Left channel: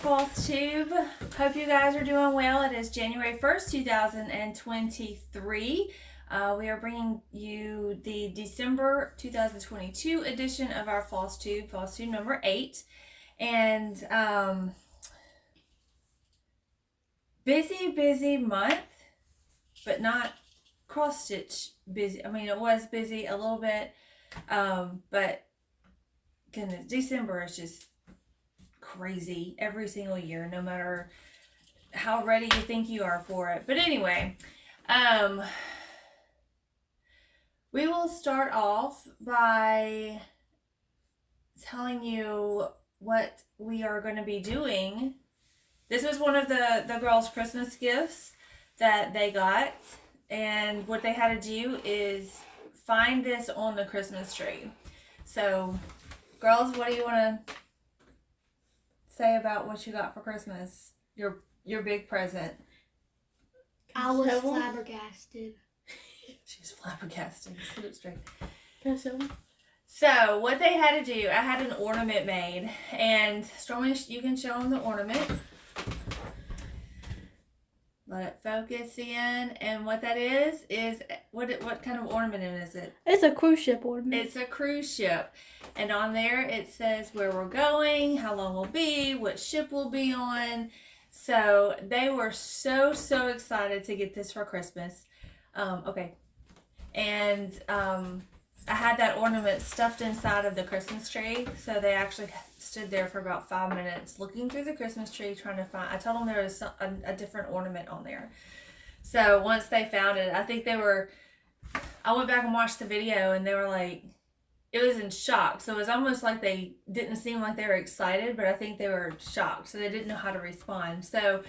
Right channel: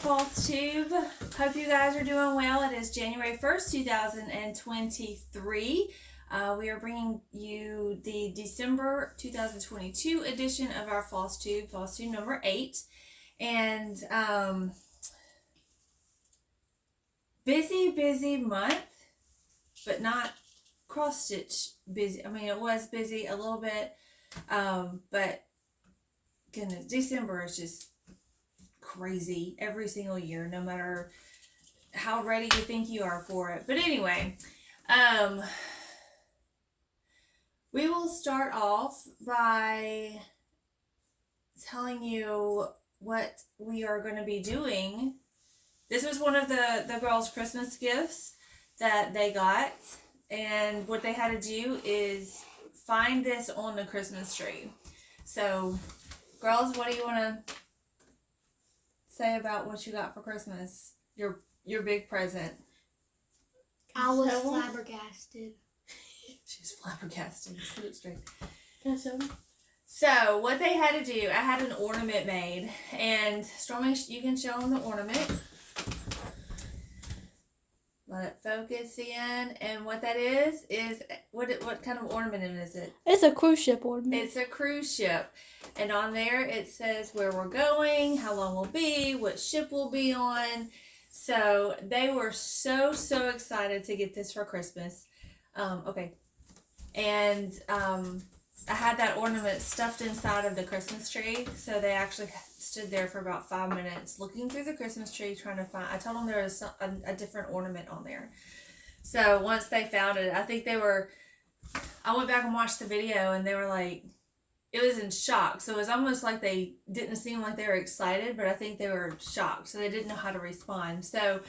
Flosstube. Hope you guys are doing well. It is January 1st, 2023. We are bringing you the December 2022 edition of our Flosstube number 8. And busy month, but not cross-stitch busy. I mean, it was busy a little bit, but goodness, December is just crazy every single year, no matter how ready you think you are for it. But anyway, we will start off by telling you what we are going to be doing. This was one of the girls' Christmas gifts that they got, and what they had to do is find this on the Christmas tree. So, girls, what do you want to say about what you got for Christmas? Your big present. I was flabbergasted. She's flabbergasted. Sit up straight. Can I show them? So what they had to do, I had an ornament made, and Stormy, you can show them the ornament. Let it focus in, and what that is what kind of ornament is it? It's a cruise ship ornament. It's a cruise ship, and on there it says where we're going, how long we'll be, what ship we'll be on. So they were so excited to get this for Christmas. I had that ornament stuffed inside of the Christmas tree, so they actually stood there for about 5 minutes looking through the Christmas tree trying to find. I told them there was a different ornament on there. So once they found it, I went back and watched the video, and they were like, it was in shock. So it was almost like they didn't seem like they were excited, but I think they were shocked, so they didn't know how to respond. So,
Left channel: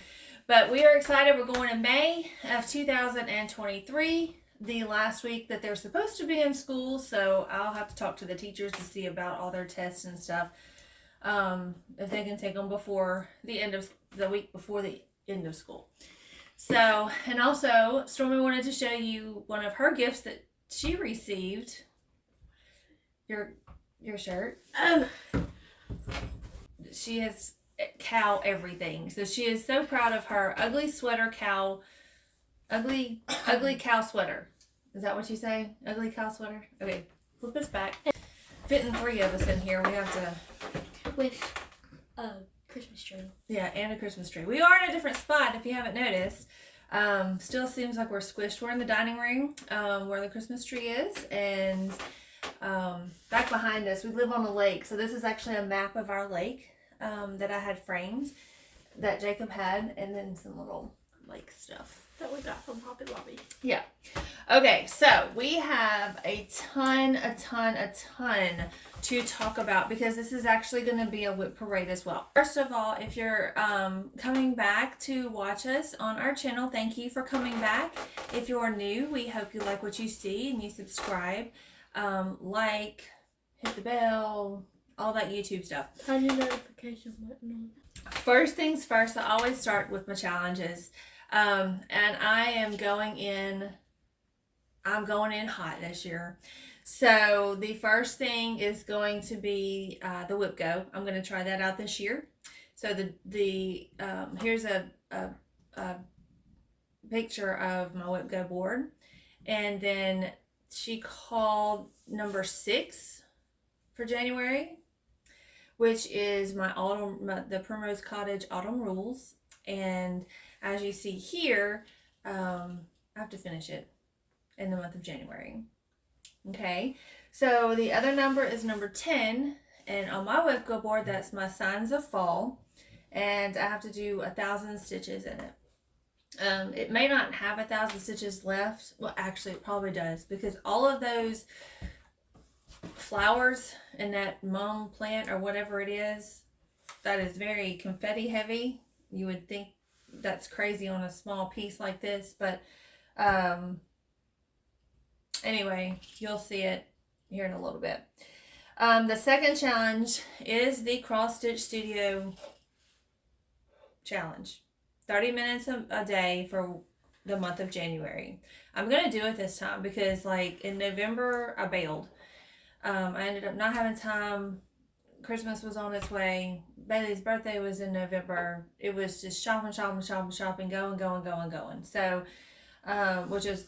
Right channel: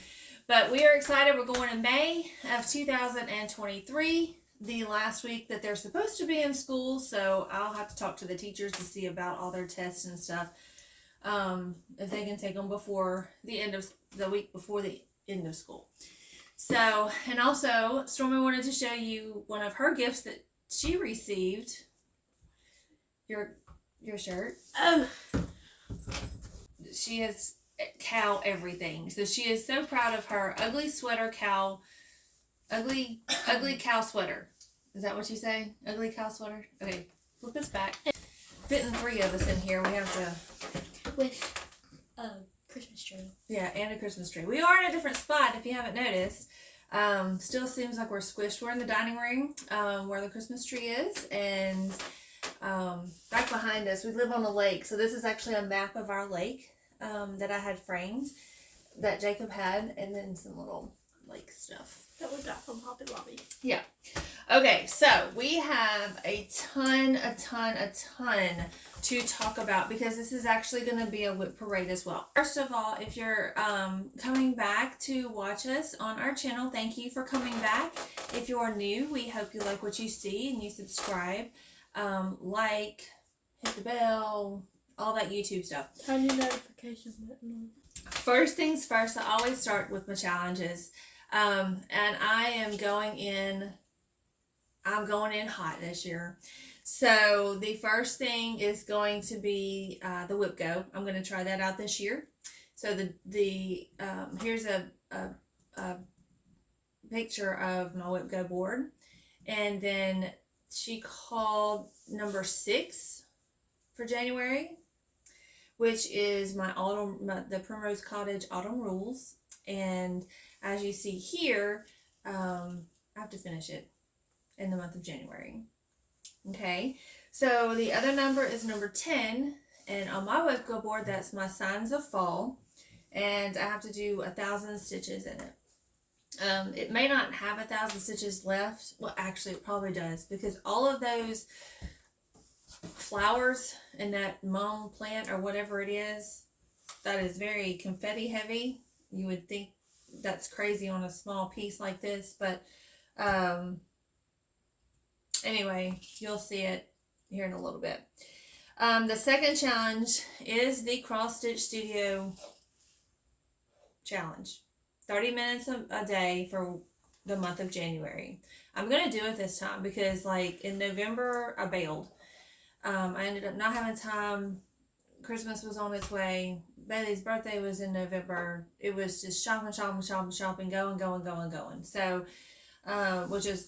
but we are excited. We're going in May of 2023. The last week that they're supposed to be in school, so I'll have to talk to the teachers to see about all their tests and stuff, if they can take them before the end of the week before the end of school. So, and also Stormy wanted to show you one of her gifts that she received. Your shirt. Oh. She has cow everything, so she is so proud of her ugly sweater cow. Ugly cow sweater. Is that what you say? Ugly cow sweater? Okay, flip this back. Fitting 3 of us in here. We have to... With a Christmas tree. Yeah, and a Christmas tree. We are in a different spot, if you haven't noticed. Still seems like we're squished. We're in the dining room, where the Christmas tree is. And back behind us, we live on the lake. So this is actually a map of our lake that I had framed, that Jacob had. And then some little lake stuff That we got from Hobby Lobby. Yeah. Okay, so we have a ton to talk about, because this is actually going to be a WIP parade as well. First of all, if you're coming back to watch us on our channel, thank you for coming back. If you're new, we hope you like what you see and you subscribe, hit the bell, all that YouTube stuff. Turn your notification button on. First things first, I always start with my challenges. And I'm going in hot this year. So the first thing is going to be the WIPGO. I'm going to try that out this year. So here's a picture of my WIPGO board. And then she called number 6 for January, which is the Primrose Cottage Autumn Rules. And as you see here, I have to finish it in the month of January. Okay, so the other number is number 10, and on my WIPGO board, that's my Signs of Fall, and I have to do 1,000 stitches in it. It may not have 1,000 stitches left. Well, actually, it probably does, because all of those flowers in that mum plant or whatever it is, that is very confetti heavy. You would think that's crazy on a small piece like this, but anyway, you'll see it here in a little bit. The second challenge is the Cross Stitch Studio challenge. 30 minutes a day for the month of January. I'm going to do it this time because, like, in November, I bailed. I ended up not having time Christmas was on its way. Bailey's birthday was in November. It was just shopping, going. So, which is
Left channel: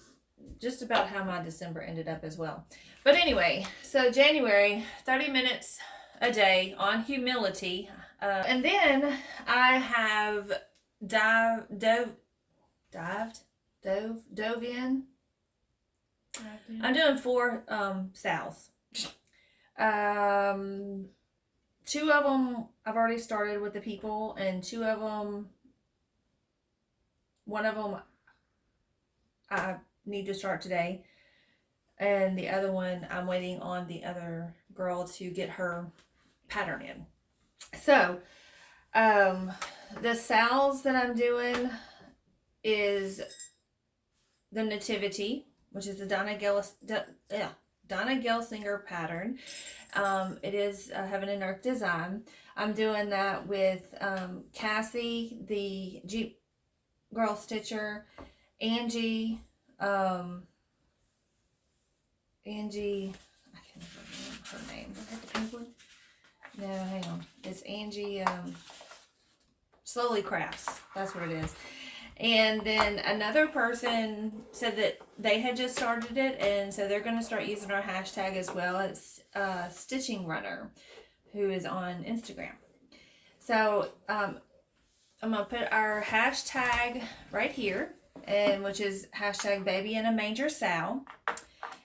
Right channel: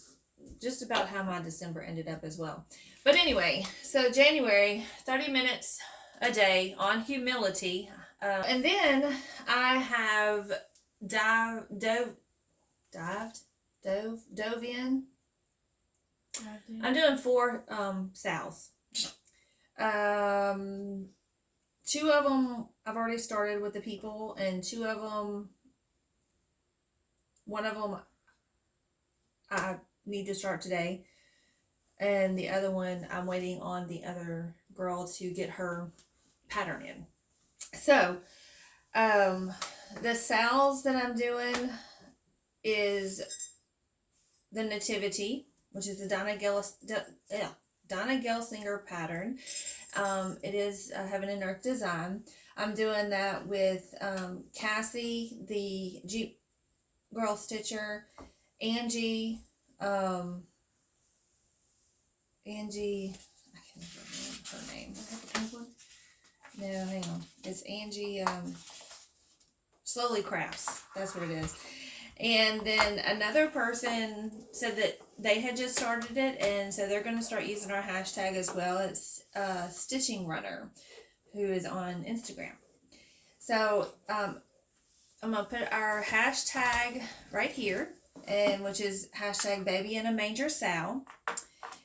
just about how my December ended up as well. But anyway, so January, 30 minutes a day on humility. And then I have dove in. I'm doing 4 sals. 2 of them I've already started with the people, and 2 of them, one of them I need to start today, and the other one I'm waiting on the other girl to get her pattern in. So the sals that I'm doing is the Nativity, which is the Donna Gelsinger pattern. It is Heaven and Earth design. I'm doing that with Cassie, the Jeep Girl Stitcher, Angie, I can't remember her name. I have the pink one. No, hang on. It's Angie Slowly Crafts. That's what it is. And then another person said that they had just started it, and so they're going to start using our hashtag as well. It's Stitching Runner, who is on Instagram. So I'm going to put our hashtag right here, and which is hashtag Baby in a Manger Sal.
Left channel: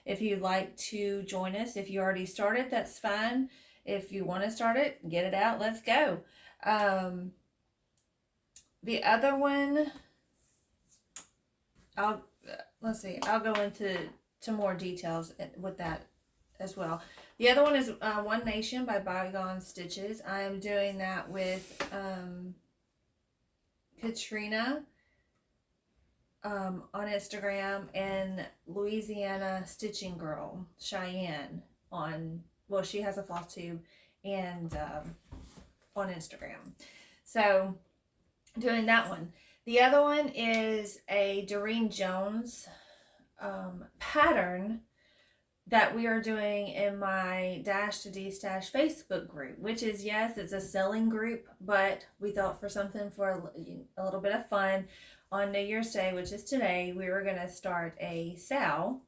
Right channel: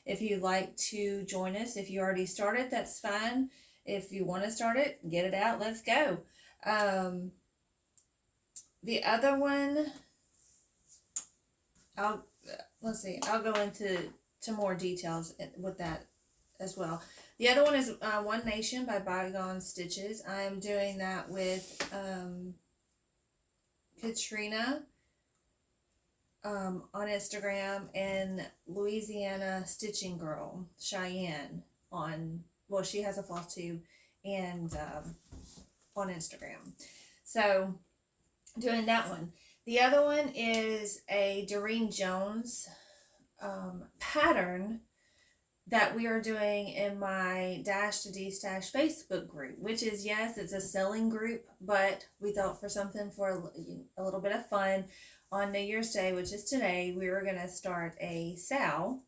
If you'd like to join us, if you already started, that's fine. If you want to start it, get it out, let's go. The other one, I'll go into more details with that as well. The other one is One Nation by Bygone Stitches. I am doing that with Katrina on Instagram, and Louisiana Stitching Girl Cheyenne she has a Flosstube and on Instagram. So doing that one. The other one is a Doreen Jones pattern that we are doing in my Dash to D-Stash Facebook group, which is, yes, it's a selling group, but we thought for something for a little bit of fun on New Year's Day, which is today, we were going to start a sal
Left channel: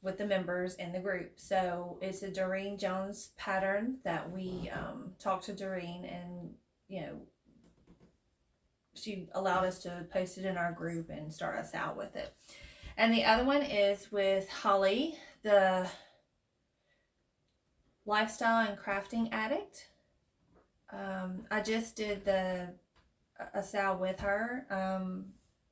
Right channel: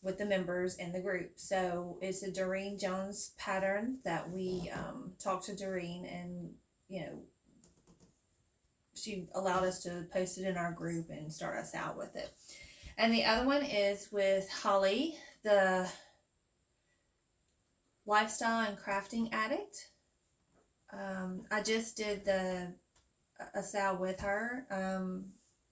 with the members in the group. So it's a Doreen Jones pattern that we talked to Doreen, and, she allowed us to post it in our group and start us out with it. And the other one is with Holly, the Lifestyle and Crafting Addict. I just did a sal with her.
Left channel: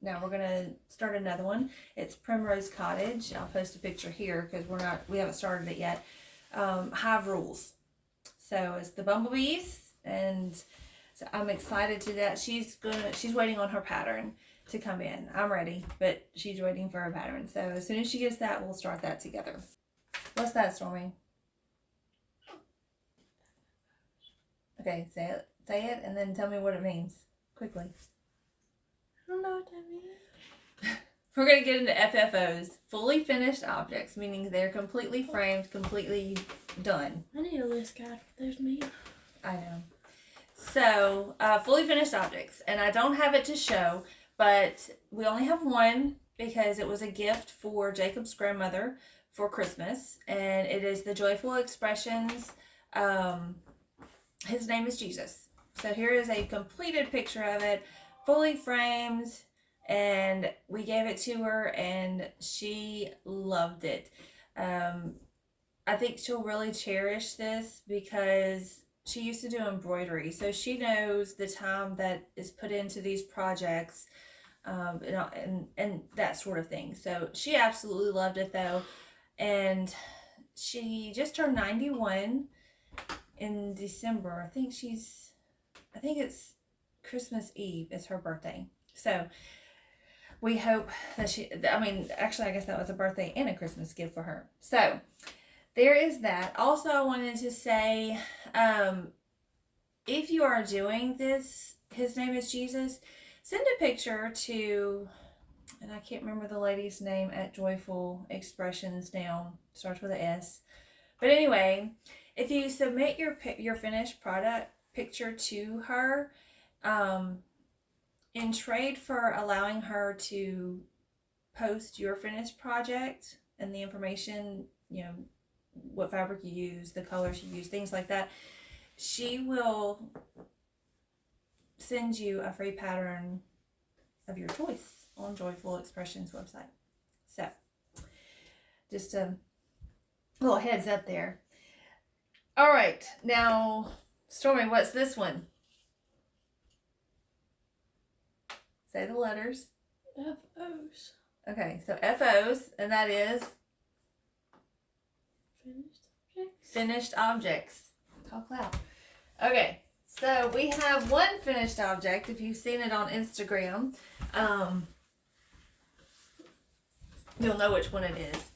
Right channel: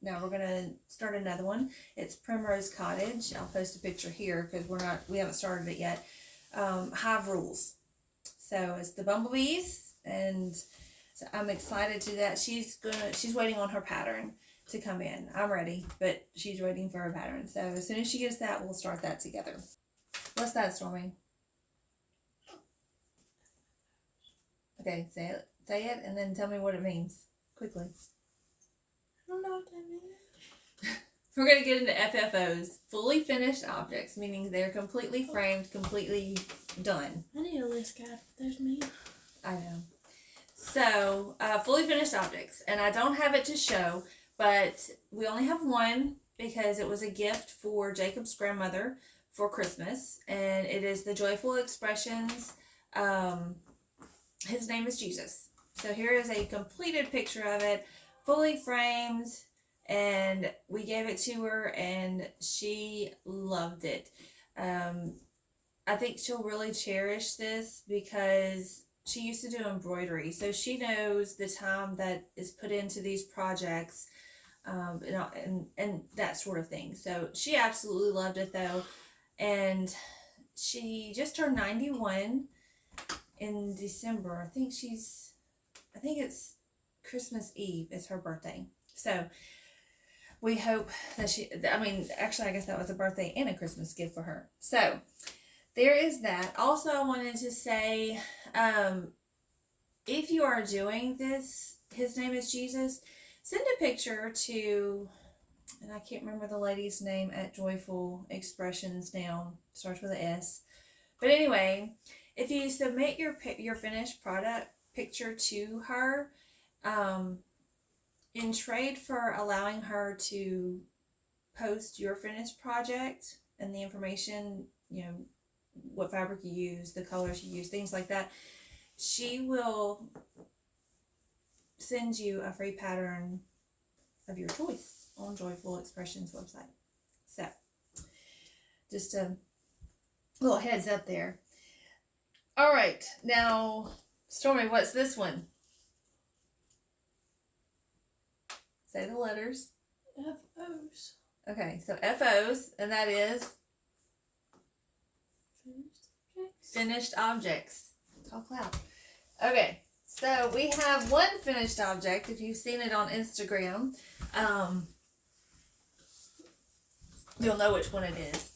Now we're gonna start another one. It's Primrose Cottage. I'll post a picture here because we haven't started it yet. Hive Rules. So it's the bumblebees, and so I'm excited to do that. She's waiting on her pattern to come in. I'm ready, but she's waiting for her pattern. So as soon as she gets that, we'll start that together. What's that, Stormy? Okay, say it, and then tell me what it means quickly. I don't know what that means. We're going to get into FFOs, fully finished objects, meaning they're completely framed, completely done. I need a list guide. There's me. I know. So, fully finished objects, and I don't have it to show, but we only have one because it was a gift for Jacob's grandmother for Christmas, and it is the Joyful Expressions. His name is Jesus. So here is a completed picture of it, fully framed, and we gave it to her, and she loved it. I think she'll really cherish this because she used to do embroidery, so she knows the time that is put into these projects, and that sort of thing. So she absolutely loved it, though, and she just turned 91 in December. I think it's Christmas Eve is her birthday. So we hope that actually, I guess that was a birthday and a Christmas gift for her. So there is that. Also, I wanted to say, if you are doing this, his name is Jesus, send a picture to, and I can't remember the lady's name at Joyful Expressions now, starts with an S. But anyway, if you submit your finished product picture to her, in trade for allowing her to post your finished project and the information, you know, what fabric you use, the colors you use, things like that, she will send you a free pattern of your choice on Joyful Expressions website. So, just a little heads up there. All right, now, Stormy, what's this one? Say the letters. FOs. Okay, so FOs, and that is finished objects. Talk loud. Okay, so we have one finished object. If you've seen it on Instagram, you'll know which one it is.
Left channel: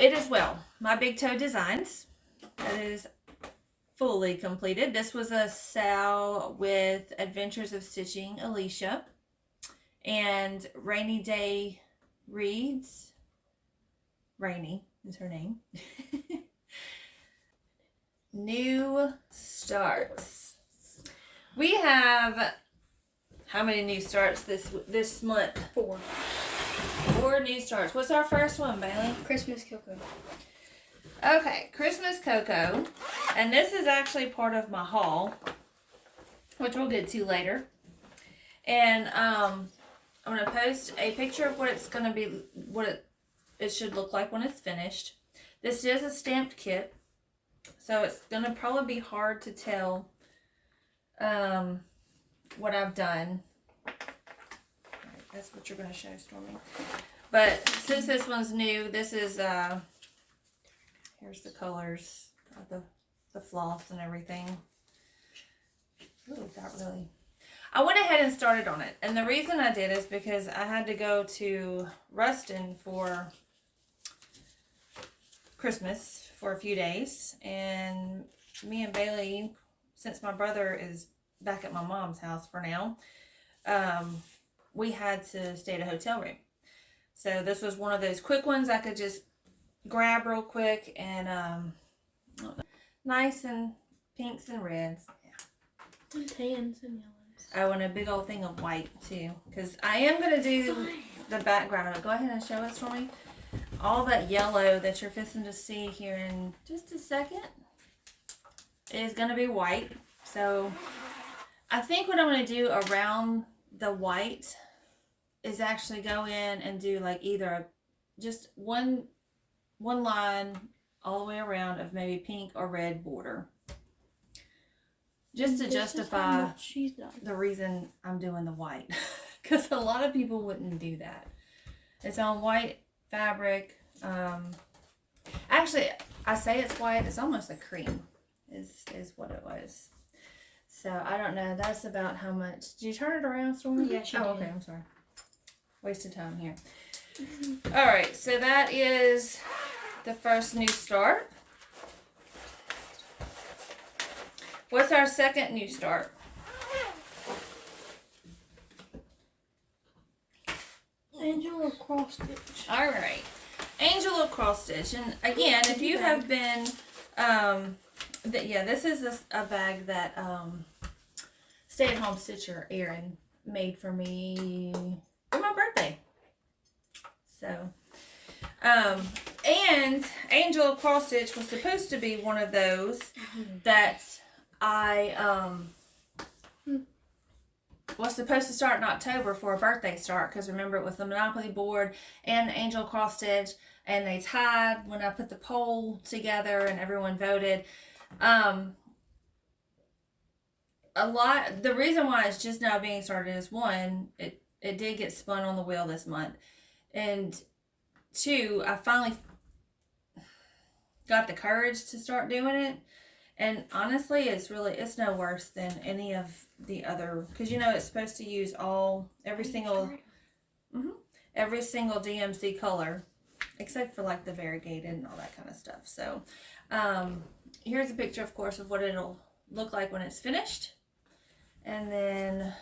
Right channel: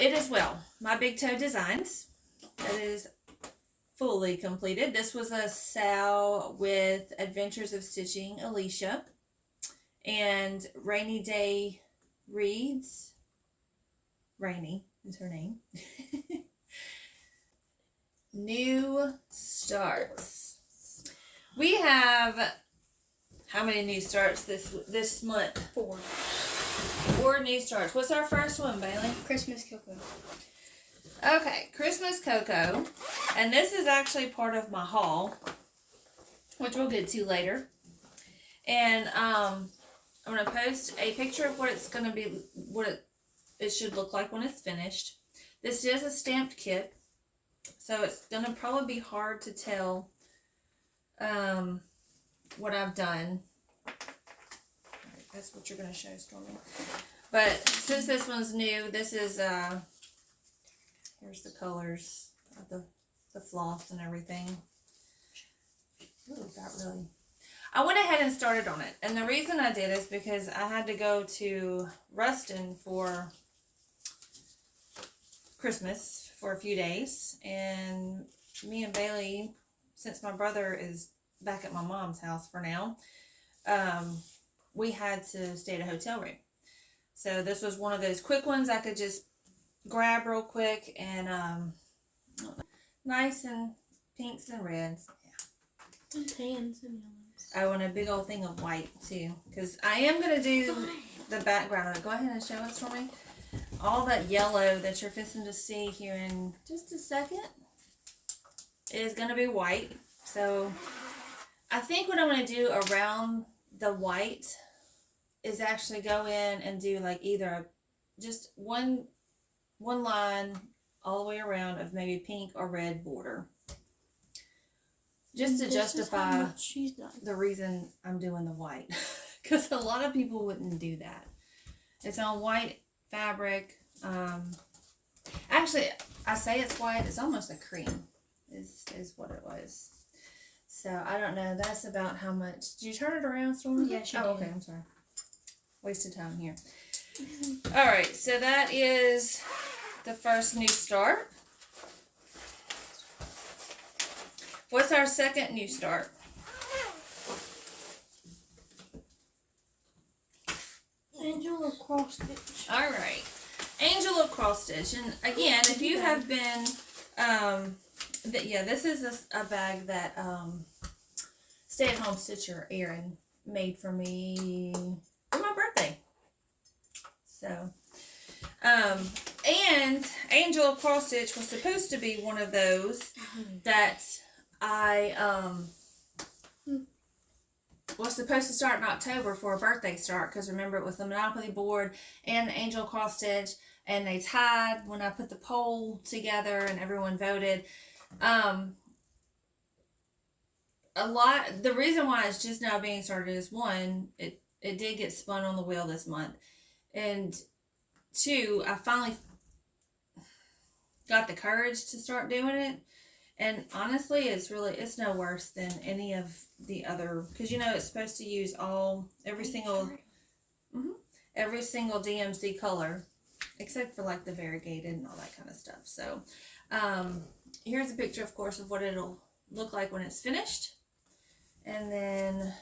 It is, well, My Big Toe Designs. That is fully completed. This was a sale with Adventures of Stitching Alicia and Rainy Day Reads. Rainy is her name. New starts. We have how many new starts this month? 4. 4 new starts. What's our first one, Bailey? Christmas cocoa. Okay, Christmas cocoa, and this is actually part of my haul, which we'll get to later. And I'm gonna post a picture of what it's gonna be, what it should look like when it's finished. This is a stamped kit, so it's gonna probably be hard to tell what I've done. Right, that's what you're gonna show, Stormy. But since this one's new, this is here's the colors of the floss and everything. Ooh, got really. I went ahead and started on it, and the reason I did is because I had to go to Ruston for Christmas for a few days, and me and Bailey, since my brother is back at my mom's house for now, we had to stay at a hotel room. So this was one of those quick ones I could just grab real quick, and nice and pinks and reds. And tans and yellows. Oh, and a big old thing of white too, because I am going to do the background of it. Go ahead and show it for me. All that yellow that you're fixing to see here in just a second is going to be white. So I think what I'm going to do around the white is actually go in and do like either just one line all the way around of maybe pink or red border. Just to justify the reason I'm doing the white. Because a lot of people wouldn't do that. It's on white fabric. Actually, I say it's white. It's almost a cream is what it was. So, I don't know. That's about how much. Did you turn it around, Stormy? Yeah, she did. Oh, okay. I'm sorry. Wasted time here. Alright, so that is the first new start. What's our second new start? Angel of cross stitch. Alright. Angel of cross stitch. And again, if you have been, this is a bag that stay-at-home stitcher Erin made for me for my birthday. So, and Angel of cross stitch was supposed to be one of those that I was supposed to start in October for a birthday start, because remember it was the Monopoly board and the Angel cross stitch, and they tied when I put the poll together and everyone voted. The reason why it's just now being started is, one, it did get spun on the wheel this month, and 2, I finally got the courage to start doing it. And honestly, it's no worse than any of the other, because it's supposed to use every single DMC color, except for like the variegated and all that kind of stuff. So, here's a picture, of course, of what it'll look like when it's finished. And then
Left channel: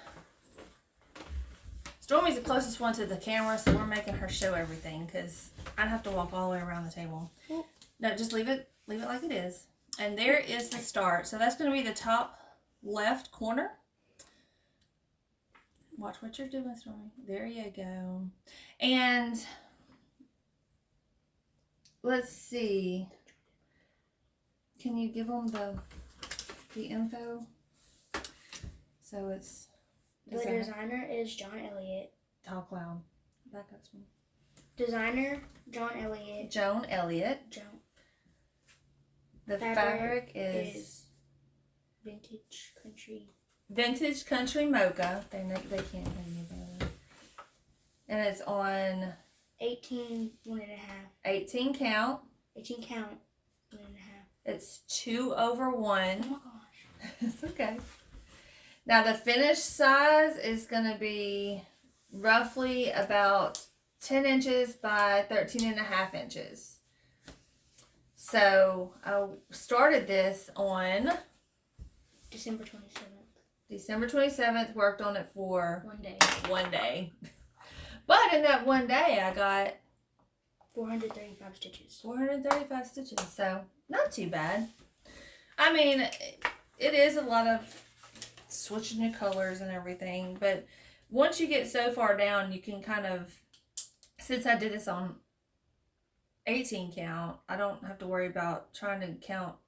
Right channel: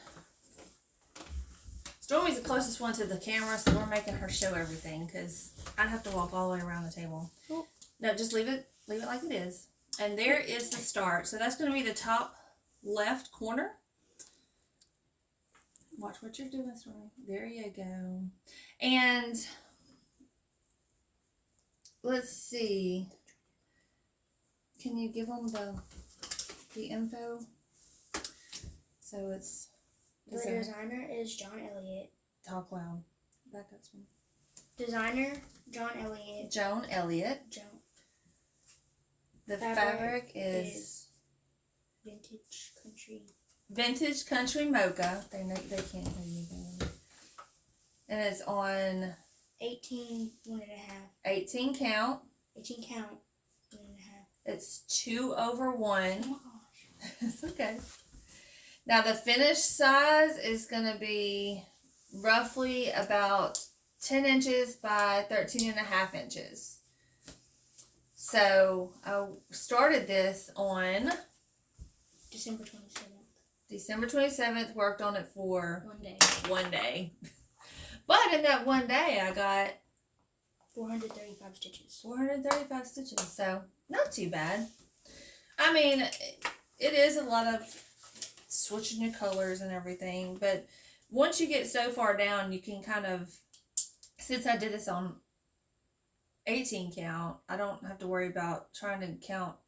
Stormy's the closest one to the camera, so we're making her show everything, because I'd have to walk all the way around the table. No, just leave it like it is. And there is the start. So that's going to be the top left corner. Watch what you're doing, Stormy. There you go. And let's see. Can you give them the info? So it's The designer is John Elliott. Talk loud. Back up some. Designer John Elliott. Joan Elliott. The fabric is vintage country. Vintage Country Mocha. They can't hear you there. And it's on 18 1.5. 18 count. 18 count 1.5. It's 2/1. Oh my gosh. It's okay. Now the finished size is going to be roughly about 10 inches by 13.5 inches. So I started this on December 27th. December 27th, worked on it for 1 day. But in that 1 day, I got 435 stitches. 435 stitches, so not too bad. I mean, it is a lot of switching your colors and everything, but once you get so far down, you can kind of, since I did this on 18 count, I don't have to worry about trying to count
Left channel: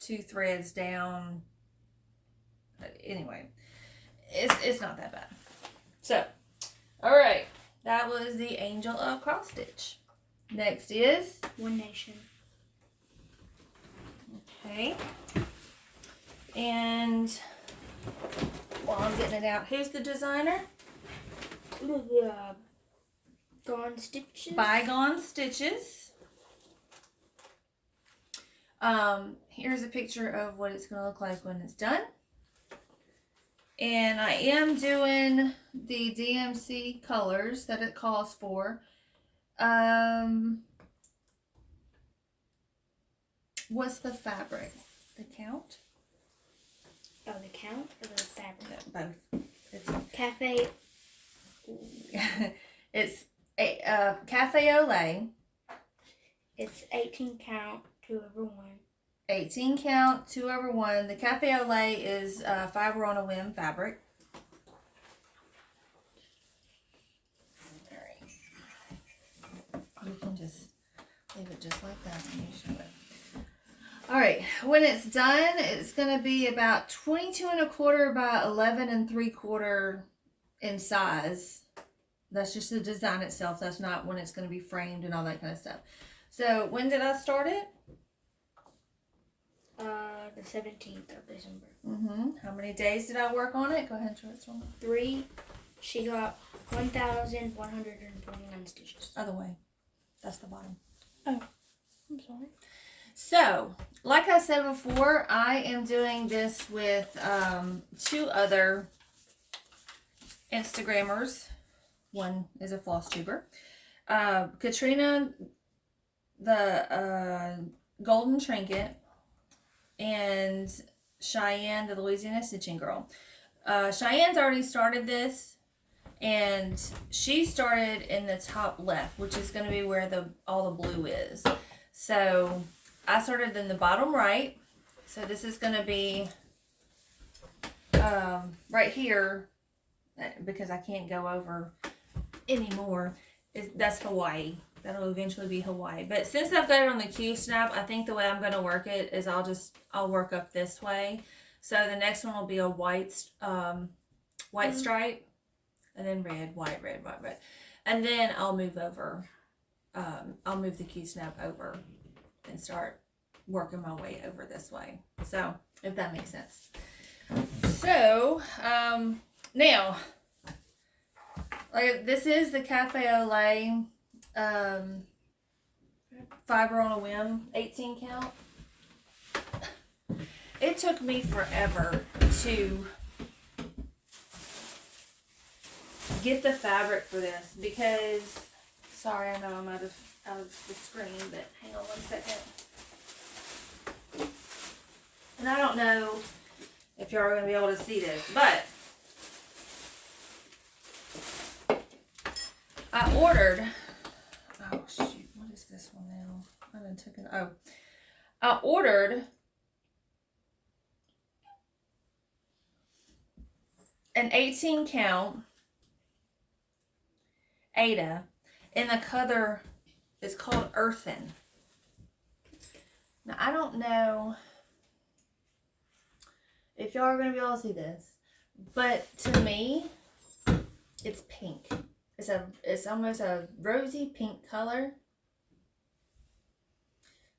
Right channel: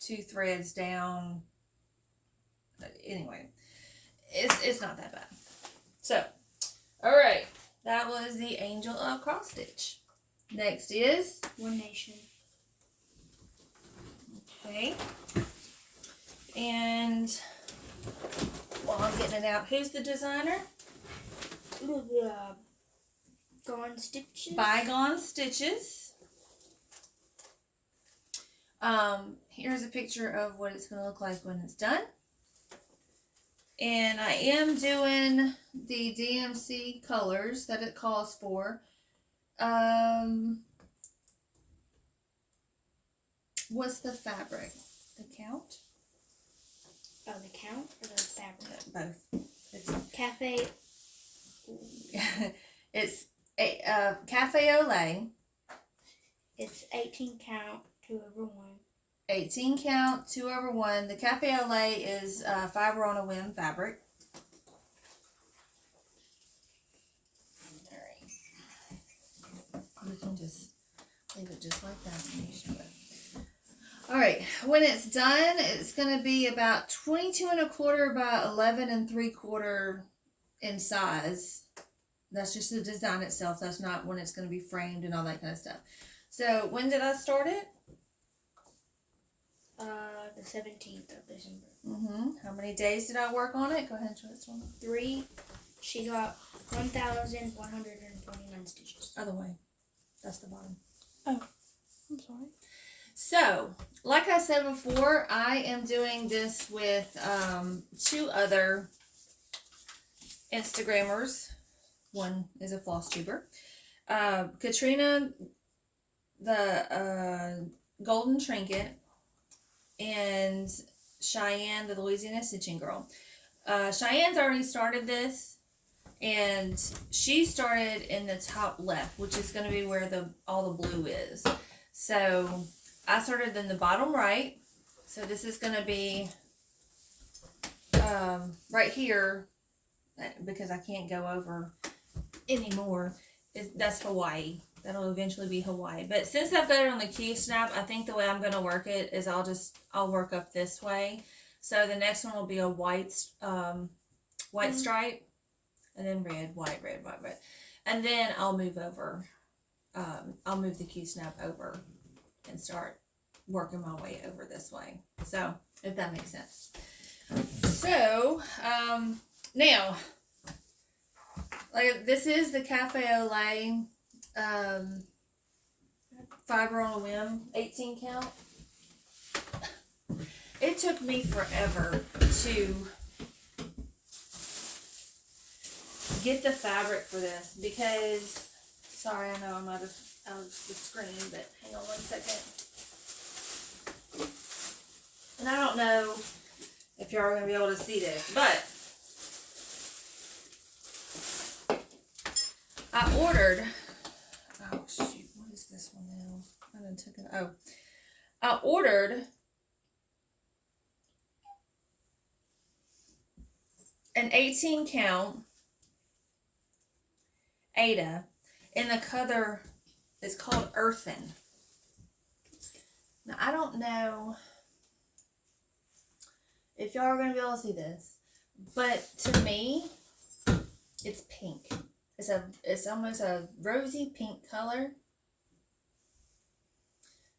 2 threads down. Anyway, it's not that bad. So, all right, that was the Angel of Cross Stitch. Next is One Nation. Okay, and while I'm getting it out, who's the designer? Gone Stitches. Bygone Stitches. Here's a picture of what it's going to look like when it's done. And I am doing the DMC colors that it calls for. What's the fabric? The count? Oh, the count or the fabric? Both. It's Cafe. it's a Cafe au lait. It's 18 count 2/1. 18 count 2/1. The Cafe au lait is fiber on a whim fabric. Alright. We can just leave it just like that and show it. Alright, when it's done, it's going to be about 22 1/4 by 11 3/4 in size. That's just the design itself. That's not when it's going to be framed and all that kind of stuff. So, when did I start it? The 17th of December. How many days did I work on it? Go ahead and show it to me. 3. She got 1,149 stitches. Other way. That's the bottom. Oh, I'm sorry. So, like I said before, I am doing this with 2 other Instagrammers. One is a Flosstuber. Katrina, the Golden Trinket, and Cheyenne, the Louisiana Stitching Girl. Cheyenne's already started this, and she started in the top left, which is going to be where all the blue is. So I started in the bottom right. So this is going to be right here, because I can't go over anymore. That's Hawaii. That'll eventually be Hawaii. But since I've got it on the Q-snap, I think the way I'm going to work it is I'll work up this way. So the next one will be a white stripe, and then red, white, red, white, red. And then I'll move over. I'll move the Q-snap over and start working my way over this way. So, if that makes sense. So, now, like, this is the Cafe au lait fiber on a whim 18 count. It took me forever to get the fabric for this because, sorry, I know I'm out of the screen, but hang on one second. And I don't know if y'all are going to be able to see this, but I ordered, oh shoot, what is this one now? I done took it, I ordered an 18 count Aida, and the color is called Earthen. Now, I don't know if y'all are going to be able to see this, but to me, it's pink. It's almost a rosy pink color.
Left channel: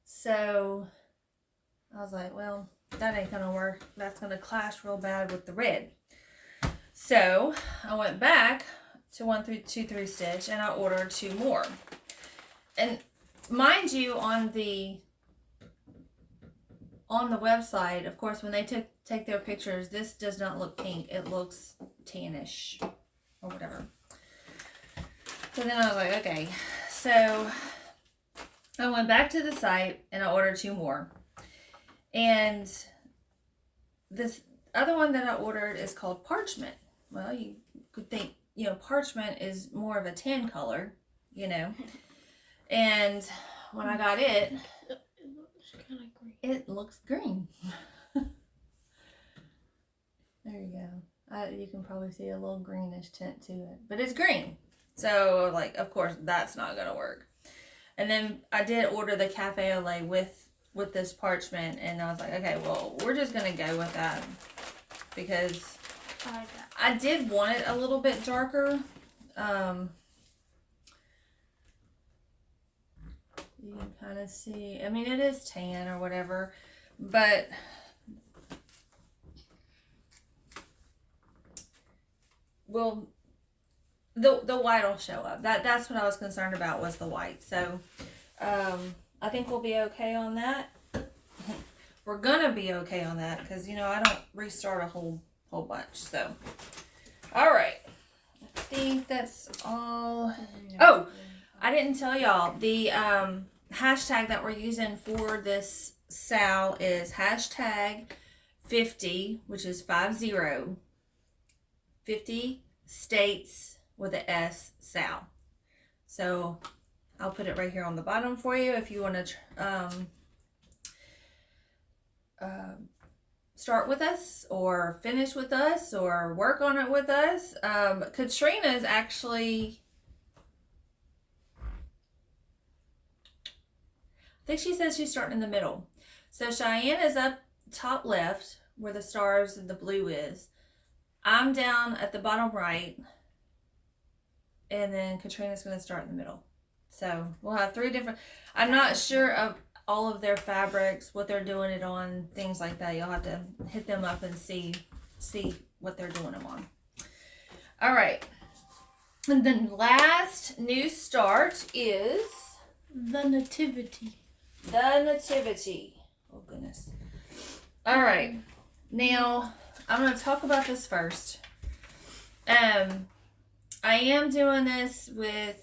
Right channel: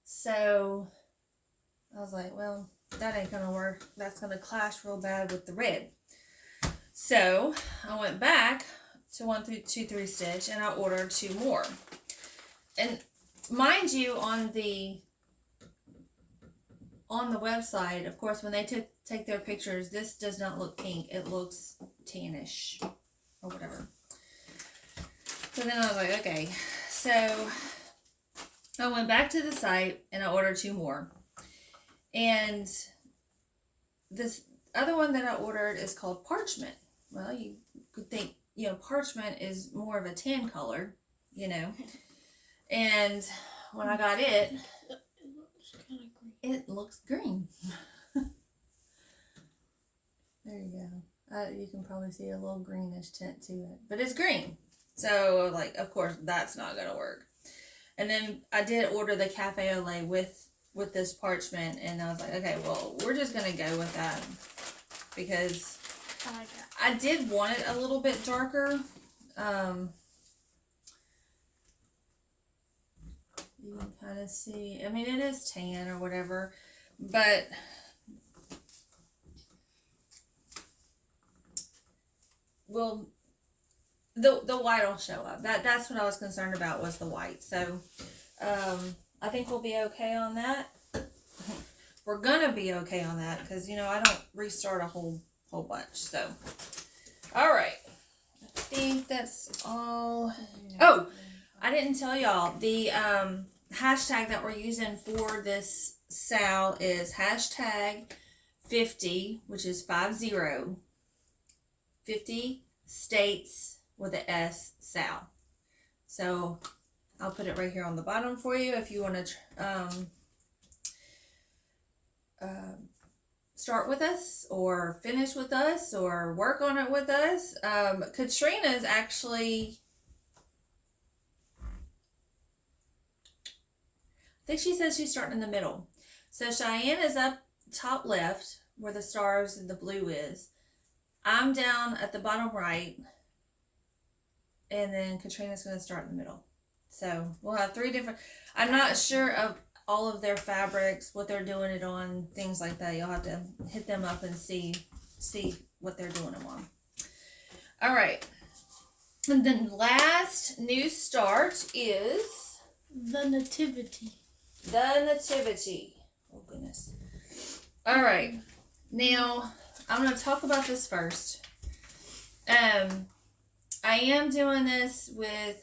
So, I was like, well, that ain't going to work. That's going to clash real bad with the red. So, I went back to 1-2-3 stitch and I ordered 2 more. And mind you, on the website, of course, when they take their pictures, this does not look pink. It looks tannish or whatever. So then I was like, okay. So I went back to the site and I ordered 2 more. And this other one that I ordered is called Parchment. Well, you could think, you know, parchment is more of a tan color, you know. And when I got it, it looks green. There you go. You can probably see a little greenish tint to it, but it's green. So, like, of course, that's not gonna work. And then I did order the cafe au lait with this parchment, and I was like, okay, well, we're just gonna go with that because I did want it a little bit darker. You can kind of see, I mean, it is tan or whatever, but well, the white will show up. That's what I was concerned about, was the white. So I think we'll be okay on that. We're gonna be okay on that because, you know, I don't restart a whole bunch. So all right, I think that's all. Oh, I didn't tell y'all the hashtag that we're using for this SAL is hashtag 50, which is 50 states with an S SAL. So I'll put it right here on the bottom for you if you want to start with us or finish with us or work on it with us. Katrina's actually, I think she says she's starting in the middle. So Cheyenne is up top left where the stars and the blue is. I'm down at the bottom right. And then Katrina's going to start in the middle. So we'll have 3 different, I'm not sure of all of their fabrics, what they're doing it on, things like that. You'll have to hit them up and see what they're doing them on. All right. And then last new start is the Nativity. The Nativity. Oh, goodness. All right. Now, I'm going to talk about this first. I am doing this with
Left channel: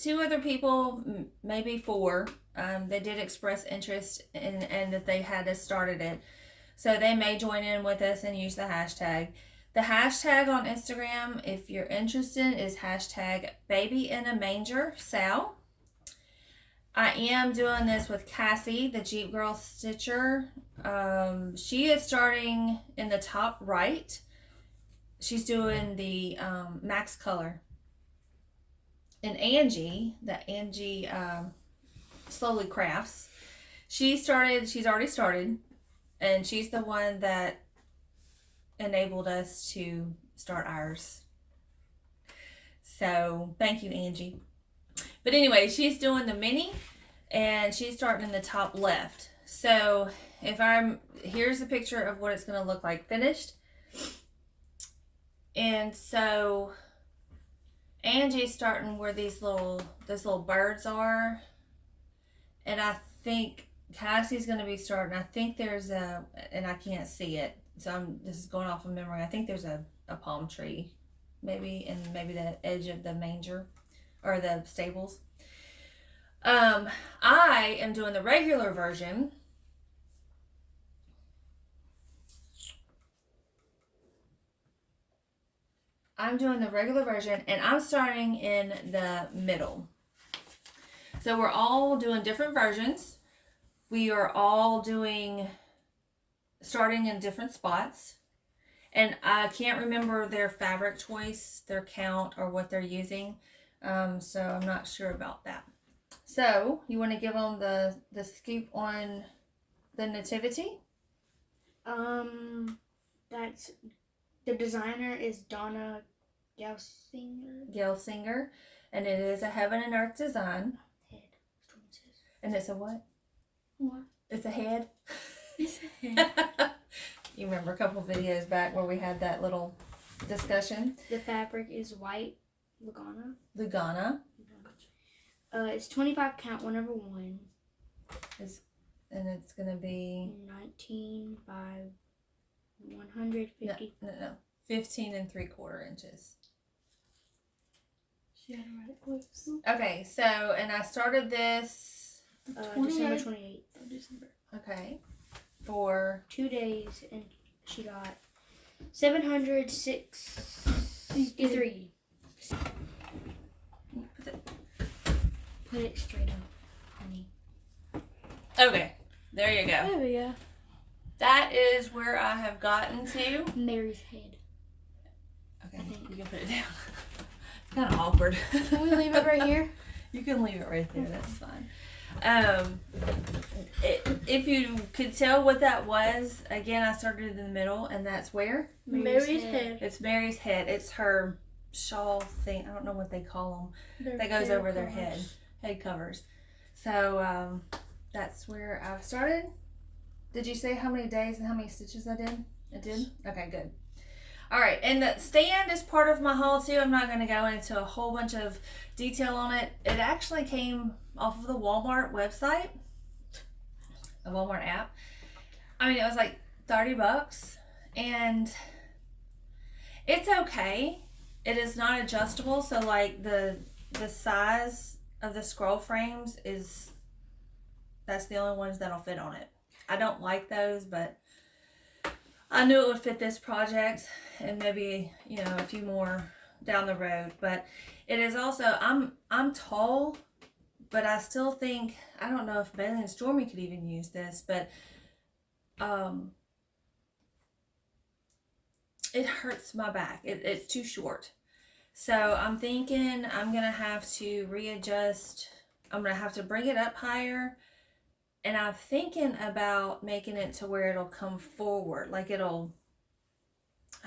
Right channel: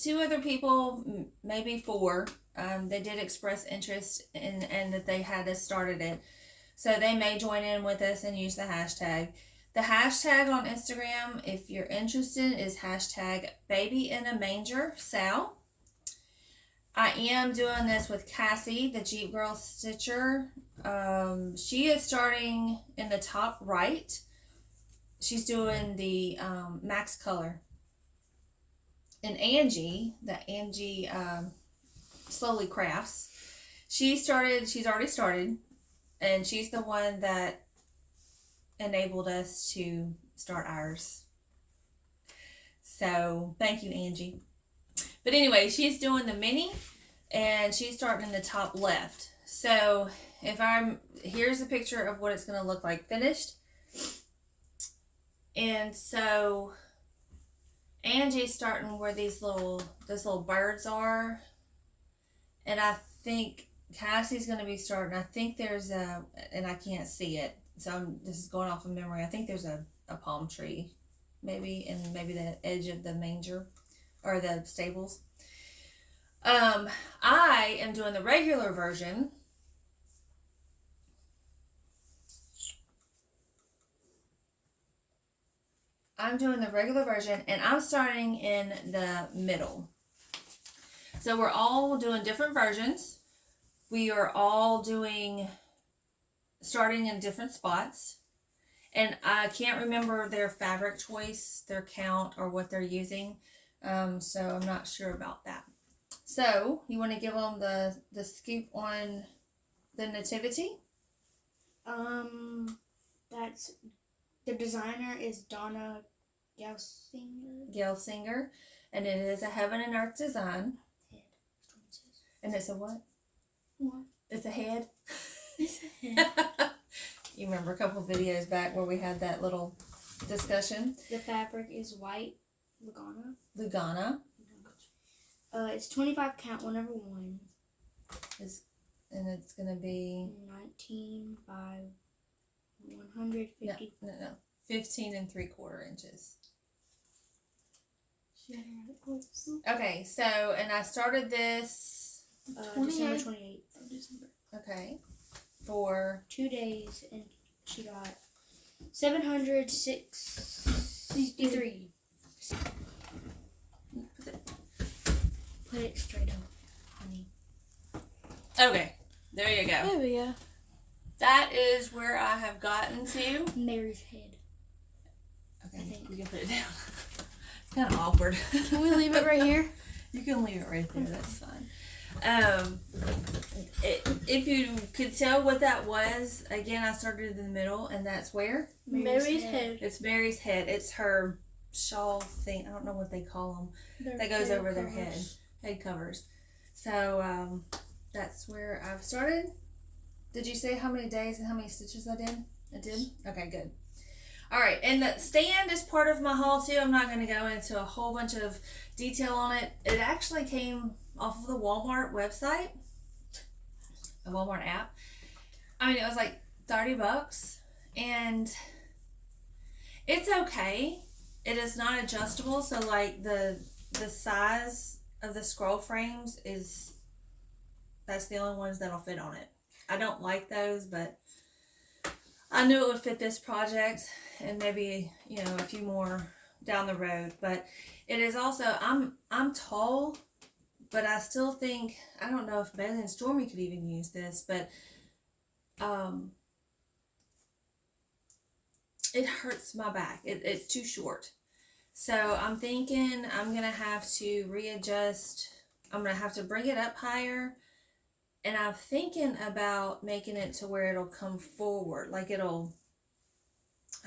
2 other people, maybe 4. They did express interest in that they had us started it. So they may join in with us and use the hashtag. The hashtag on Instagram, if you're interested, is hashtag baby in a manger Sal. I am doing this with Cassie, the Jeep Girl Stitcher. She is starting in the top right. She's doing the Max Color. And Angie, Slowly Crafts, she's already started, and she's the one that enabled us to start ours. So thank you, Angie. But anyway, she's doing the mini, and she's starting in the top left. So here's a picture of what it's going to look like finished. And so Angie's starting where these little birds are. And I think Cassie's going to be starting. I think there's and I can't see it. So this is going off of memory. I think there's a palm tree, maybe, and maybe the edge of the manger or the stables. I am doing the regular version. I'm doing the regular version, and I'm starting in the middle. So we're all doing different versions. We are all starting in different spots. And I can't remember their fabric choice, their count, or what they're using. So I'm not sure about that. So you want to give them the scoop on the nativity? That's the designer is Donna Gelsinger, and it is a heaven and earth design. Head. And it's a what? What? It's a head. It's a head. You remember a couple videos back where we had that little discussion? The fabric is White Lugana. Lugana. It's 25 count, 1/1. And it's gonna be 19 by 150. no, 15 3/4 inches. She had it right close. Okay, so and I started this December 28th. okay for 2 days, and she got 763. Put it straight up, honey. okay. There you go. There we go. That is where I have gotten to. Mary's head. Okay, I think. you can put it down. It's kind of awkward. Can we leave it right here? You can leave it right there. That's fine. If you could tell what that was, again, I started in the middle, and that's where Mary's head. it's Mary's head. It's her shawl thing. I don't know what they call them. That goes over their head covers. So that's where I've started. Did you say how many days and how many stitches I did? I did? Okay, good. All right, and the stand is part of my haul too. I'm not going to go into a whole bunch of detail on it. It actually came off of the Walmart website, a Walmart app. I mean, it was like $30, and it's okay. It is not adjustable, so like the size of the scroll frames that's the only ones that'll fit on it. I don't like those, but I knew it would fit this project and maybe, a few more down the road. But it is also, I'm tall, but I still think, I don't know if Bailey and Stormy could even use this, but it hurts my back. It's too short. So I'm thinking I'm going to have to readjust. I'm going to have to bring it up higher. And I'm thinking about making it to where it'll come forward. Like it'll,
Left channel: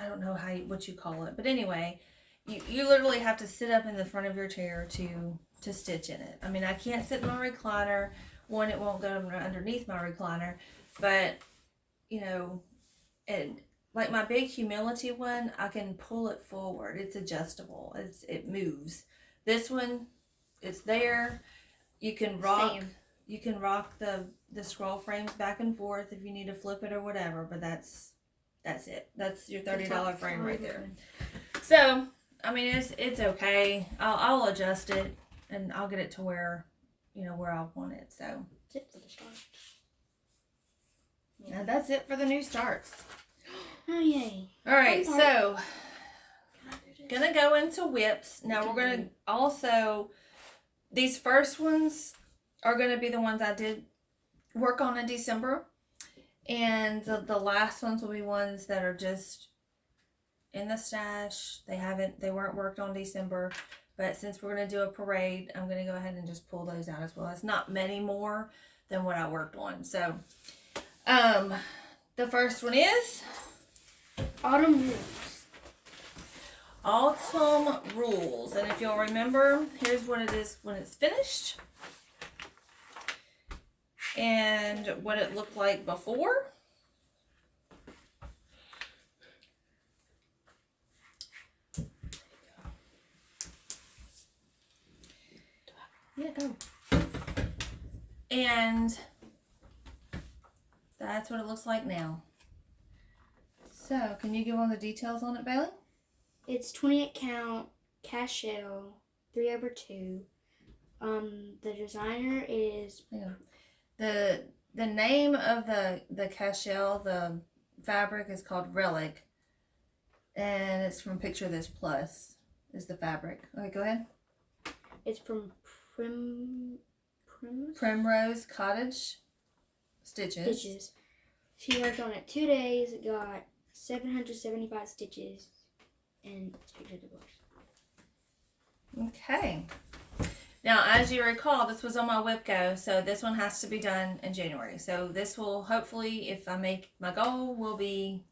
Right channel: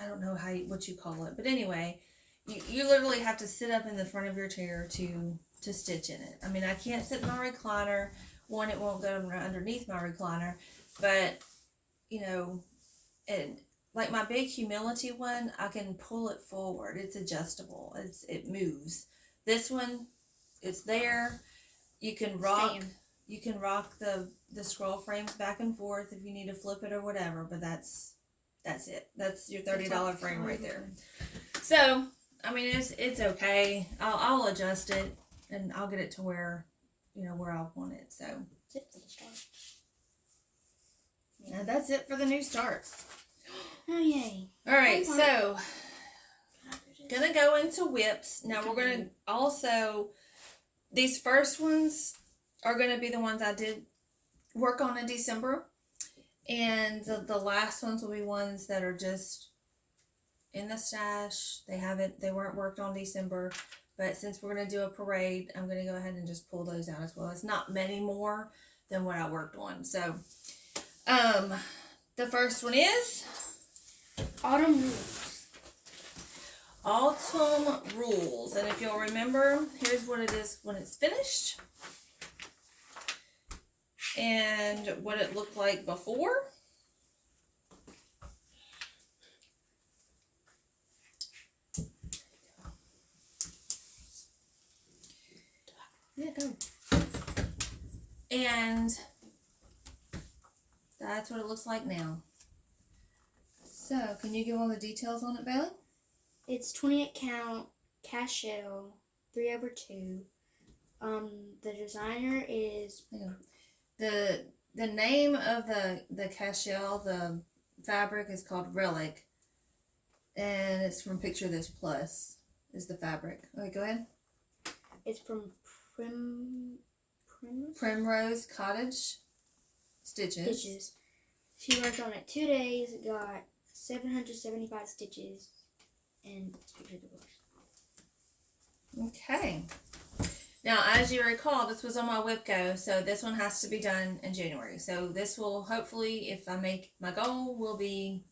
I don't know what you call it. But anyway, you literally have to sit up in the front of your chair to stitch in it. I mean, I can't sit in my recliner. One, it won't go underneath my recliner. But, and like my big humility one, I can pull it forward. It's adjustable. It moves. This one, it's there. You can rock. Stand. You can rock the scroll frames back and forth if you need to flip it or whatever. But that's it. That's your $30 frame right there. So I mean, it's okay. I'll adjust it and I'll get it to where where I want it. So That's it for the start. now that's it for the new starts. Oh yay! All right, Fun part. so gonna go into WIPs. Now we're gonna also, these first ones are gonna be the ones I did work on in December, and the last ones will be ones that are just in the stash. They weren't worked on December, but since we're gonna do a parade, I'm gonna go ahead and just pull those out as well. It's not many more than what I worked on. So the first one is Autumn Rules. Autumn Rules. And if you'll remember, here's what it is when it's finished. And what it looked like before. Yeah, go. And that's what it looks like now. So, can you give all the details on it, Bailey? It's 28 count, cast shell, 3/2. The designer is The name of the cashel, the fabric is called Relic, and it's from Picture This Plus is the fabric. Okay, go ahead. it's from Primrose Cottage Stitches. Stitches. She worked on it 2 days. Got 775 stitches, and it's a picture of the bush. Okay. Now, as you recall, this was on my WIPGO, so this one has to be done in January. So this will hopefully, if I make my goal, will be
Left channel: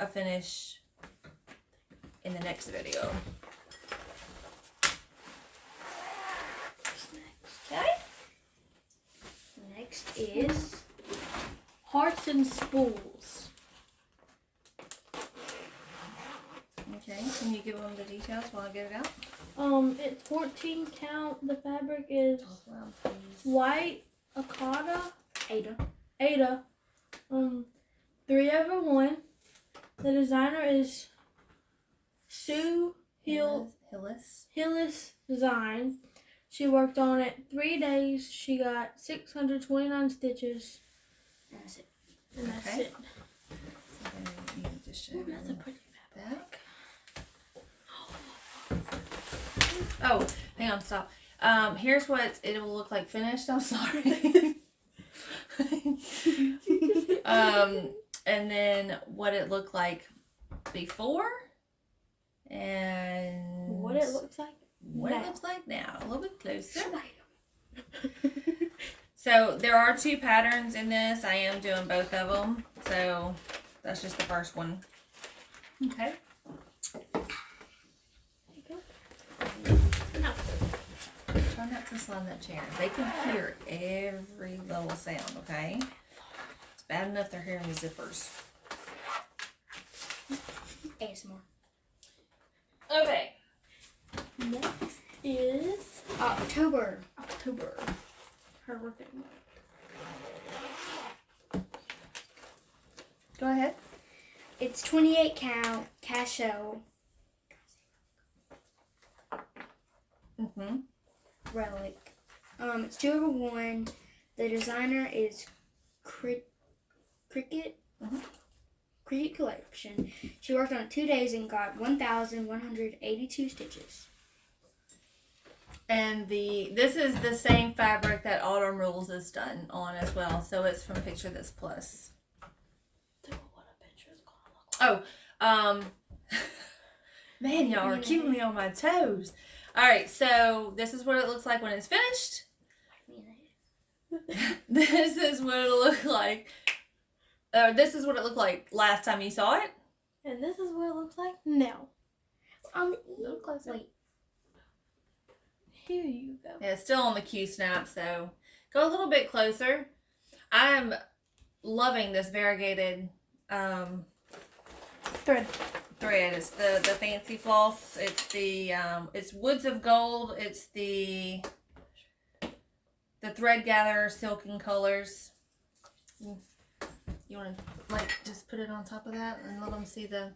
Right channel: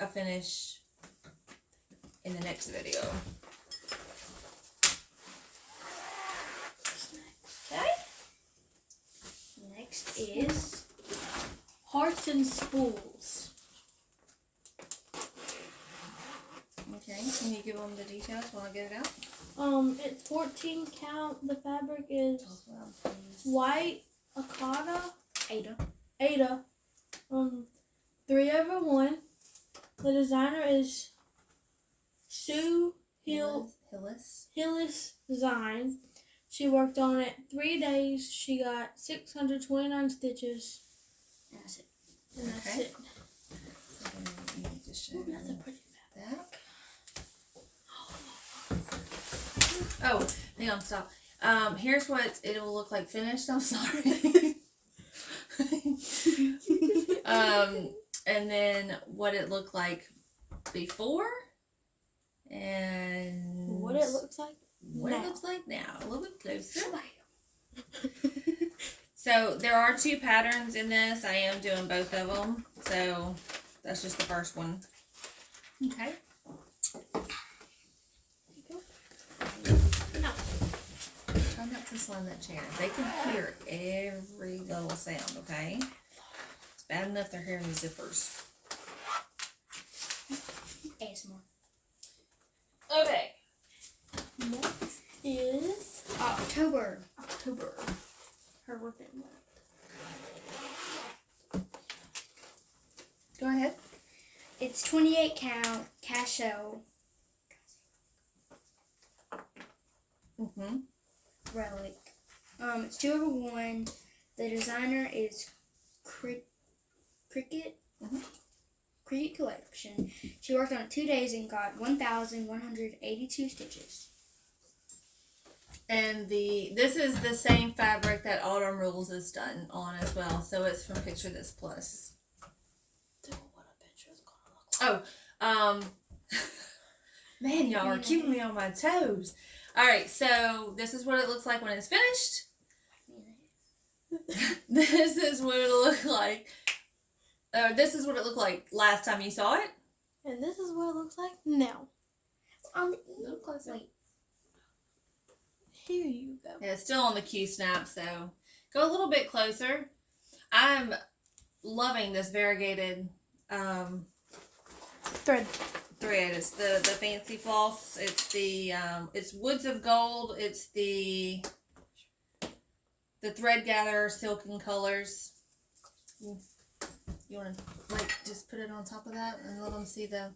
a finish in the next video. Okay. Next is hearts and spools. Okay, can you give them the details while I get it out? It's 14 count. The fabric is Talk loud, please. White Lugana, Aida. Aida. 3/1. The designer is Sue Hillis. Hillis Design. She worked on it 3 days. She got 629 stitches, And that's it. and that's Okay. it. So you need to show Ooh, that's a them pretty that. Oh, hang on, stop. Here's what it will look like finished. I'm sorry. And then what it looked like before, and What it looks like. what it now. looks like now. A little bit closer. So there are 2 patterns in this. I am doing both of them. So that's just the first one. Okay. Try not to slam that chair. They can hear every little sound, okay? It's bad enough they're hearing the zippers. ASMR. Okay. Next is October. her birthday. Go ahead. It's 28 count cashel Mm-hmm. relic. It's 2/1. The designer is Cricket. Mhm. Cricket Collection. She worked on it 2 days and got 1,182 stitches. And this is the same fabric that Autumn Rules is done on as well. So it's from Picture This Plus. What a picture is gonna look like. Man, y'all are keeping me on my toes. All right, so this is what it looks like when it's finished. This is what it'll look like. This is what it looked like last time you saw it. And this is what it looks like now. On the No, closer. Wait. Here you go. Yeah, it's still on the Q snaps though. Go a little bit closer. I'm loving this variegated Thread. thread. It's the fancy floss. It's the it's Woods of Gold. It's the thread gather silken colors. You want to like just put it on top of that and let them see the.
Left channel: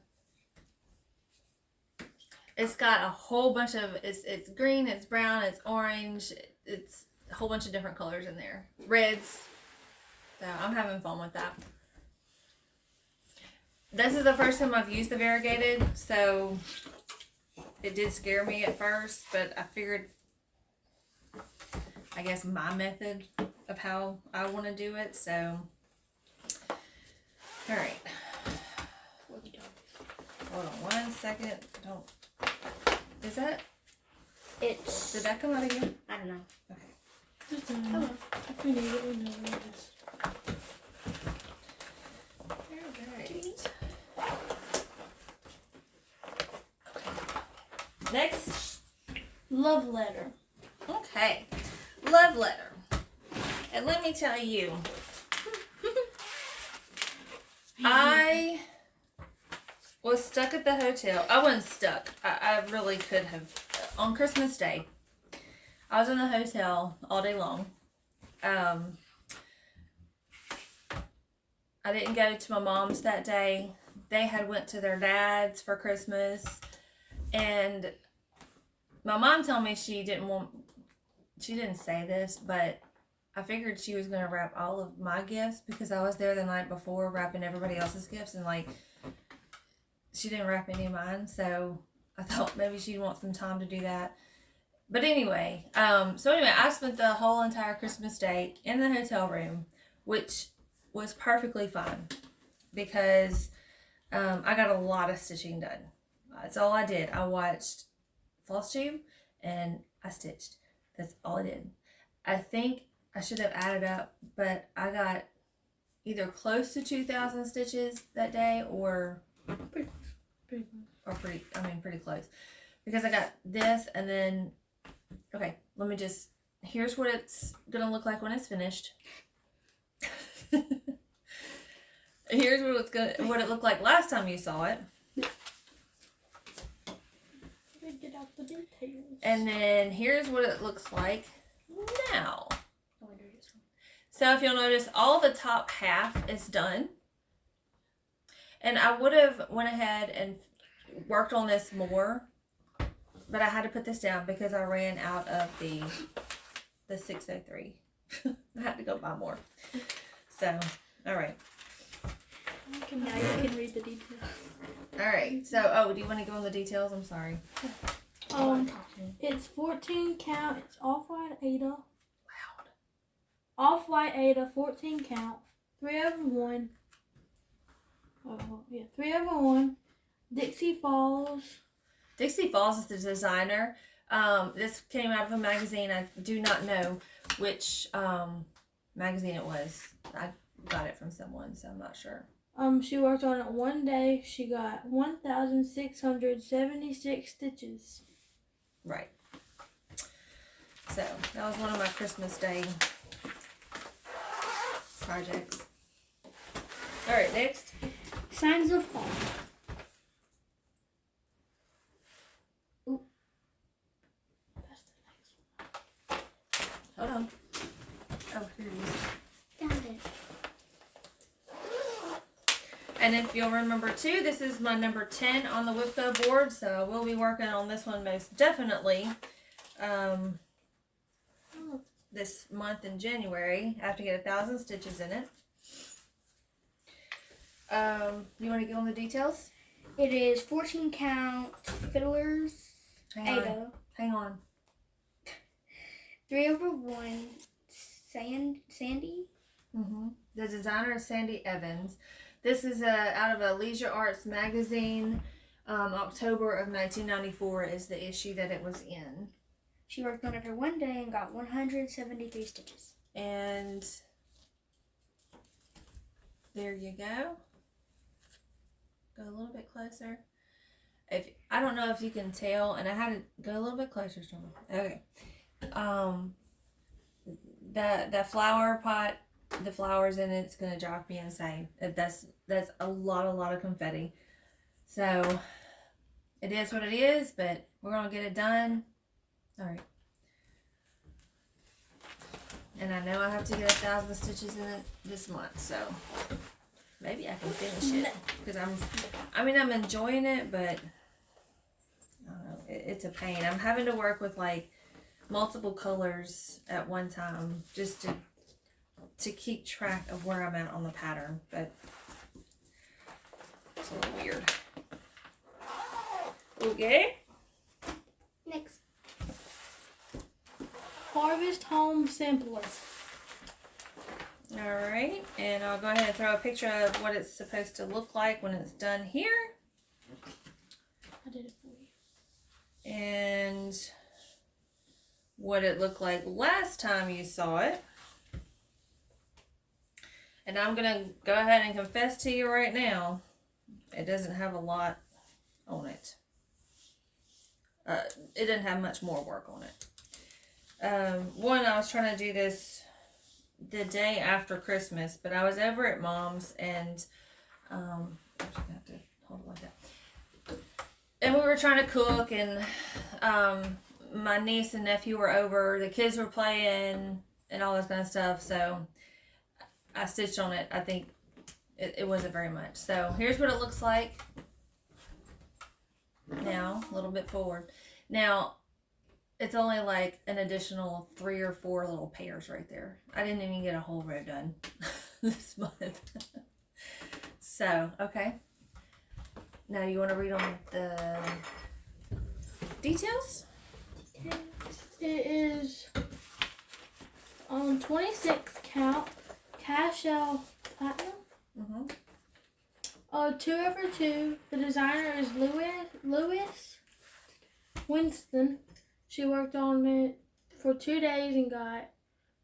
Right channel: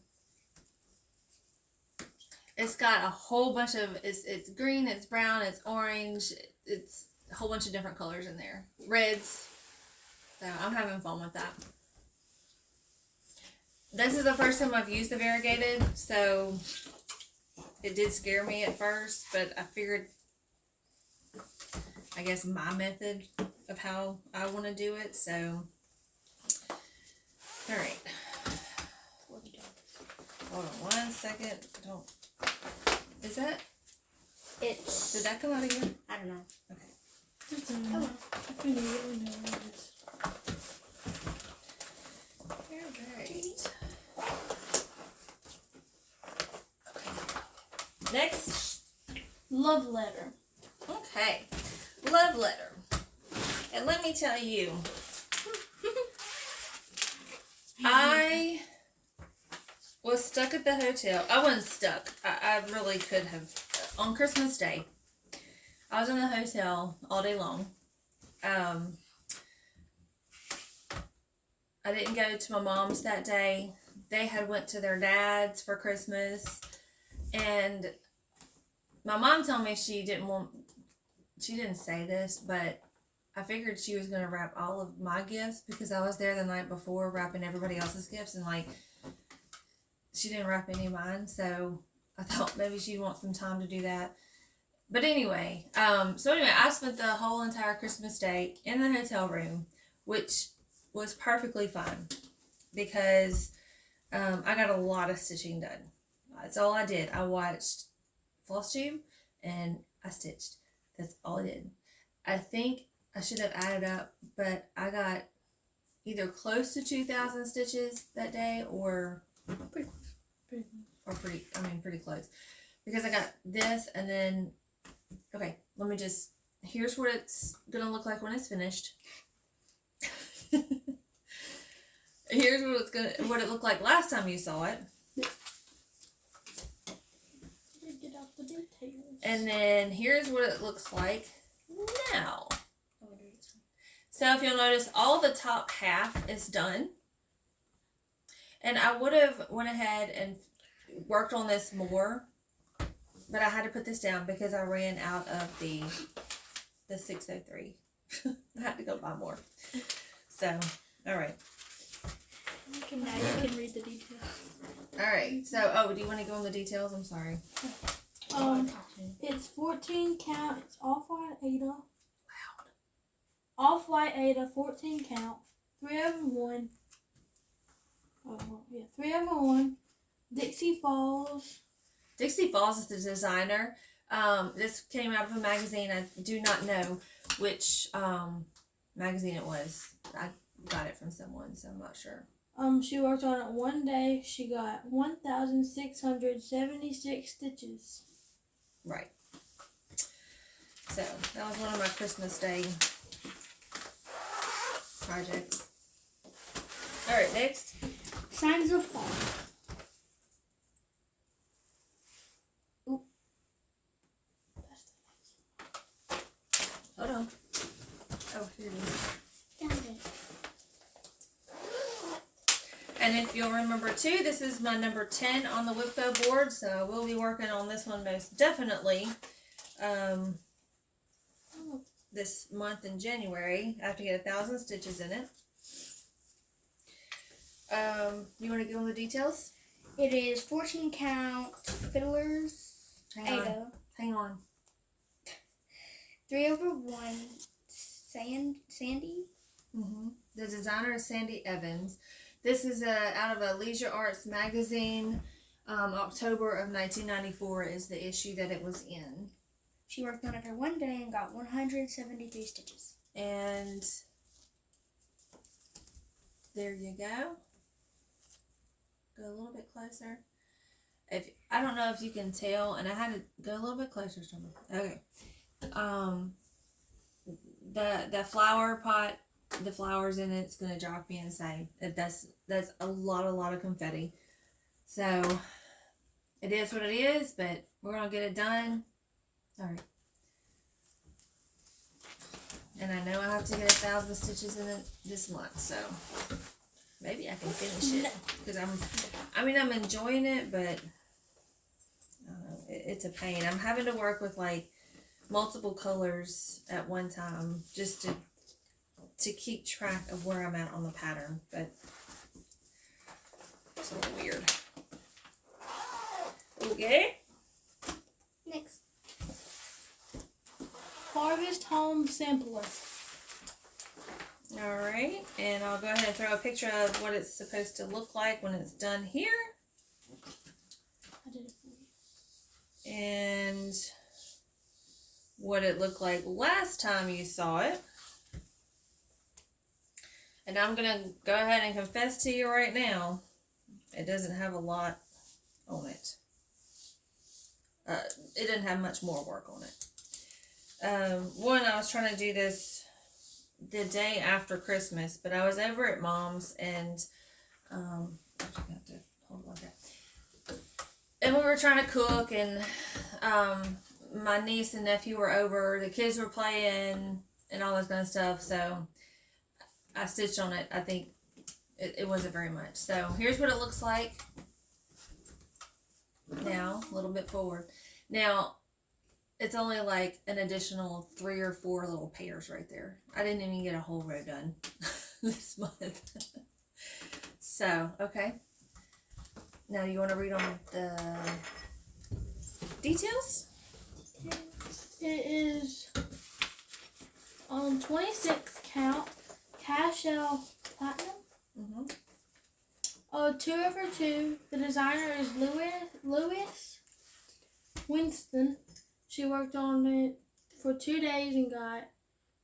It's got a whole bunch of it's green, it's brown, it's orange, it's a whole bunch of different colors in there, reds. So I'm having fun with that. This is the first time I've used the variegated, so it did scare me at first, but I figured, I guess, my method of how I want to do it. So, all right. Hold on 1 second. Don't. Is that? It's. Did that come out again? I don't know. Okay. It's Oh well. if you need it, we know it is. Alright. Okay. Next. Love letter. Okay. Love letter. And let me tell you, I was stuck at the hotel. I wasn't stuck. I really could have. On Christmas Day, I was in the hotel all day long. I didn't go to my mom's that day. They had went to their dad's for Christmas. And my mom told me she didn't say this, but I figured she was going to wrap all of my gifts because I was there the night before wrapping everybody else's gifts, and like she didn't wrap any of mine, so I thought maybe she'd want some time to do that. But anyway, I spent the whole entire Christmas day in the hotel room, which was perfectly fine because I got a lot of stitching done. That's all I did. I watched Flosstube and I stitched. That's all I did. I think I should have added up, but I got either close to 2,000 stitches that day or Pretty close. pretty close. Because I got this and then, okay, let me just, here's what it's gonna look like when it's finished. Here's what it looked like last time you saw it. Get out the details. And then here's what it looks like now. So if you'll notice, all the top half is done. And I would have went ahead and worked on this more, but I had to put this down because I ran out of the 603. I had to go buy more. So, all right. Now you can read the details. All right. So, do you want to go in the details? I'm sorry. It's 14 count. It's off-white Aida. Loud. Off-white Aida, 14 count. 3/1. Oh, yeah, 3/1. Dixie Falls. Dixie Falls is the designer. This came out of a magazine. I do not know which magazine it was. I got it from someone, so I'm not sure. She worked on it one day. She got 1,676 stitches. Right. So that was one of my Christmas Day projects. All right, next. Signs of fall. Oop. That's the next one. Hold on. Oh, here it is. Found it. And if you'll remember too, this is my number 10 on the WIPGO board, so we'll be working on this one most definitely this month in January. I have to get 1,000 stitches in it. You want to go on the details? It is 14 count Fiddlers. Aida. Hang on. 3/1 Sandi. The designer is Sandi Evans. This is out of a Leisure Arts magazine. October of 1994 is the issue that it was in. She worked on it for one day and got 173 stitches. And there you go. Go a little bit closer. I don't know if you can tell, and I had to go a little bit closer. Okay. The flower pot, the flowers in it's gonna drive me insane. That's a lot of confetti. So it is what it is, but we're gonna get it done. All right. And I know I have to get 1,000 stitches in it this month, so maybe I can finish it because I'm enjoying it, but I don't know, it's a pain. I'm having to work with like multiple colors at one time just to keep track of where I'm at on the pattern, but it's a little weird. Okay. Next. Harvest Home Sampler. Alright, and I'll go ahead and throw a picture of what it's supposed to look like when it's done here. I did it for you. And what it looked like last time you saw it. And I'm going to go ahead and confess to you right now, it doesn't have a lot on it. It didn't have much more work on it. One, I was trying to do this the day after Christmas, but I was over at Mom's and I have to hold it like that. And we were trying to cook, and my niece and nephew were over. The kids were playing and all this kind of stuff. So I stitched on it. I think it wasn't very much. So here's what it looks like now, a little bit forward. Now, it's only like an additional 3 or 4 little pairs right there. I didn't even get a whole row done this month. So, okay. Now you want to read on the details? It is 26 count Cashel Platinum. 2 over 2. The designer is Louis Winston. She worked on it for 2 days and got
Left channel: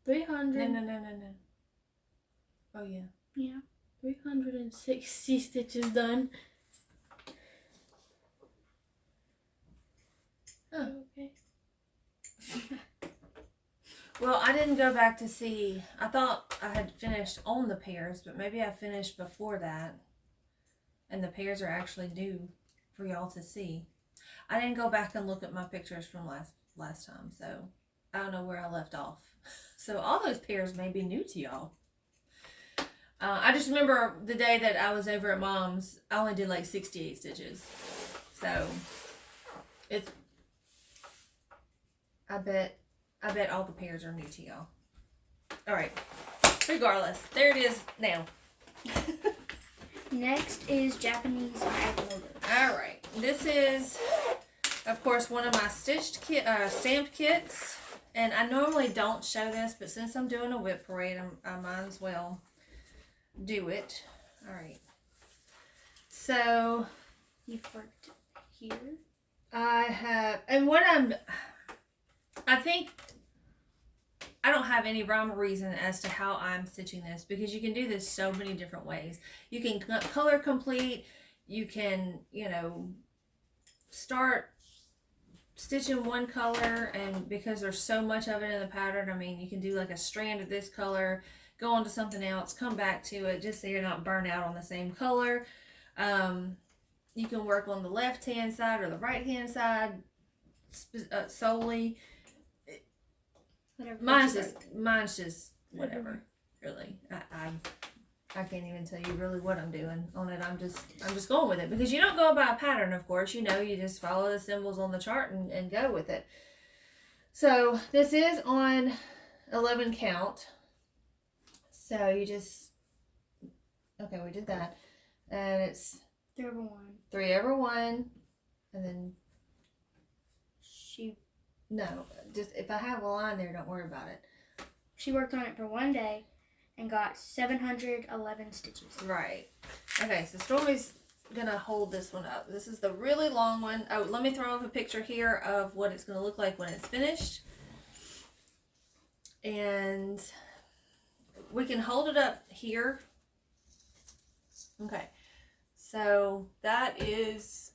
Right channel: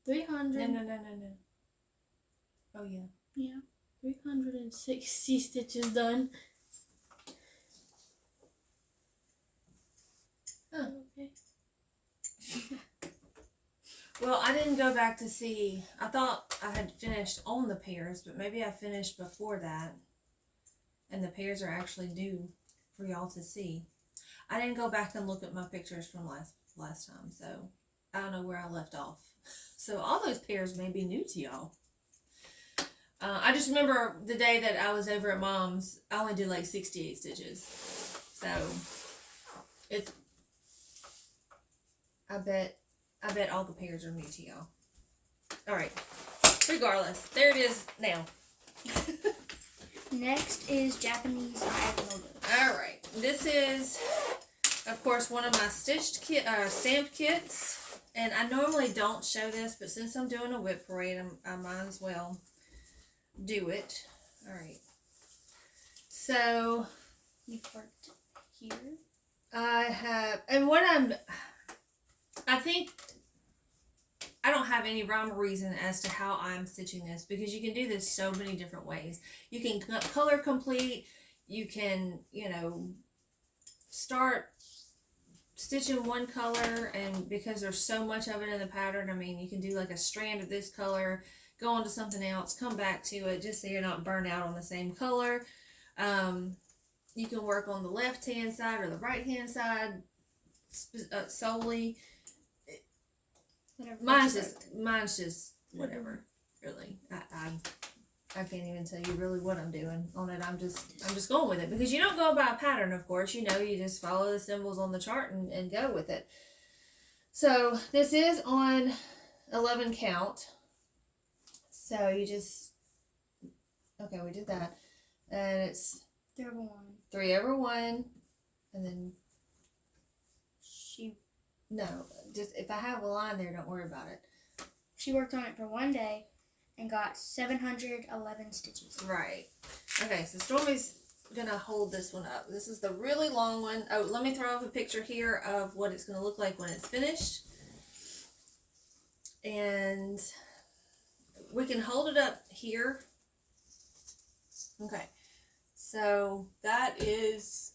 300. No. Oh yeah. Yeah, 360 stitches done. Huh. Okay. Well, I didn't go back to see. I thought I had finished on the pairs, but maybe I finished before that. And the pairs are actually due for y'all to see. I didn't go back and look at my pictures from last time, so I don't know where I left off. So all those pairs may be new to y'all. I just remember the day that I was over at Mom's, I only did like 68 stitches. So it's, I bet all the pairs are new to y'all. All right. Regardless, there it is now. Next is Japanese Magnolias. All right. This is, of course, one of my stitched stamped kits. And I normally don't show this, but since I'm doing a WIP parade, I might as well do it. All right. So You've worked here. I have, and I think I don't have any rhyme or reason as to how I'm stitching this, because you can do this so many different ways. You can color complete. You can, start stitching one color, and because there's so much of it in the pattern, I mean, you can do like a strand of this color, go on to something else, come back to it, just so you're not burnt out on the same color. You can work on the left hand side or the right hand side solely. Whatever. Mine's just whatever. Really, I can't even tell you really what I'm doing on it. I'm just going with it, because you don't go by a pattern, of course. You just follow the symbols on the chart and go with it. So this is on 11 count. So you just, okay, we did that, and it's 3 over 1. 3 over 1, and then no, just if I have a line there, don't worry about it. She worked on it for 1 day and got 711 stitches. Right. Okay, so Stormy's gonna hold this one up. This is the really long one. Oh, let me throw up a picture here of what it's gonna look like when it's finished. And we can hold it up here. Okay. So that is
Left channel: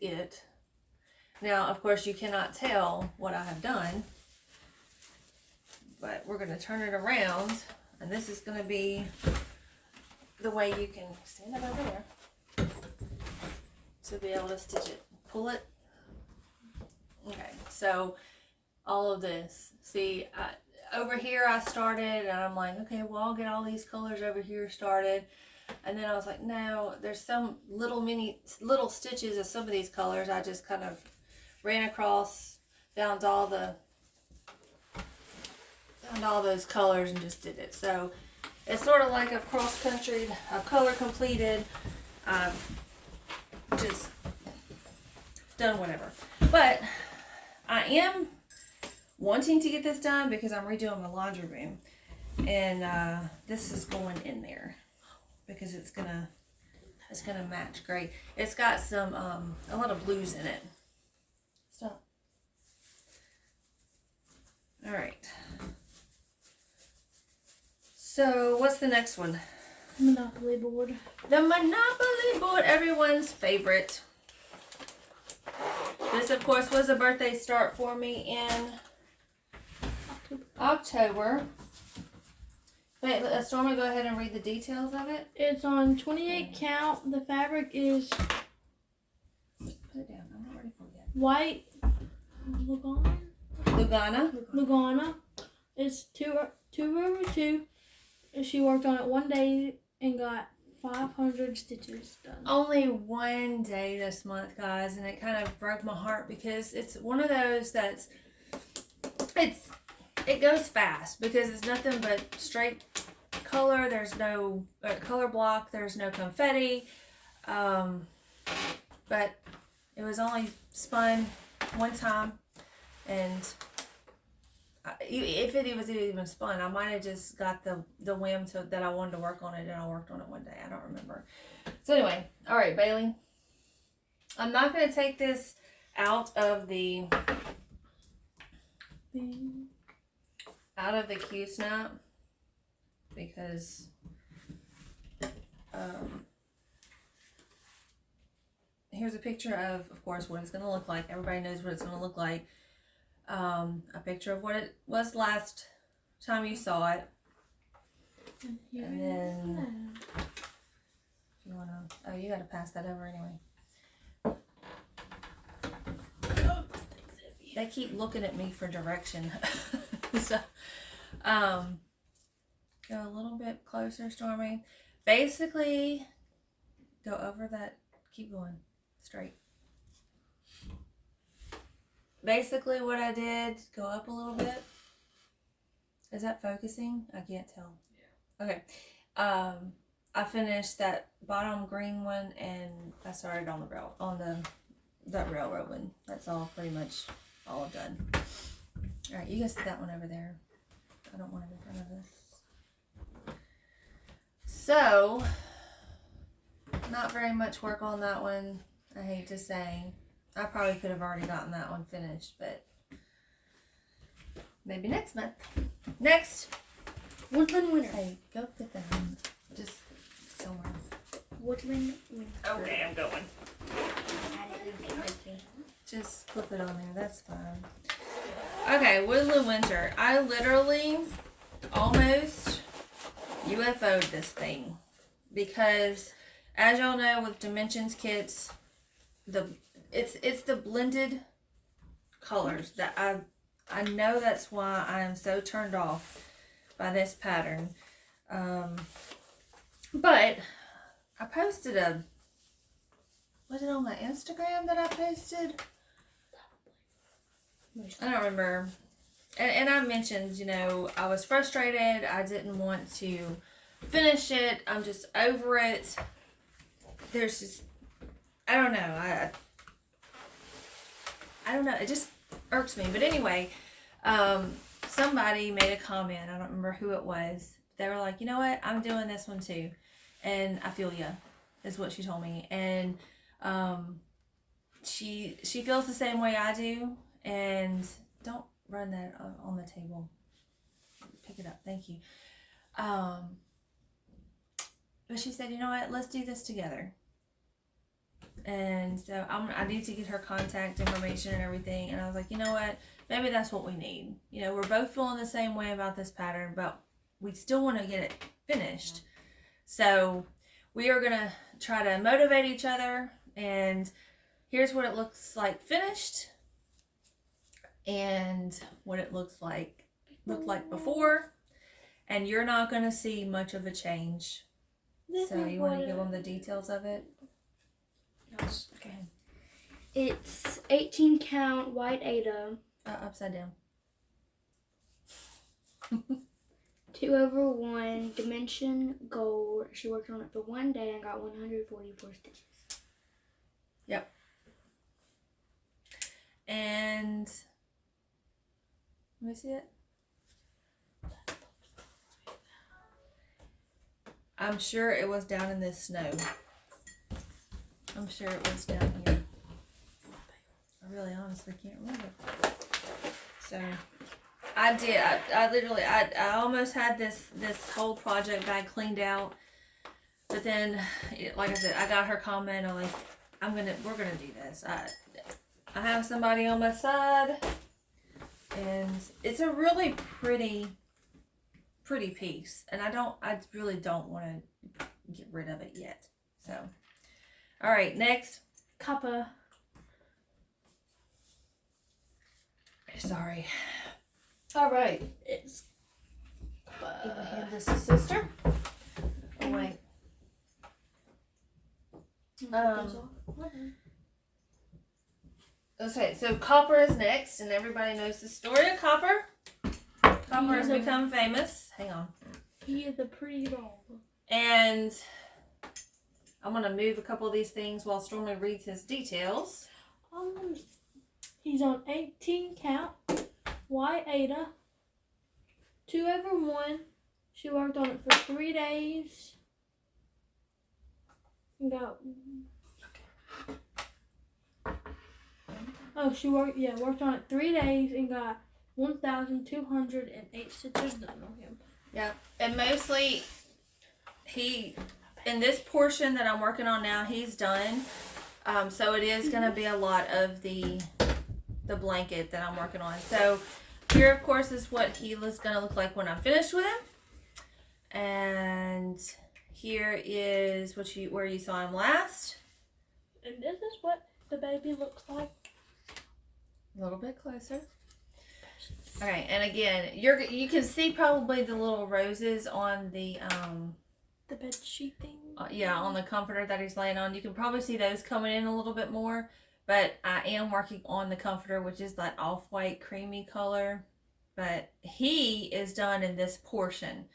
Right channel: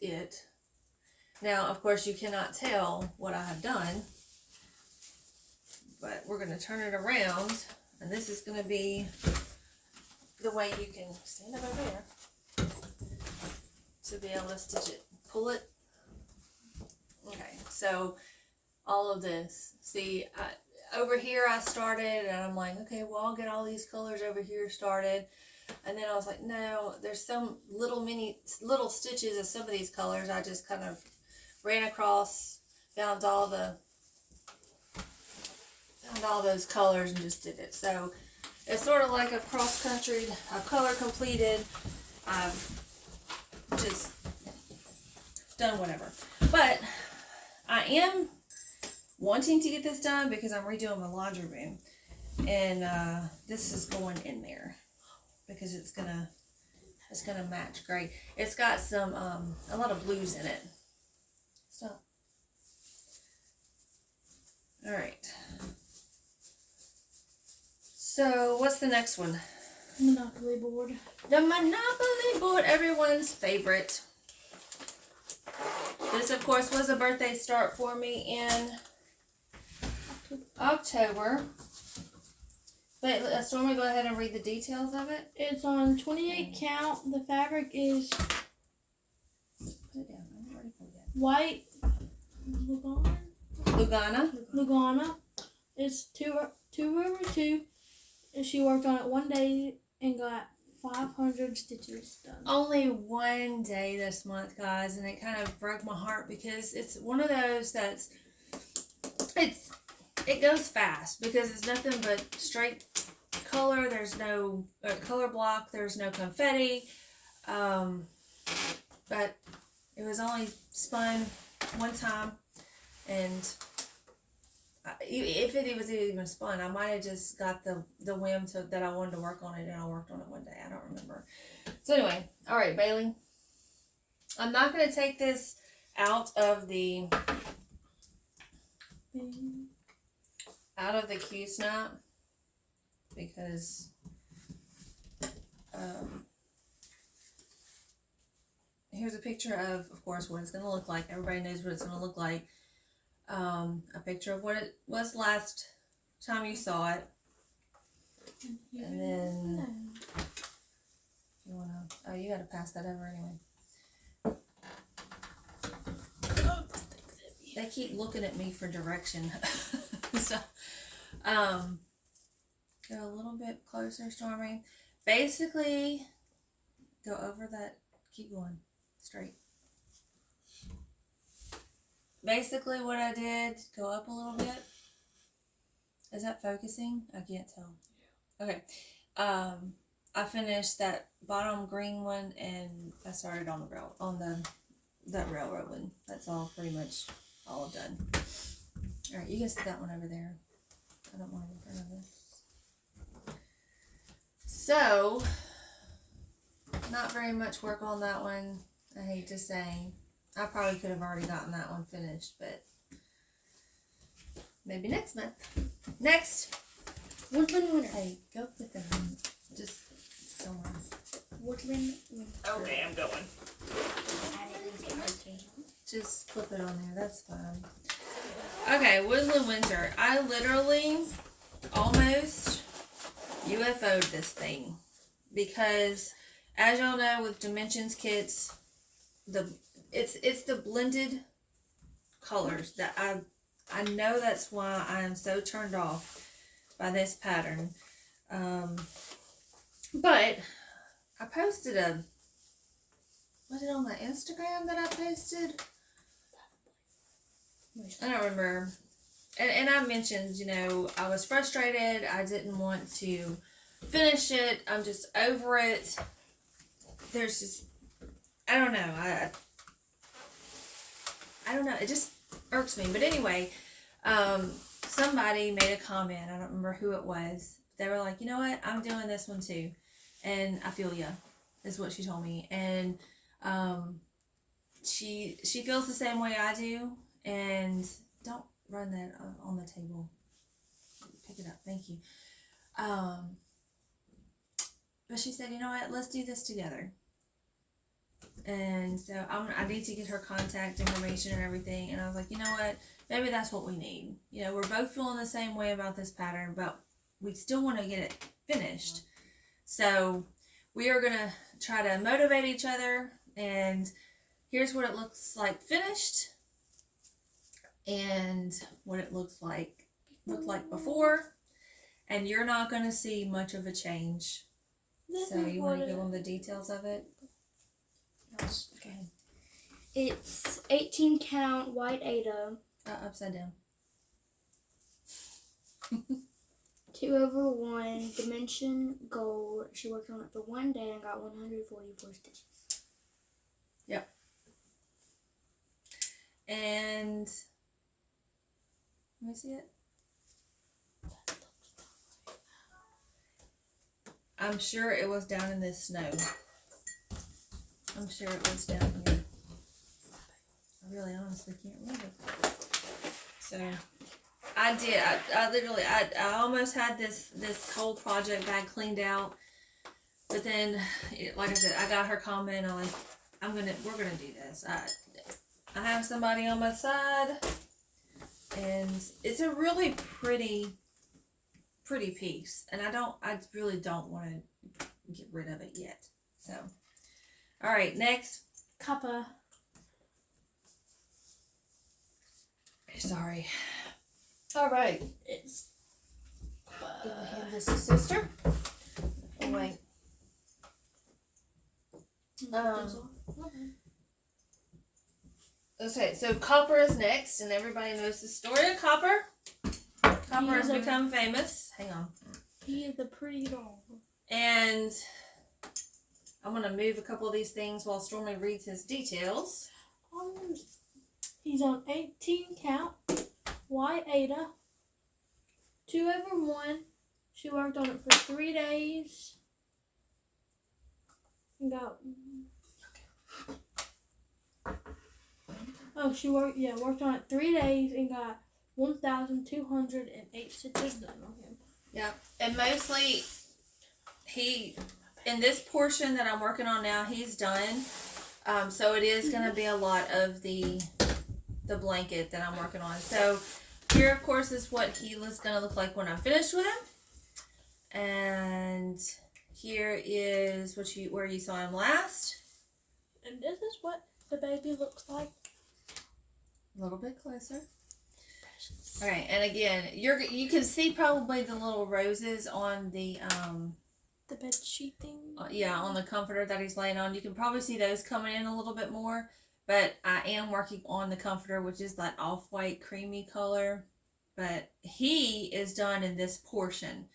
it. Now, of course, you cannot tell what I have done, but we're going to turn it around, and this is going to be the way you can stand it over there to be able to stitch it. Pull it. Okay, so all of this. See, over here I started, and I'm like, okay, well, I'll get all these colors over here started. And then I was like, no, there's some little stitches of some of these colors. I just kind of ran across, found all those colors and just did it. So it's sort of like a cross country. I've color completed. I've just done whatever. But I am wanting to get this done because I'm redoing my laundry room, and this is going in there because it's gonna match great. It's got some a lot of blues in it. Stop. All right. So what's the next one? Monopoly board. The Monopoly board, everyone's favorite. This, of course, was a birthday start for me in October. Wait, Stormy, go ahead and read the details of it. It's on 28 count. The fabric is Put it down. I'm not ready for it yet. White Lugana. It's 2 over 2. And she worked on it 1 day and got 500 stitches done. Only 1 day this month, guys, and it kind of broke my heart because it's one of those that's it goes fast because it's nothing but straight color. There's no color block. There's no confetti. But it was only spun 1 time, and if it was even spun, I might have just got the whim that I wanted to work on it, and I worked on it one day. I don't remember. So anyway, all right, Bailey. I'm not going to take this out of the Q snap because here's a picture of course, what it's going to look like. Everybody knows what it's going to look like. A picture of what it was last time you saw it. And then, if you want to, oh, you got to pass that over anyway. They keep looking at me for direction. So, go a little bit closer, Stormy. Basically, go over that. Keep going straight. Basically, what I did, go up a little bit. Is that focusing? I can't tell. Yeah. Okay. I finished that bottom green one, and I started on that railroad one. That's all pretty much all done. All right, you can set that one over there. I don't want it in front of this. So, not very much work on that one. I hate to say. I probably could have already gotten that one finished, but maybe next month. Next. Woodland Winter. Hey, go get that one. Just somewhere. Woodland Winter. Okay, I'm going. Add it in there. Just clip it on there. That's fine. Okay, Woodland Winter. I literally almost UFO'd this thing because, as y'all know, with Dimensions kits, it's the blended colors that I know that's why I am so turned off by this pattern. But I posted was it on my Instagram that I posted? I don't remember. And I mentioned, I was frustrated. I didn't want to finish it. I'm just over it. There's just, I don't know. I don't know. It just irks me. But anyway, somebody made a comment. I don't remember who it was. They were like, you know what? I'm doing this one too. And I feel ya, is what she told me. And she feels the same way I do. And don't run that on the table. Pick it up. Thank you. But she said, you know what? Let's do this together. And so I need to get her contact information and everything. And I was like, you know what? Maybe that's what we need. We're both feeling the same way about this pattern, but we still want to get it finished. So we are going to try to motivate each other. And here's what it looks like finished. And what it looked like before. And you're not going to see much of a change. So you want to give them the details of it? Yes. Okay. It's 18 count white Aida. Upside down. 2/1 dimension gold. She worked on it for one day and got 144 stitches. Yep. And let me see it. I'm sure it was down in this snow. I'm sure it was down here. I really honestly can't remember. So I did. I literally I almost had this whole project bag cleaned out. But then, like I said, I got her comment. I'm like, we're gonna do this. I have somebody on my side, and it's a really pretty piece, and I really don't want to get rid of it yet. So, all right, next. Copper. Sorry. All right, it's. Hand this to sister. Oh wait. Okay, so Copper is next, and everybody knows the story of Copper. Copper has become famous. Hang on. He is a pretty dog. And I'm going to move a couple of these things while Stormy reads his details. He's on 18 count, white Aida, 2/1. She worked on it for 3 days. And got. Oh, worked on it 3 days and got 1,208 stitches done on him. Yeah, and mostly in this portion that I'm working on now, he's done. So it is going to be a lot of the blanket that I'm working on. So here, of course, is what he is going to look like when I'm finished with him. And here is where you saw him last. And this is what the baby looks like. A little bit closer. Okay, and again, you can see probably the little roses on the bed sheet thing. Yeah, on the comforter that he's laying on. You can probably see those coming in a little bit more, but I am working on the comforter, which is that off-white creamy color. But he is done in this portion.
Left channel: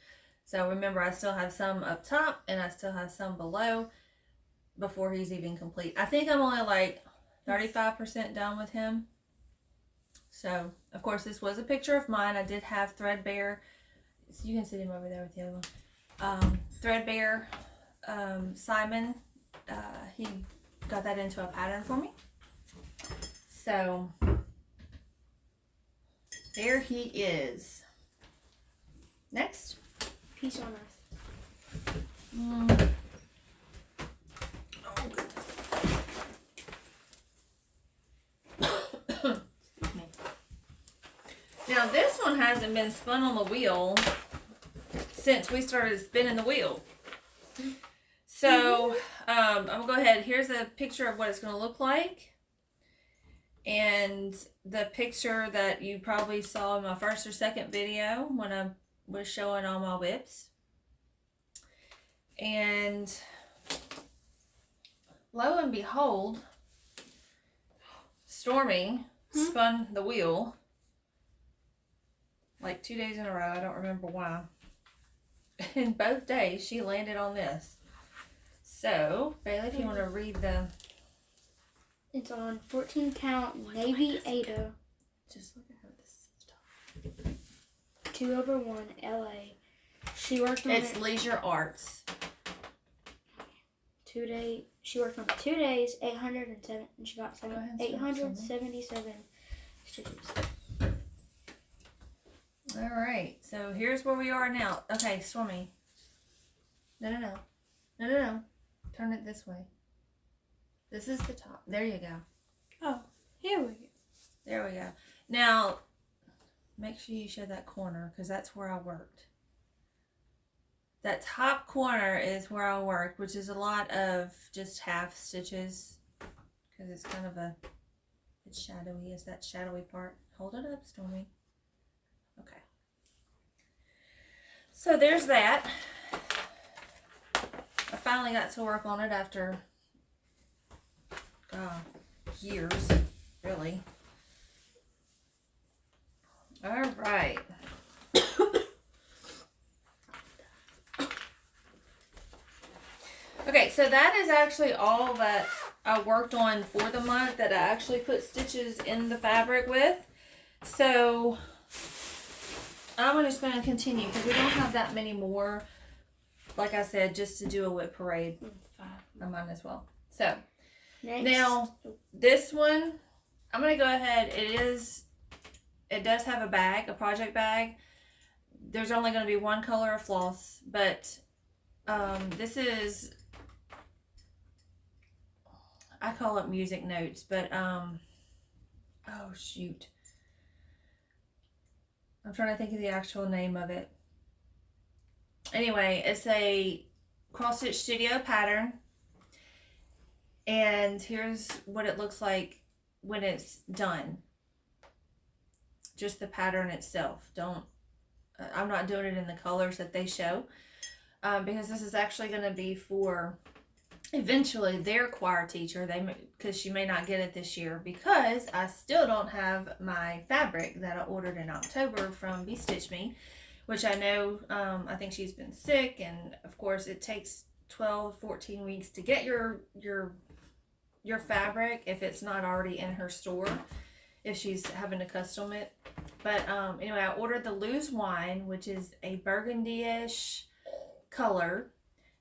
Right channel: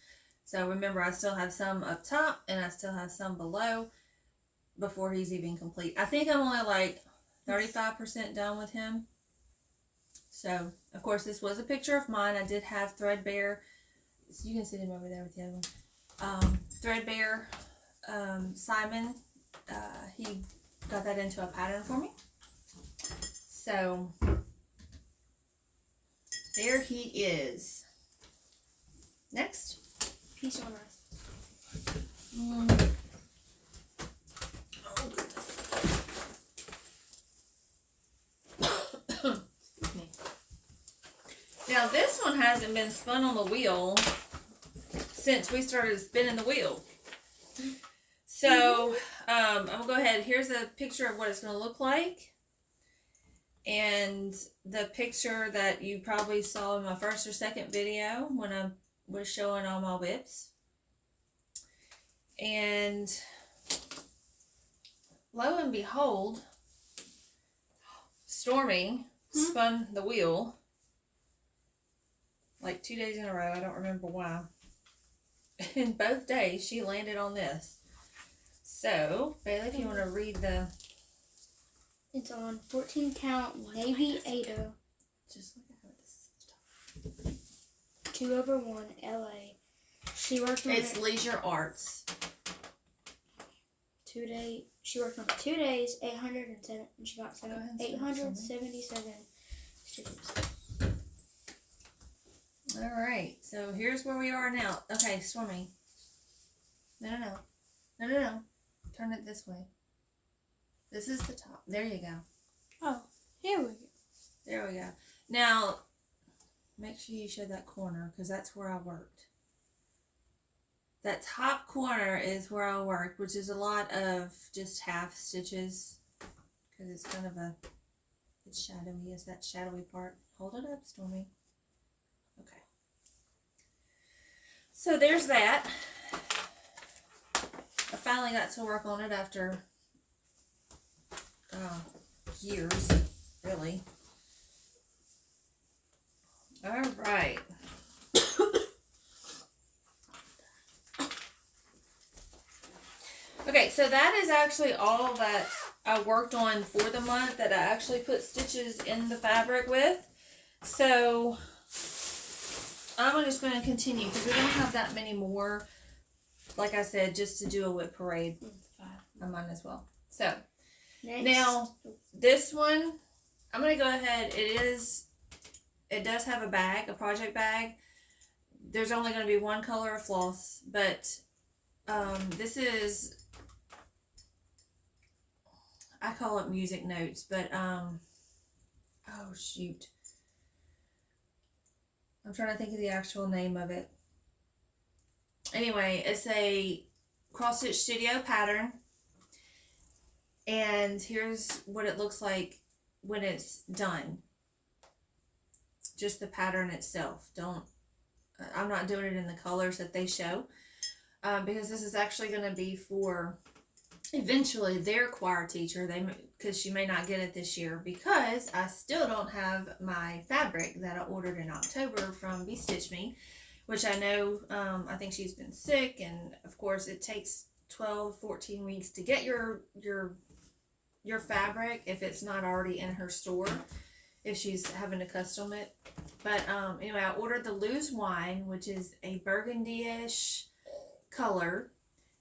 So remember, I still have some up top and I still have some below before he's even complete. I think I'm only like 35% done with him. So, of course, this was a picture of mine. I did have Threadbare. So you can see him over there with the other one. Threadbare Simon. He got that into a pattern for me. So, there he is. Next. Peace on earth. Excuse me. Now this one hasn't been spun on the wheel since we started spinning the wheel. So I'm gonna go ahead. Here's a picture of what it's gonna look like. And the picture that you probably saw in my first or second video when I was showing all my WIPs. And lo and behold, Stormy spun the wheel like 2 days in a row. I don't remember why. And both days she landed on this. So, Bailey, if you want to read the... It's on 14 count Navy Aida. Just look at her. This is 2/1 LA. She worked on It's Leisure Arts. 2 days. She worked on it 2 days, 807, and she got 877 stitches. All right, so here's where we are now. Okay, Stormy. No. Turn it this way. This is the top. There you go. Oh, here we go. There we go. Now, make sure you show that corner because that's where I worked. That top corner is where I worked, which is a lot of just half stitches because it's kind of it's shadowy. Is that shadowy part? Hold it up, Stormy. Okay. So there's that. I finally got to work on it after years, really. All right. Okay, so that is actually all that I worked on for the month that I actually put stitches in the fabric with. So I'm just going to continue because we don't have that many more. Like I said, just to do a WIP parade. I might as well. So Next. now this one, I'm going to go ahead. It does have a bag, a project bag. There's only going to be one color of floss, but this is, I call it music notes, but oh shoot, I'm trying to think of the actual name of it. Anyway, it's a cross stitch studio pattern, and here's what it looks like when it's done. Just the pattern itself. I'm not doing it in the colors that they show, because this is actually going to be for eventually their choir teacher. Because she may not get it this year because I still don't have my fabric that I ordered in October from Be Stitch Me, which I know, I think she's been sick, and of course it takes 12-14 weeks to get your fabric if it's not already in her store. if she's having to custom it. But anyway, I ordered the Loose Wine, which is a burgundy-ish color,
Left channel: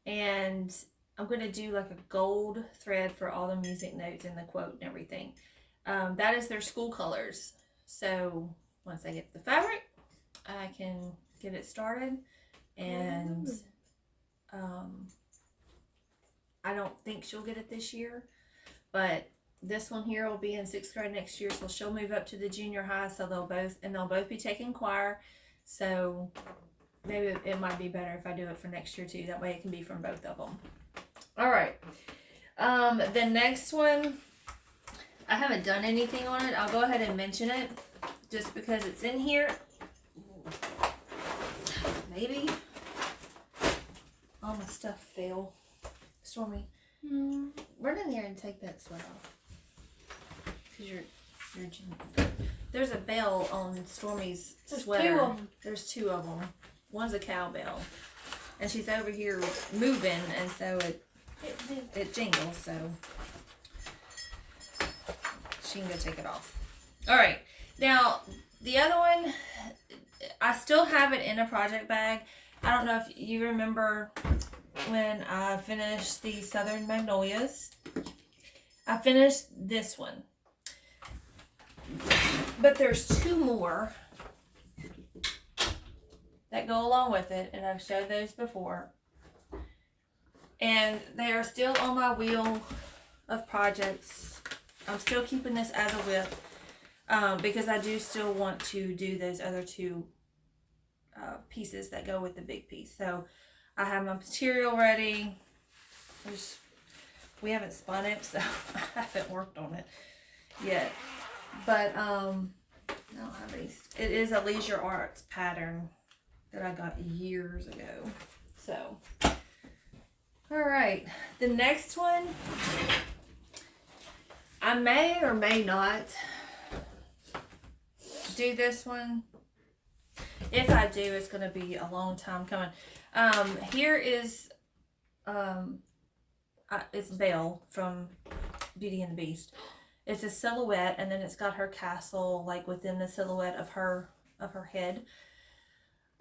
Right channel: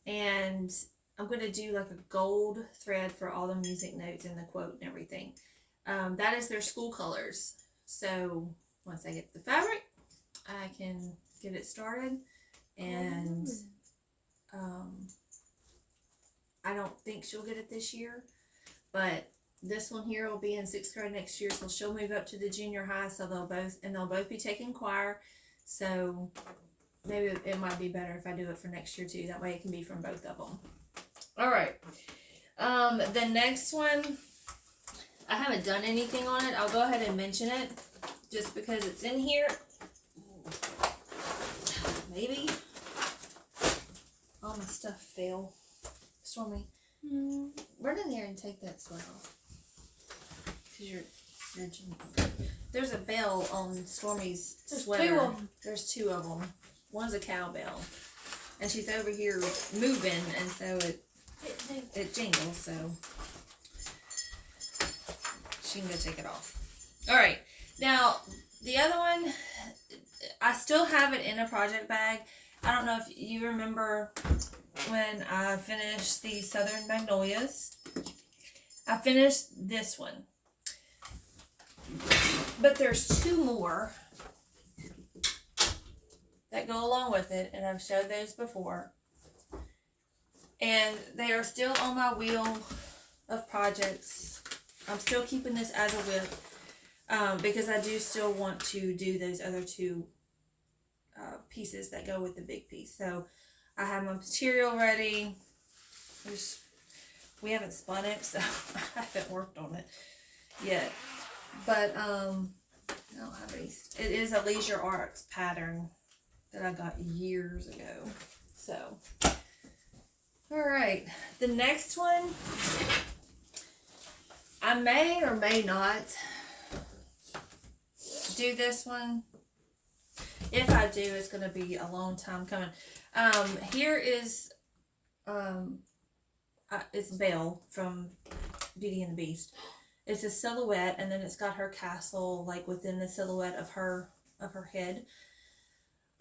and I'm going to do like a gold thread for all the music notes and the quote and everything. That is their school colors. So once I get the fabric, I can get it started. And I don't think she'll get it this year, but this one here will be in 6th grade next year, so she'll move up to the junior high, so they'll both be taking choir. So maybe it might be better if I do it for next year too. That way it can be from both of them. All right. The next one, I haven't done anything on it. I'll go ahead and mention it just because it's in here. Maybe. All my stuff fell. Stormy, run in there and take that sweat off. Because you're wrenching. There's a bell on Stormy's sweater. There's 2 of them. There's 2 of them. One's a cowbell. And she's over here moving, and so it jingles, so she can go take it off. Alright, now the other one, I still have it in a project bag. I don't know if you remember when I finished the Southern Magnolias. I finished this one. But there's 2 more that go along with it, and I've showed those before. And they are still on my wheel of projects. I'm still keeping this as a WIP because I do still want to do those other 2 pieces that go with the big piece. So I have my material ready. We haven't spun it, so I haven't worked on it yet. But I don't have any. It is a Leisure Arts pattern that I got years ago. So, all right, the next one, I may or may not do this one. If I do, it's going to be a long time coming. Here is, it's Belle from Beauty and the Beast. It's a silhouette, and then it's got her castle like within the silhouette of her head.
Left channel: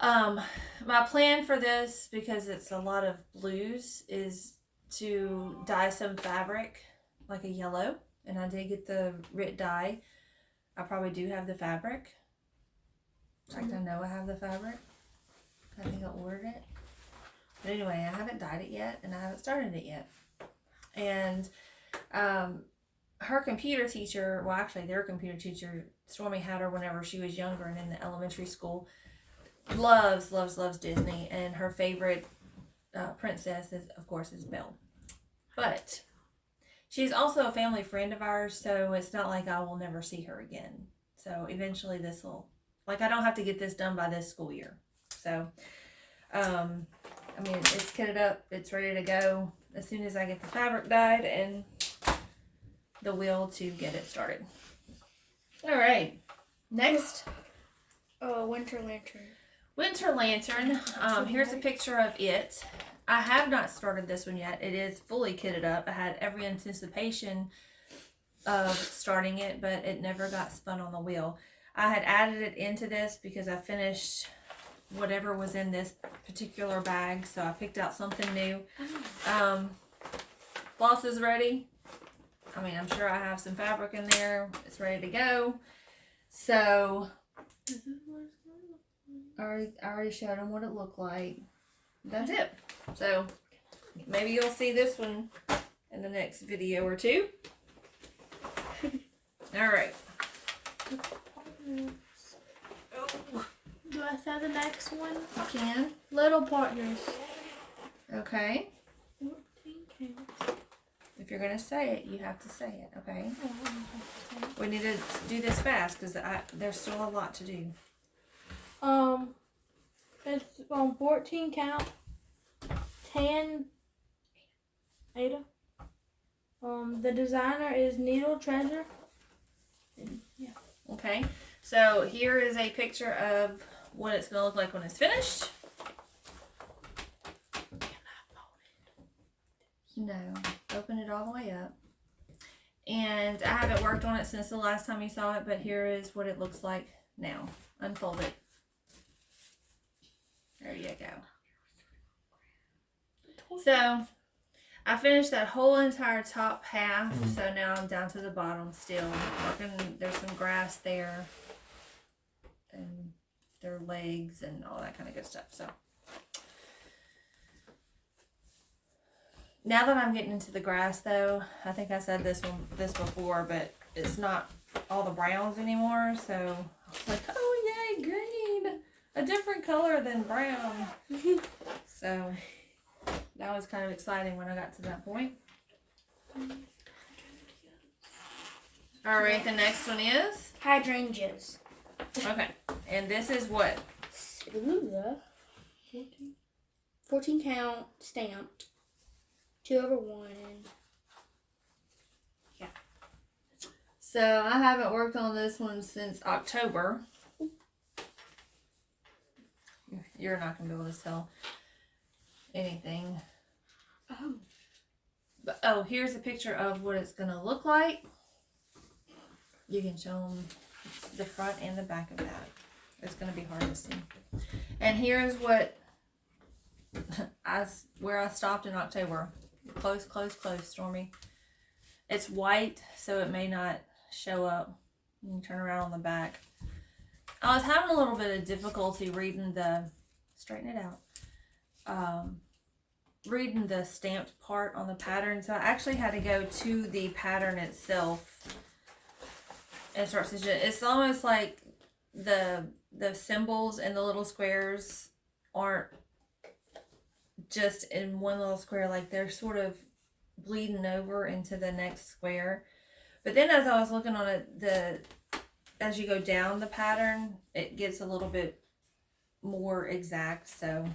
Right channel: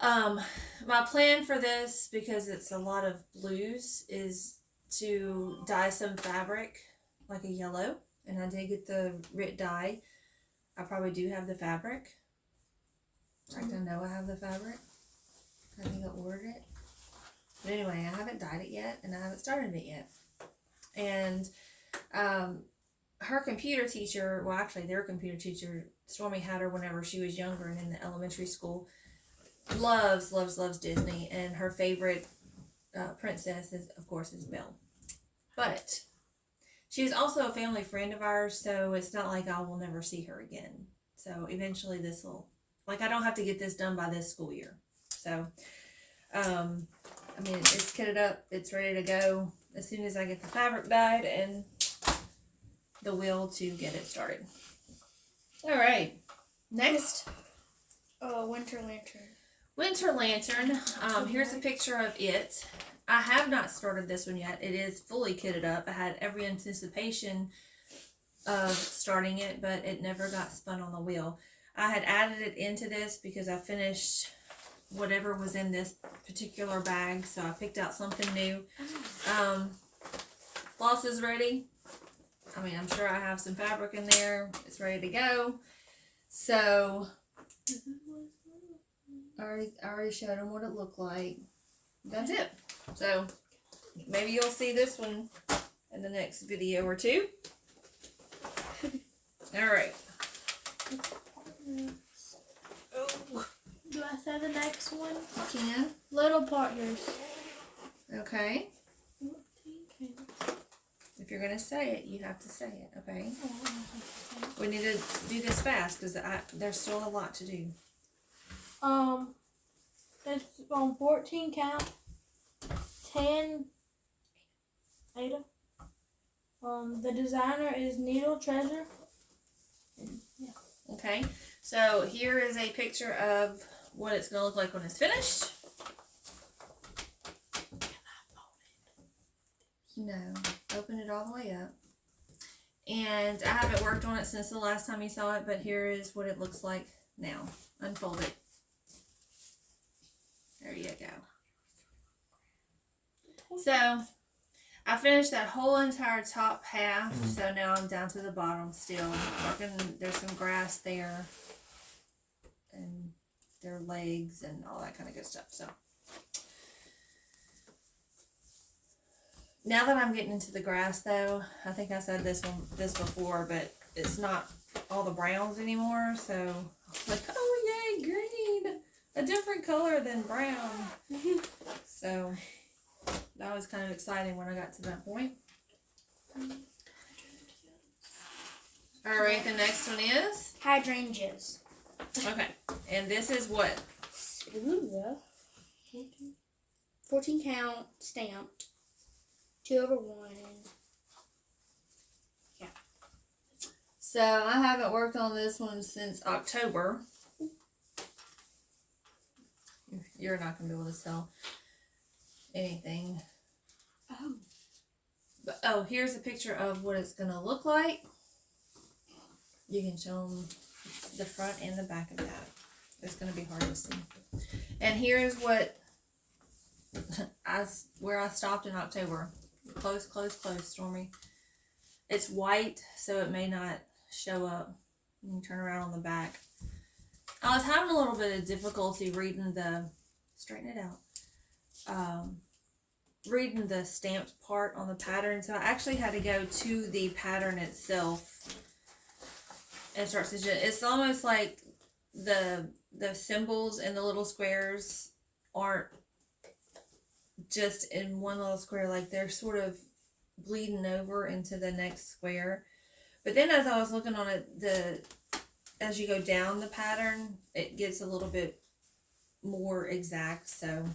My plan for this, because it's a lot of blues, is to dye some fabric like a yellow, and I did get the Rit dye. I probably do have the fabric. In fact, I know I have the fabric. I think I ordered it. But anyway, I haven't dyed it yet, and I haven't started it yet. And her computer teacher, well, actually their computer teacher, Stormy had her whenever she was younger and in the elementary school, loves Disney, and her favorite princess is, of course, is Belle. But she's also a family friend of ours, so it's not like I will never see her again. So eventually this will, like, I don't have to get this done by this school year. So, I mean, it's kitted up, it's ready to go as soon as I get the fabric dyed and the will to get it started. All right, next. Winter Lantern. Winter Lantern. Here's a picture of it. I have not started this one yet. It is fully kitted up. I had every anticipation of starting it, but it never got spun on the wheel. I had added it into this because I finished whatever was in this particular bag, so I picked out something new. Floss is ready. I mean, I'm sure I have some fabric in there. It's ready to go. So I already showed them what it looked like. That's it. So maybe you'll see this one in the next video or 2. All right. Do I say the next one? You can. Little Partners. Okay. If you're gonna say it, you have to say it. Okay. We need to do this fast because there's still a lot to do. It's on 14 count, 10 Aida. The designer is Needle Treasure. Yeah. Okay. So here is a picture of what it's gonna look like when it's finished. No, open it all the way up. And I haven't worked on it since the last time you saw it, but here is what it looks like now. Unfold it. There you go. So, I finished that whole entire top half, so now I'm down to the bottom still. There's some grass there, and their legs and all that kind of good stuff. So, now that I'm getting into the grass, though, I think I said this before, but it's not all the browns anymore. So I was like, oh yay, green, a different color than brown. So that was kind of exciting when I got to that point. All right, the next one is hydrangeas. Okay, and this is what? 14 count stamped. 2/1. Yeah. So I haven't worked on this one since October. You're not gonna be able to tell anything. Oh. But here's a picture of what it's gonna look like. You can show them the front and the back of that. It's gonna be hard to see. And here's what where I stopped in October. Close, Stormy. It's white, so it may not show up. You can turn around on the back. I was having a little bit of difficulty reading straighten it out. Reading the stamped part on the pattern, so I actually had to go to the pattern itself and start stitching it. It's almost like the symbols and the little squares aren't just in one little square, like they're sort of bleeding over into the next square. But then as I was looking on it, as you go down the pattern, it gets a little bit more exact. So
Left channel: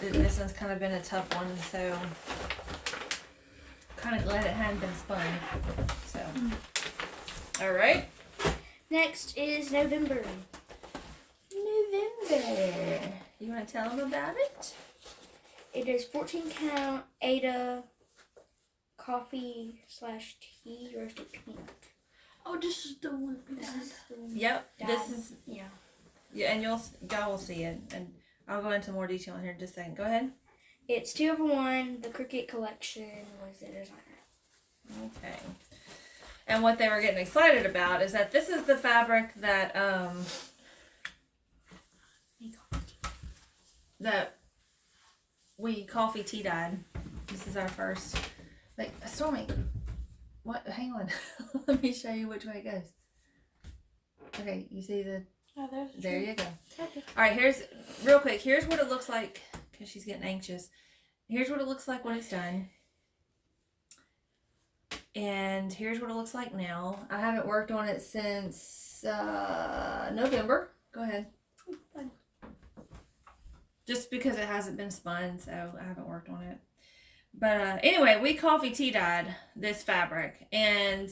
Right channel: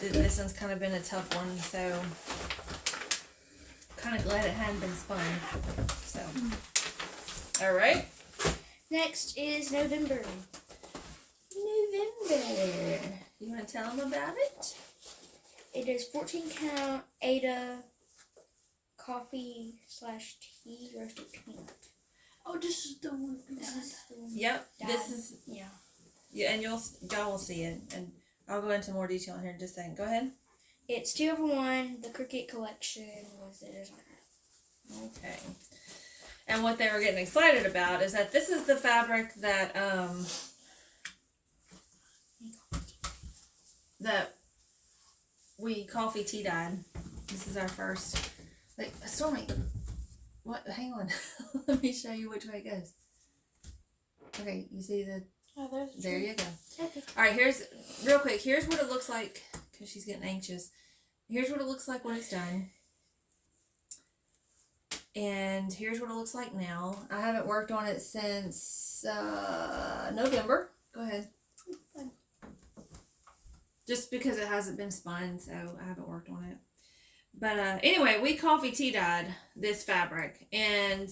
this one's kind of been a tough one, so kind of glad it hadn't been spun. So all right, next is November. You want to tell them about it? It is 14 count Aida coffee/tea roasted peanut. Oh, this is the one. Yep. Dad. This is Yeah, and y'all will see it, and I'll go into more detail in here in just a second. Go ahead. it's 2/1. The Cricket collection was the designer. Okay. And what they were getting excited about is that this is the fabric that we coffee tea dyed. This is our first. Like, Stormy, what? Hang on. Let me show you which way it goes. Okay, you see the. Oh, there you go. All right, here's real quick. Here's what it looks like because she's getting anxious. Here's what it looks like when it's done. And here's what it looks like now. I haven't worked on it since November. Go ahead. Fine. Just because it hasn't been spun, so I haven't worked on it. But anyway, we coffee tea dyed this fabric, and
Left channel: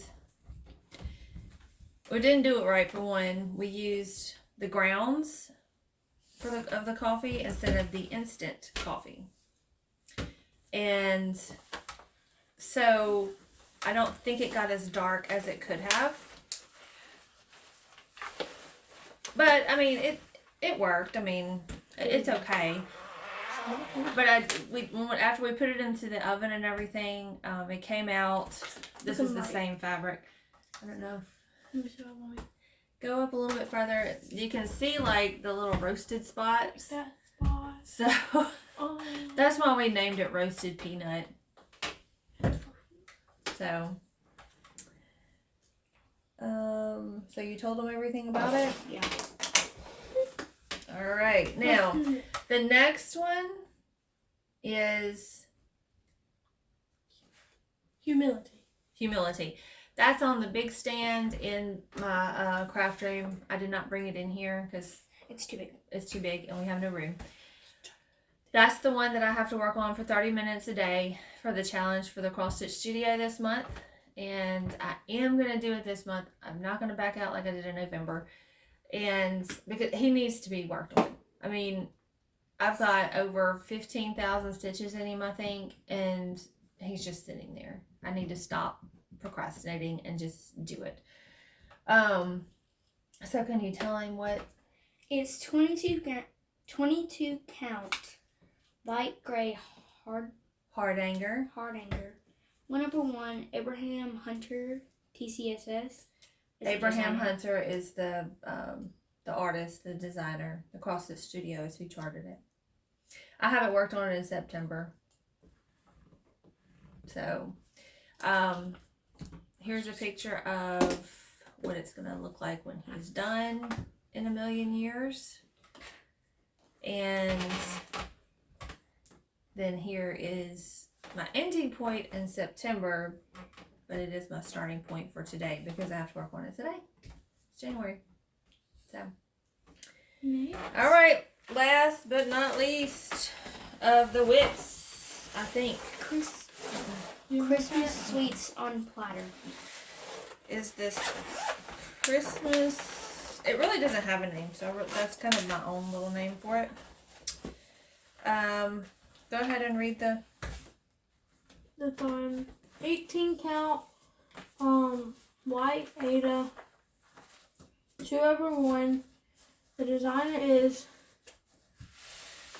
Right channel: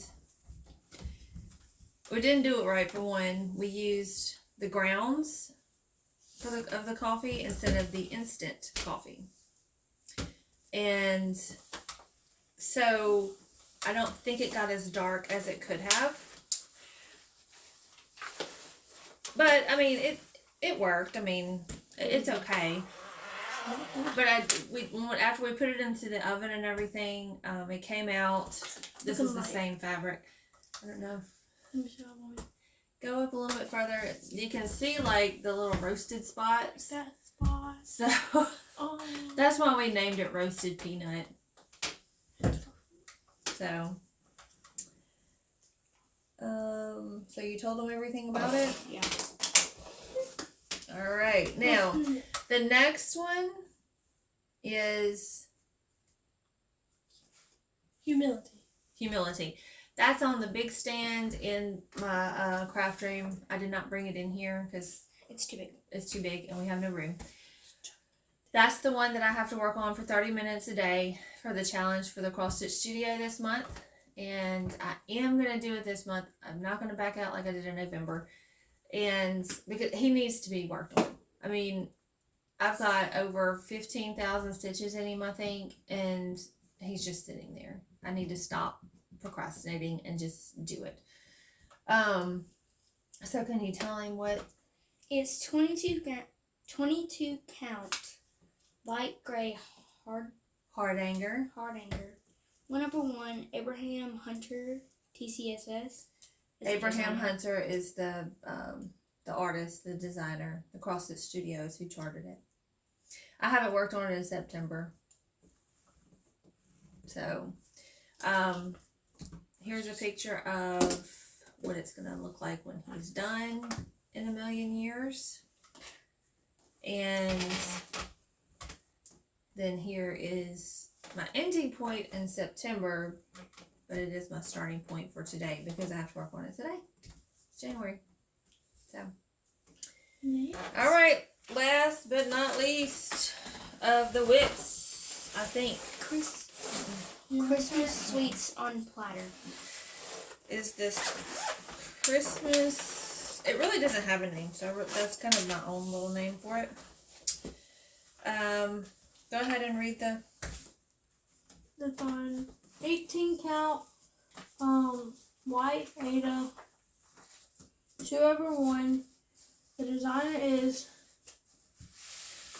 we didn't do it right. For one, we used the grounds of the coffee instead of the instant coffee, and so I don't think it got as dark as it could have. But I mean, it worked. I mean, it's okay. But after we put it into the oven and everything, it came out. This is the same fabric. I don't know. Go up a little bit further. You can see like the little roasted spots. That spot. So that's why we named it roasted peanut. So. So you told them everything about it? Yeah. All right. Now, the next one is humility. That's on the big stand in my craft room. I did not bring it in here because it's too big. It's too big and we have no room. That's the one that I have to work on for 30 minutes a day for the challenge for the Cross Stitch Studio this month. And I am going to do it this month. I'm not going to back out like I did in November. And because he needs to be worked on. I mean, I've got over 15,000 stitches in him, I think. And he's just sitting there. I need to stop procrastinating and just do it. So can you tell him what? It's 22 count, light gray Hard anger. hard anger. One number 1, Abraham Hunter, TCSS. is the Abraham designer. Hunter is the artist, the designer. The CrossFit Studios who charted it. I haven't worked on it in September. So, here's a picture of what it's going to look like when he's done in a million years. And then here is my ending point in September, but it is my starting point for today because I have to work on it today. It's January. So, all right, last but not least of the WIPs, I think. Christmas sweets on platter. Is this Christmas? It really doesn't have a name, so that's kind of my own little name for it. Go ahead and read the on 18 count, white Aida, 2/1. The designer is.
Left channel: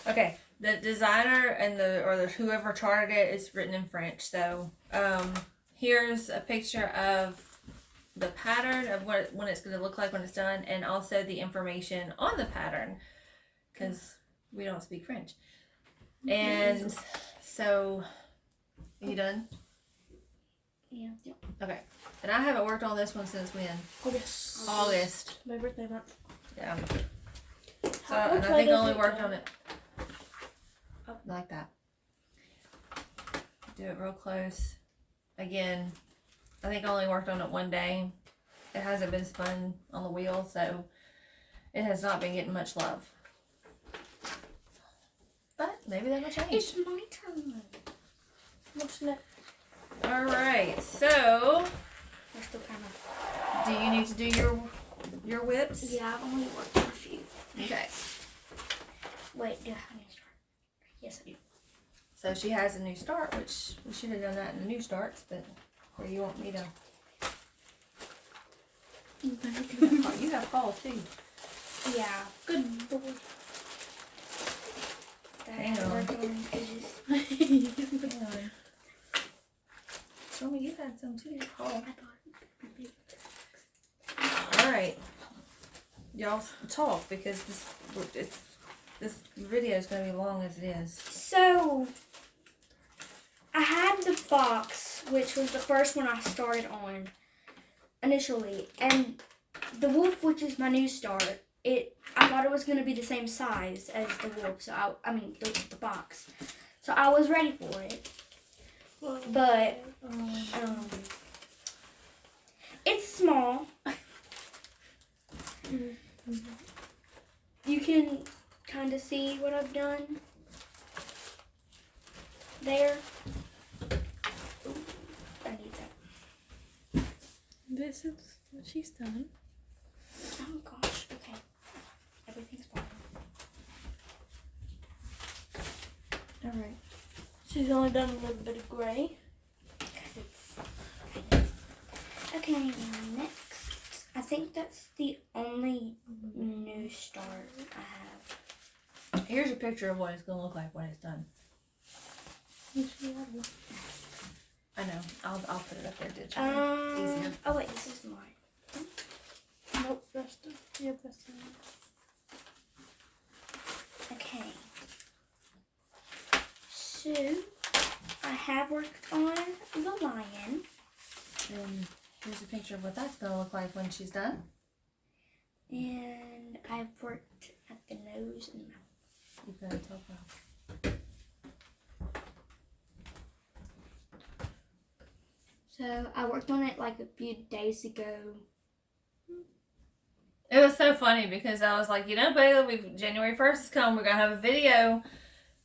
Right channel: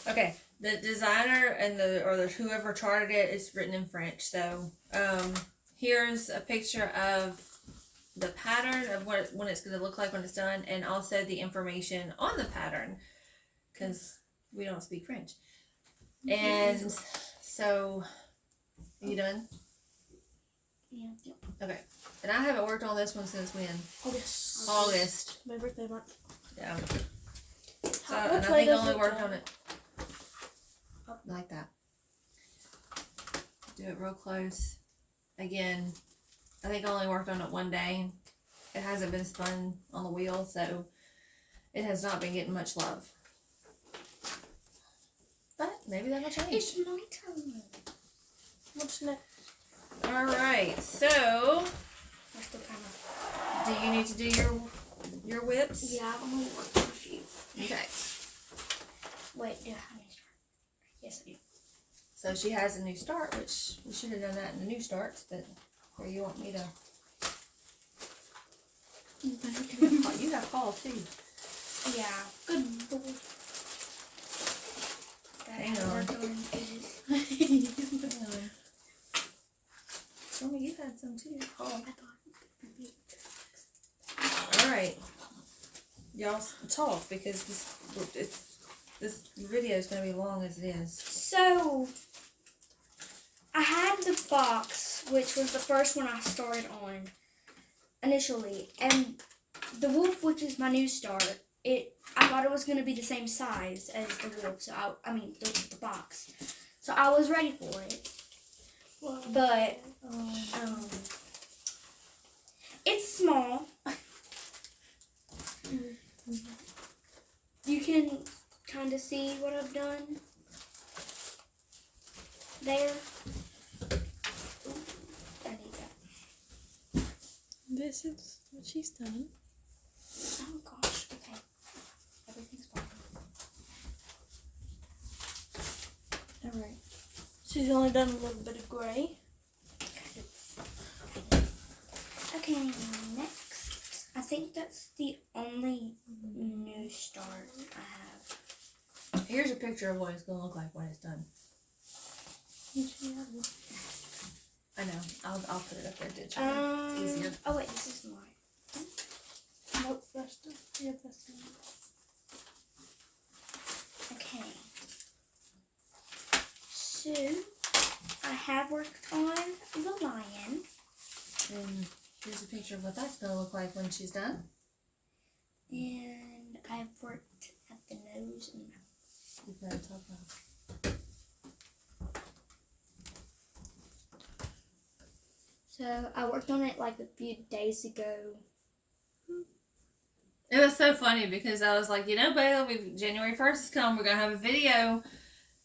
Okay, the designer and whoever charted it is written in French. So here's a picture of the pattern of when it's going to look like when it's done, and also the information on the pattern because we don't speak French. And so, are you done? Yeah. Okay. And I haven't worked on this one since when? August. My birthday month. Yeah. So, Which and I way think I does only it worked go? on it like that. Do it real close. Again, I think I only worked on it one day. It hasn't been spun on the wheel, so it has not been getting much love. But maybe that'll change. It's my turn. What's next? Alright, so We're still kind of. do you need to do your whips? Yeah, I've only worked on a few. Okay. Wait, do I have any start? Yes, I do. So she has a new start, which we should have done that in the new starts, but where you want me to. You got Paul too. Yeah. Good boy. That I Hang haven't on. worked on in ages. Hang on. Show me you had some too, Paul. I thought it would be big. Alright. Y'all talk because this video is going to be long as it is. So, I had the box, which was the first one I started on initially, and the wolf, which is my new start, I thought it was going to be the same size as the wolf, so the box. So I was ready for it, but it's small. You can kind of see what I've done there. Ooh, I need that. This is what she's done. Oh gosh, okay. Everything's fine. Alright. She's only done a little bit of gray. Okay, next. I think that's the only new start I have. Here's a picture of what it's going to look like when it's done. I know. I'll put it up there digitally. Easier. Oh wait, this is mine. Nope, that's the. Yep, that's the one. Okay. So, I have worked on the lion. And here's a picture of what that's going to look like when she's done. And I've worked at the nose and mouth. You better talk about. So, I worked on it like a few days ago. It was so funny because I was like, Bailey, January 1st is coming. We're going to have a video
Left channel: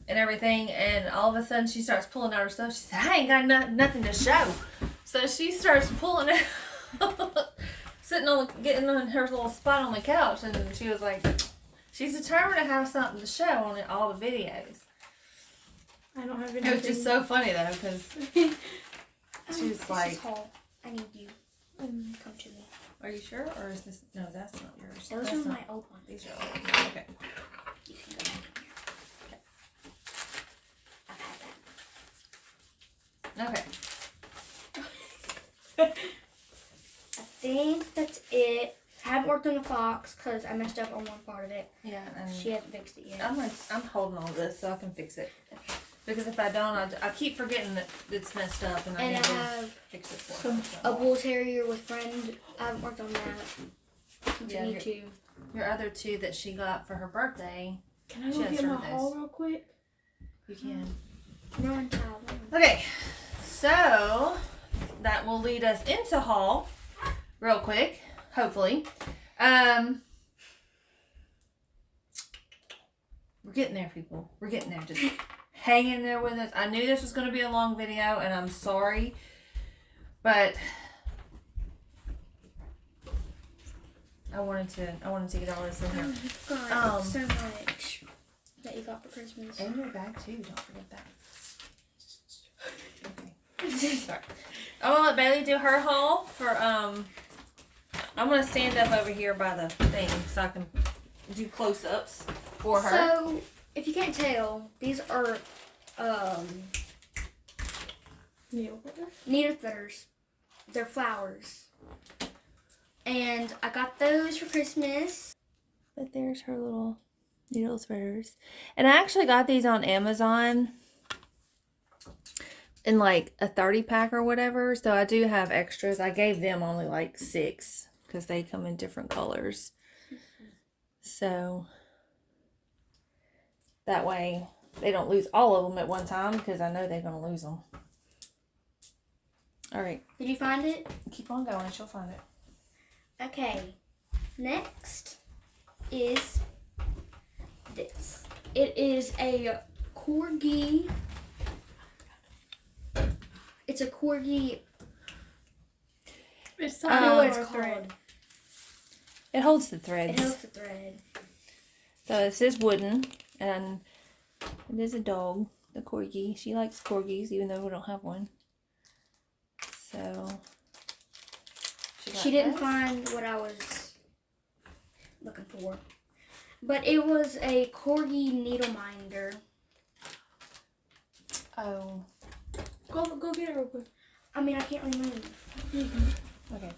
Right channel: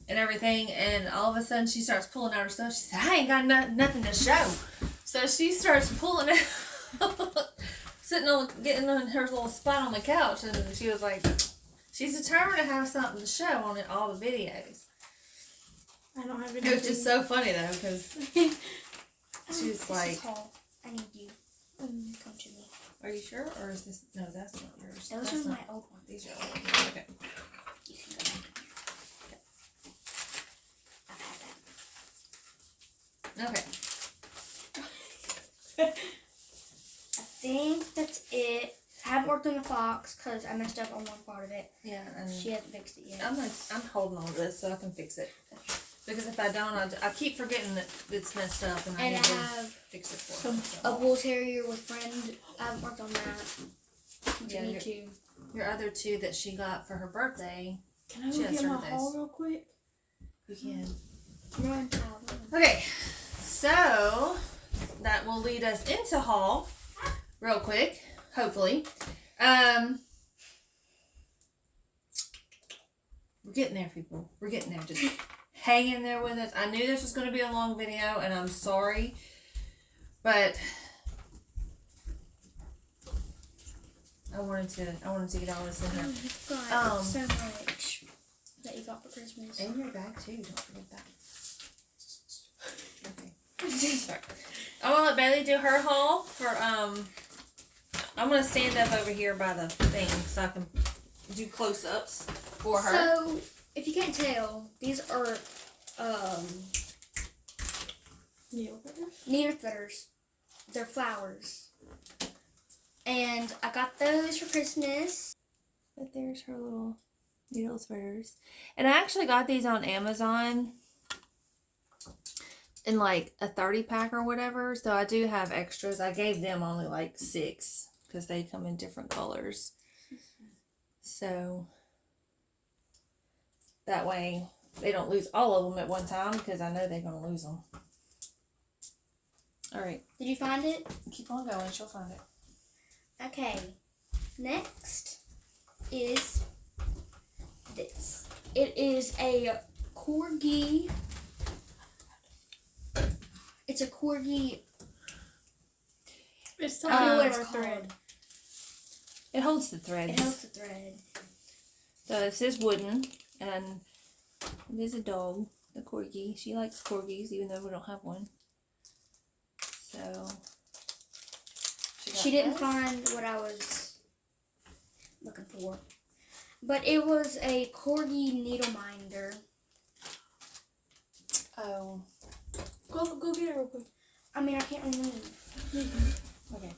and everything. And all of a sudden she starts pulling out her stuff. She said, I ain't got nothing to show. So she starts pulling it, getting on her little spot on the couch. And she was like, she's determined to have something to show on all the videos. I don't have It anything. was just so funny though, because she's this like, is Hall. I need you. Come to me. "Are you sure?" Or is this? No, that's not yours. Those That's are not- my old ones. These are old. Okay. You can go back in here. I've had that. Okay. I think that's it. I haven't worked on the fox because I messed up on one part of it. Yeah, and She hasn't fixed it yet. I'm holding all this so I can fix it. Okay. Because if I don't, I keep forgetting that it's messed up and I And need I to have fix it for her. a bull terrier with friend. I haven't worked on that. Yeah, Continue to. Your other two that she got for her birthday, Can I She go has get my birthdays. haul real quick? you can. Run, Tyler. Okay, so that will lead us into haul real quick, hopefully. We're getting there, people. We're getting there. Just hang in there with us. I knew this was going to be a long video, and I'm sorry, but I wanted to get all this in here. You've got so much that you got for Christmas. And your bag too. Don't forget that. Okay. Sorry. I want to let Bailey do her haul for I'm gonna stand up over here by the thing so I can do close-ups for her. So, if you can't tell, these are needle threaders. They're flowers. And I got those for Christmas. But there's her little needle threaders. And I actually got these on Amazon in like a 30 pack or whatever. So I do have extras. I gave them only like 6 because they come in different colors. So that way they don't lose all of them at one time because I know they're going to lose them. All right. Did you find it? Keep on going. She'll find it. Okay. Next is this. It is a corgi. It's a corgi. It's I don't know what it's called. It holds the threads. It holds the thread. So this is wooden, and it is a dog, the corgi. She likes corgis, even though we don't have one. So She didn't find what I was looking for. But it was a corgi needle minder. Oh, Go get it real quick. I mean, I can't remove. okay.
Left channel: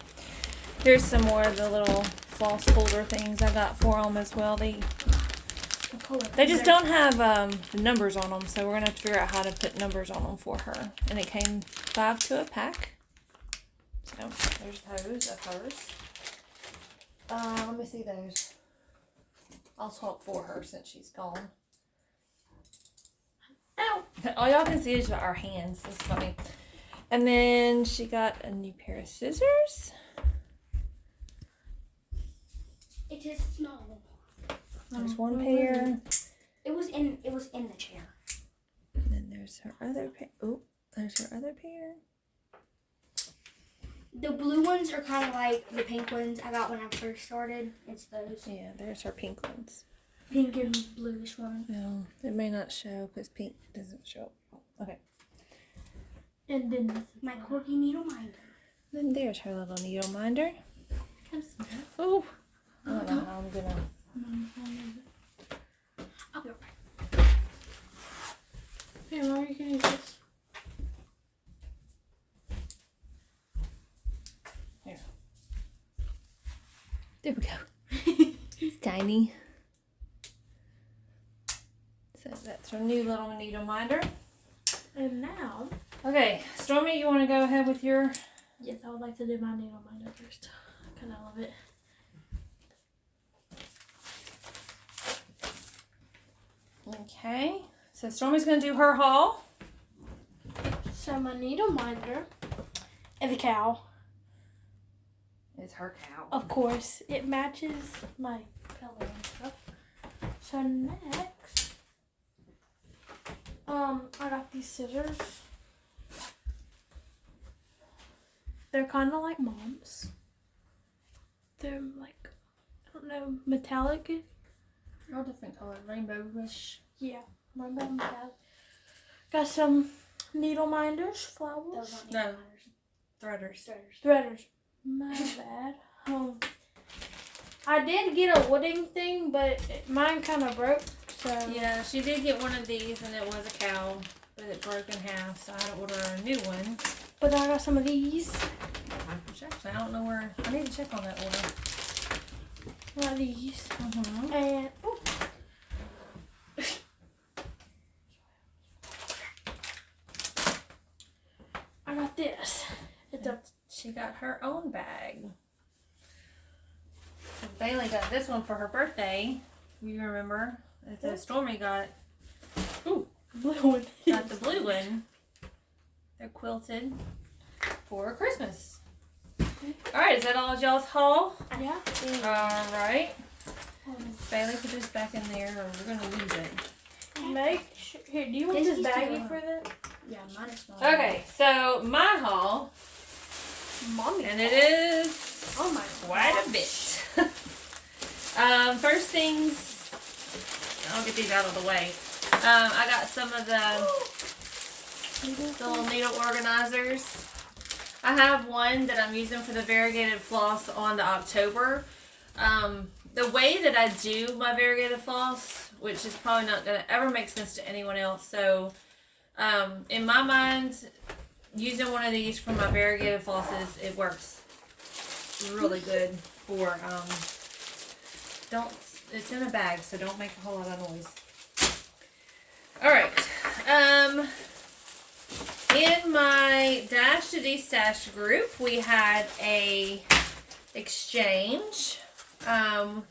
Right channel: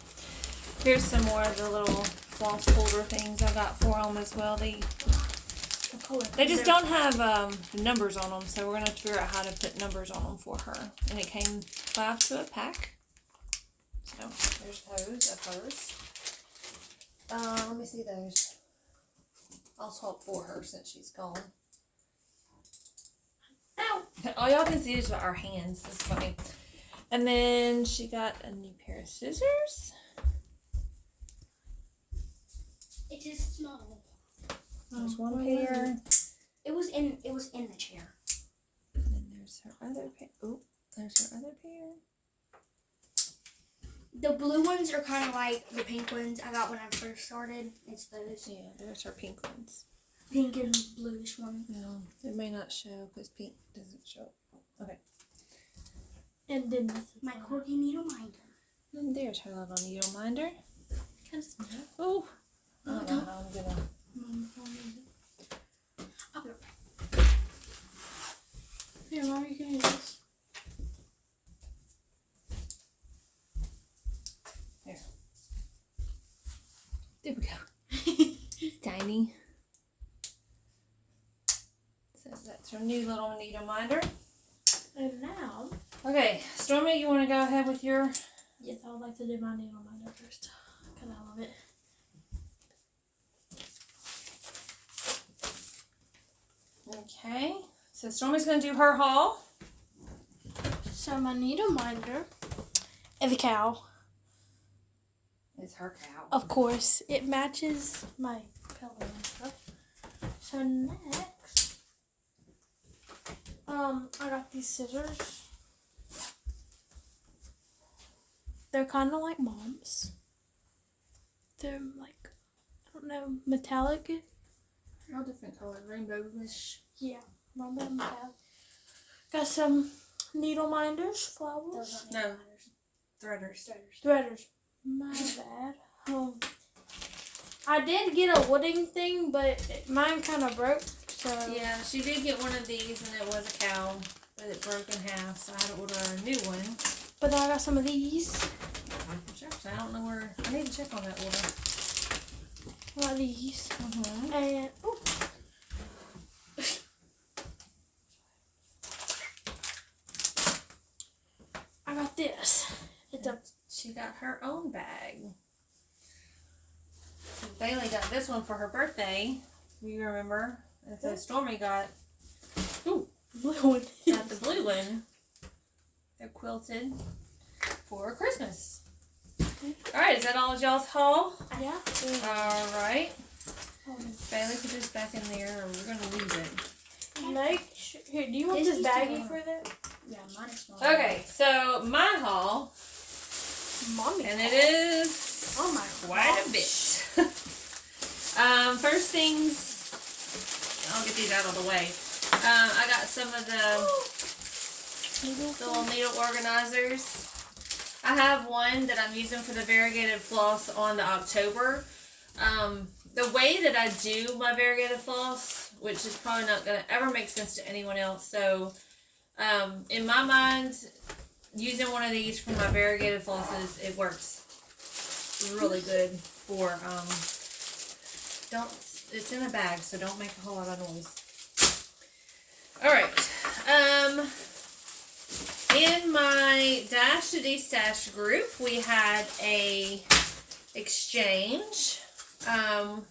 Here's some more of the little floss holder things I got for them as well. They just don't have the numbers on them, so we're gonna have to figure out how to put numbers on them for her. And it came 5 to a pack. So there's those of hers. Let me see those. I'll talk for her since she's gone. Ow! All y'all can see is our hands. It's funny. And then she got a new pair of scissors. It is small. There's one pair. It was in the chair. And then there's her other pair. Oh, there's her other pair. The blue ones are kind of like the pink ones I got when I first started. It's those Yeah, there's her pink ones. pink and bluish ones. No, it may not show because pink doesn't show. Okay. And then My corgi needle minder. Then there's her little needle minder. can I smell it? Oh. I don't know how I'm gonna. I'll be right back. Here, Mom, you can use this. There we go. Tiny. So that's her new little needle minder. And now, Okay, Stormy, you want to go ahead with your? yes, I would like to do my needle minder first. Because I love it. Okay, so Stormy's gonna do her haul. So my needle minder is a cow. It's her cow. Of course, it matches my pillow and stuff. So next, I got these scissors. They're kind of like Mom's. They're like, I don't know, metallic. All different colors, rainbowish. Yeah, rainbow metallic. Got some needle minders, flowers, Those aren't No. needle Threaders. minders. threaders. My bad. I did get a wooding thing, but mine kind of broke. So Yeah, she did get one of these, and it was a cow, but it broke in half, so I had to order a new one. But I got some of these. Which actually, I don't know where. I need to check on that order. Like these. Mm-hmm. And ooh, I got this. It's a She got her own bag. So Bailey got this one for her birthday. You remember? And so Stormy got blue one. the blue one. They're quilted for Christmas. Alright, is that all y'all's haul? Yeah. Alright. Bailey, put this back in there or we're going to lose it. Make sure. Here, do you want This this needs to baggie go for that? Yeah, mine is small. Okay, so my haul, Mommy. and it is Oh my quite a bit. First things, I'll get these out of the way. I got some of the little needle organizers. I have one that I'm using for the variegated floss on the October. The way that I do my variegated floss, which is probably not going to ever make sense to anyone else. So, in my mind, using one of these for my variegated flosses, it works really good for, it's in a bag, so don't make a whole lot of noise. Alright, in my Dash to D-Stash group, we had a exchange, and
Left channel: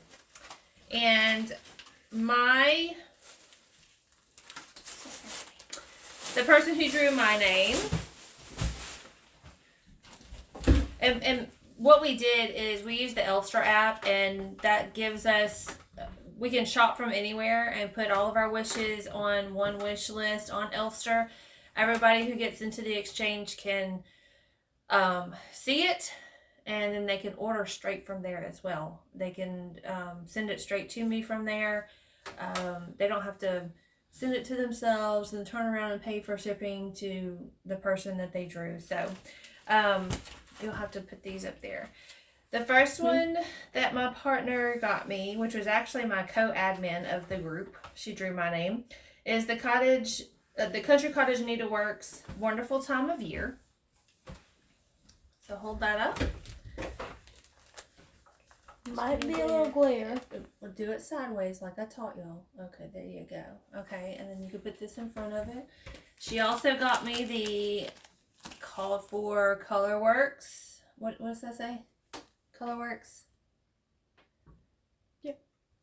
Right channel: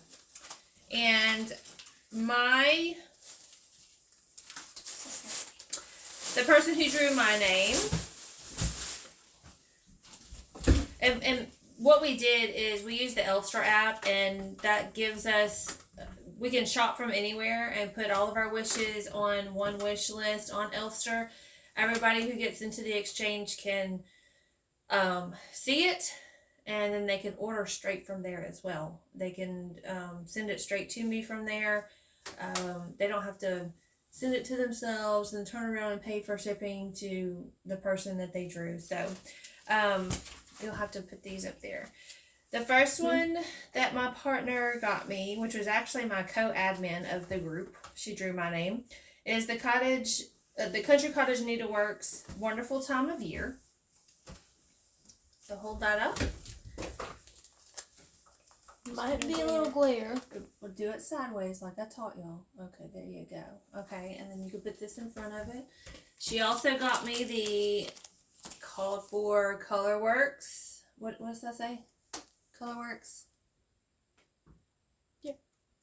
the person who drew my name, and what we did is we used the Elfster app, and that gives us, we can shop from anywhere and put all of our wishes on one wish list on Elfster. Everybody who gets into the exchange can see it, and then they can order straight from there as well. They can send it straight to me from there. They don't have to send it to themselves and turn around and pay for shipping to the person that they drew. So you'll have to put these up there. The first one that my partner got me, which was actually my co-admin of the group, she drew my name, is the Country Cottage Needleworks Wonderful Time of Year. So hold that up. Might be a little glare. We'll do it sideways like I taught y'all. Okay, there you go. Okay, and then you can put this in front of it. She also got me the called for Colorworks. What does that say? Colorworks?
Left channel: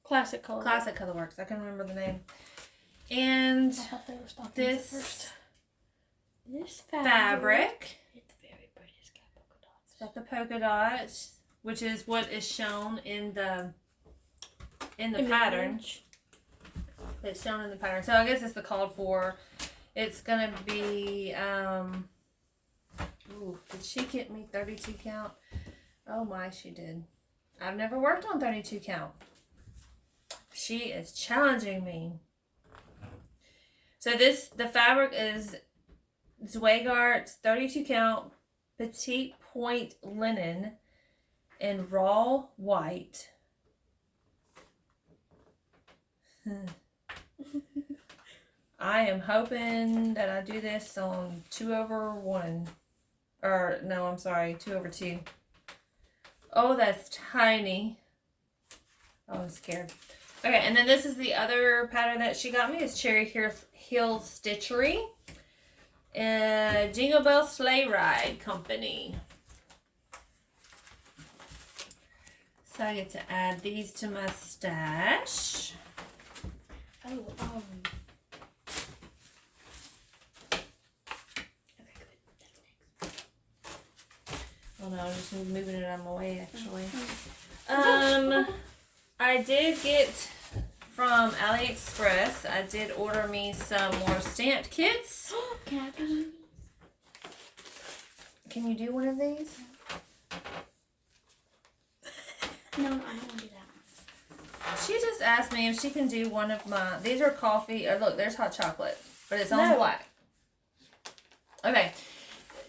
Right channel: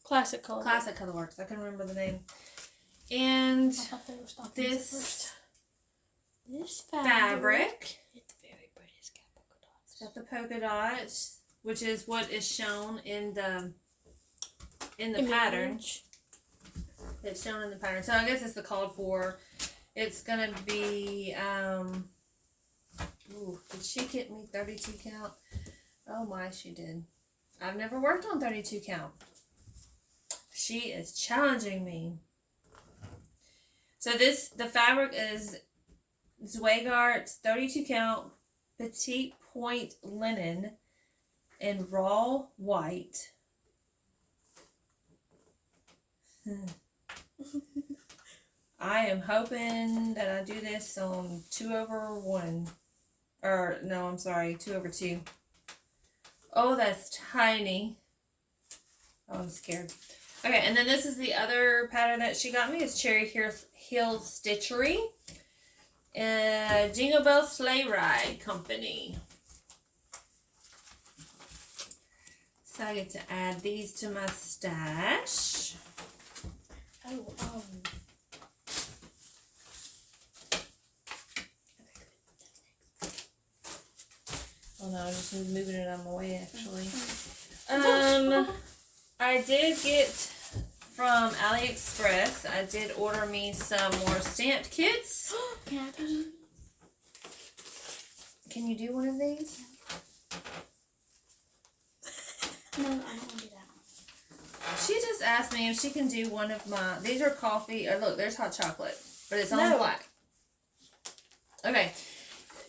Classic color. Classic Colorworks. I can remember the name. And I thought they were stopping this fabric. It's very pretty. It's got polka dots. got the polka dots, which is what is shown in the pattern. It's shown in the pattern. So I guess it's the called for. It's gonna be did she get me 32 count? Oh my, she did. I've never worked on 32 count. She is challenging me. So the fabric is Zweigart 32 count petite point linen in raw white. I am hoping that I do this on 2/1. Or, no, I'm sorry, 2/2. Oh, that's tiny. Oh, I'm scared. Okay, and then this is the other pattern that she got me. It's Cherry Hill Stitchery. Jingle Bell Sleigh Ride Company. So I get to add these to my stash. Oh, Oh no, I'm just moving it out of my way actually. I did get from AliExpress, I did order me some more stamped kits. Can I do? Can you do one of these? No, I don't want to do that. She just asked me if she can do one of my, these are coffee, look, there's hot chocolate, but it's on No. black. Okay,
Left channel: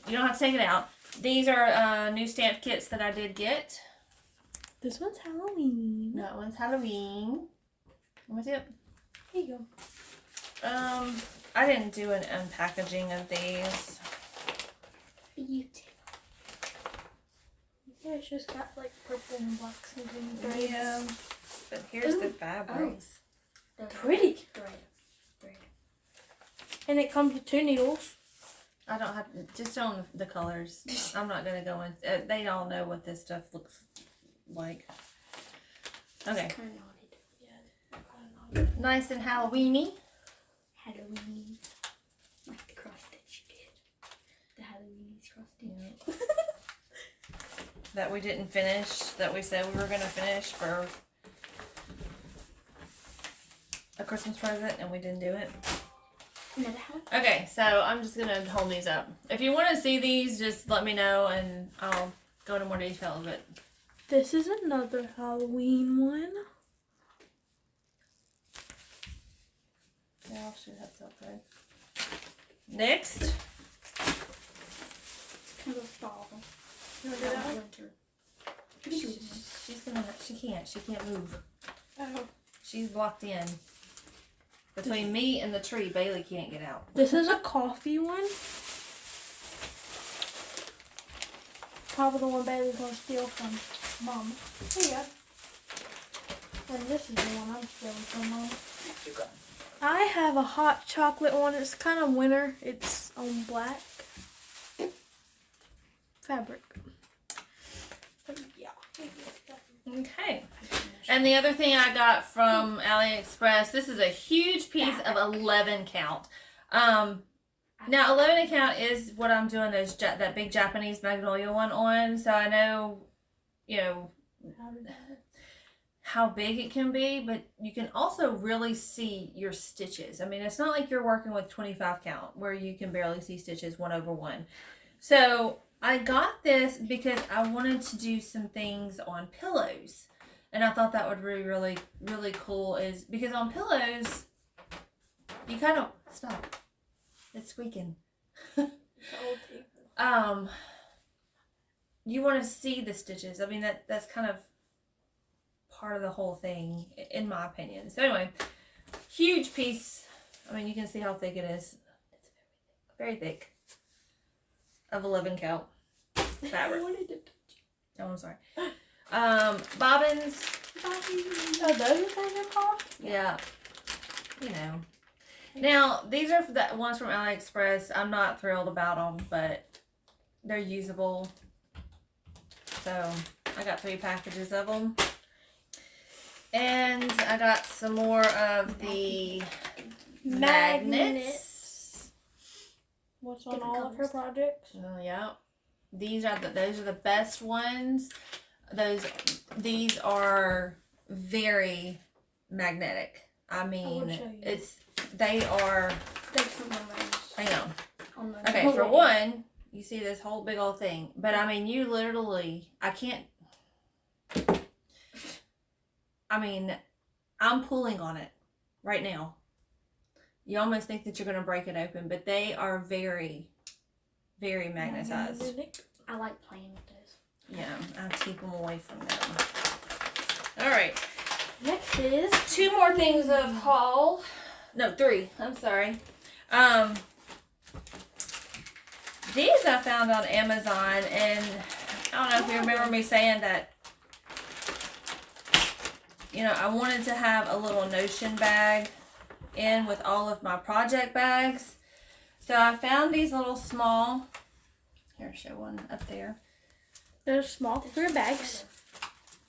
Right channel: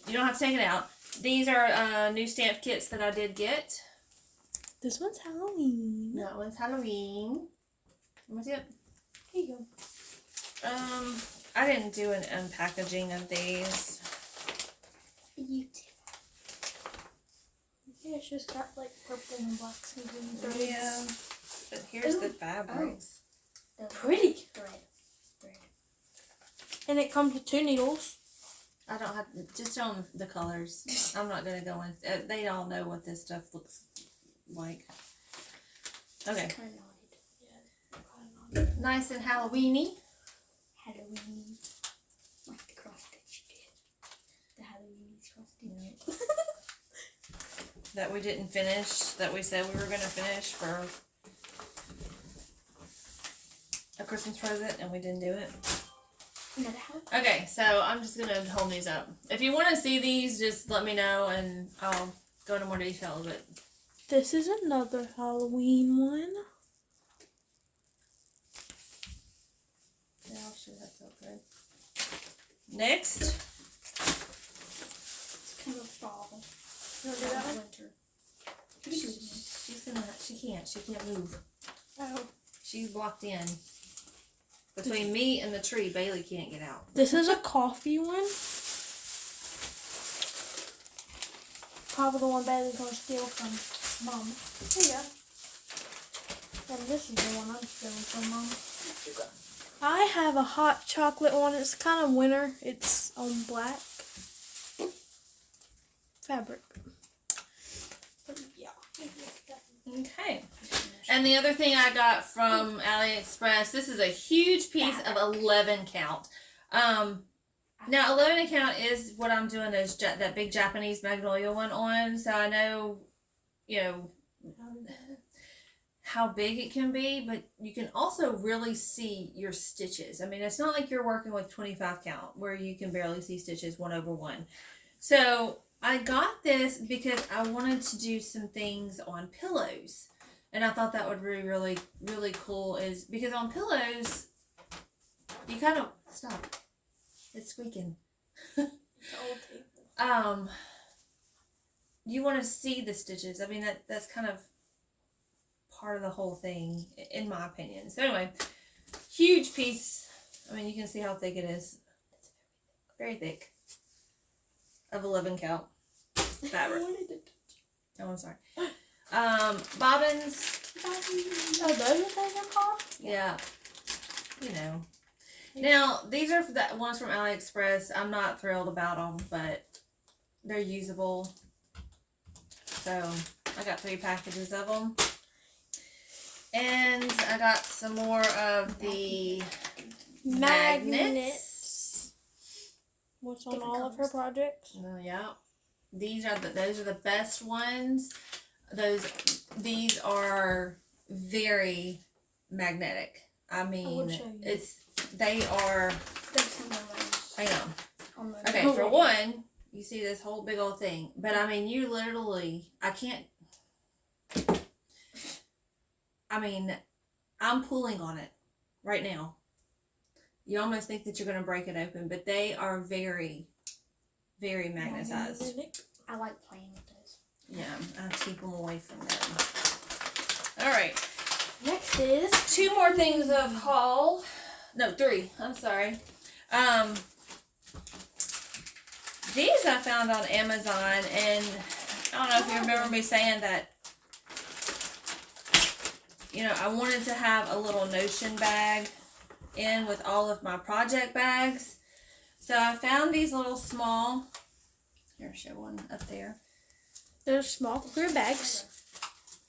you don't have to take it out. These are new stamp kits that I did get. This one's Halloween. That one's Halloween. Let me see it. Here you go. I didn't do an unpackaging of these. You too. Yeah, it's just got like purple and blocks and green threads. Yeah. But here's the Ooh. fabrics. They're Pretty. Thread. And it comes with 2 needles. I don't have just on the colors. I'm not gonna go in. They all know what this stuff looks like. Okay, Kind of knotted. Yeah, kind of nice and Halloweeny. Halloween. Like the cross stitch you did. The Halloween cross stitch. That we didn't finish. That we said we were gonna finish for a Christmas present, and we didn't do it. Another Halloween. Okay, so I'm just gonna hold these up. If you want to see these, just let me know, and I'll go into more detail of it. This is another Halloween one. Yeah, I'll shoot that so good. Next. It's kind of a fall. You want to do that one? Winter. She can't move. Oh. She's blocked in. Between me and the tree, Bailey can't get out. This is a coffee one. Probably the one Bailey's gonna steal from Mom. Here you go. And this is the one I'm stealing from Mom. I have a hot chocolate one. It's kind of winter. It's on black fabric. But yeah. Okay. And the other thing I got from AliExpress, this is a huge piece of 11 count. Now 11 count is what I'm doing is that big Japanese Magnolia one on. So I know, you know, how big it can be, but you can also really see your stitches. I mean, it's not like you're working with 25 count where you can barely see stitches 1/1. So I got this because I wanted to do some things on pillows. And I thought that would be really, really cool is because on pillows, you kind of, stop, it's squeaking. You want to see the stitches. I mean, that's kind of part of the whole thing, in my opinion. So anyway, huge piece. I mean, you can see how thick it is. It's very thick. Of 11 count fabric. Oh, I'm sorry. Bobbins. Oh, those are things they're called? Yeah. You know. Now, these are the ones from AliExpress. I'm not thrilled about them, but they're usable. So, I got 3 packages of them. And I got some more of the magnets. What's on Different all of her colors. projects? Yeah. Those are the best ones. These are very magnetic. I mean, they are. There's some of those I know. on the Okay, for one, you see this whole big old thing, but I mean, you literally, I'm pulling on it right now. You almost think that you're going to break it open, but they are very, very magnetized. I like playing with those. Yeah, I keep them away from them. All right. Next is 2 more things of haul. No, 3. I'm sorry. These I found on Amazon, and I don't know if you remember me saying that, you know, I wanted to have a little Notion bag in with all of my project bags. So I found these little small, here, show one up there. there's small clear bags.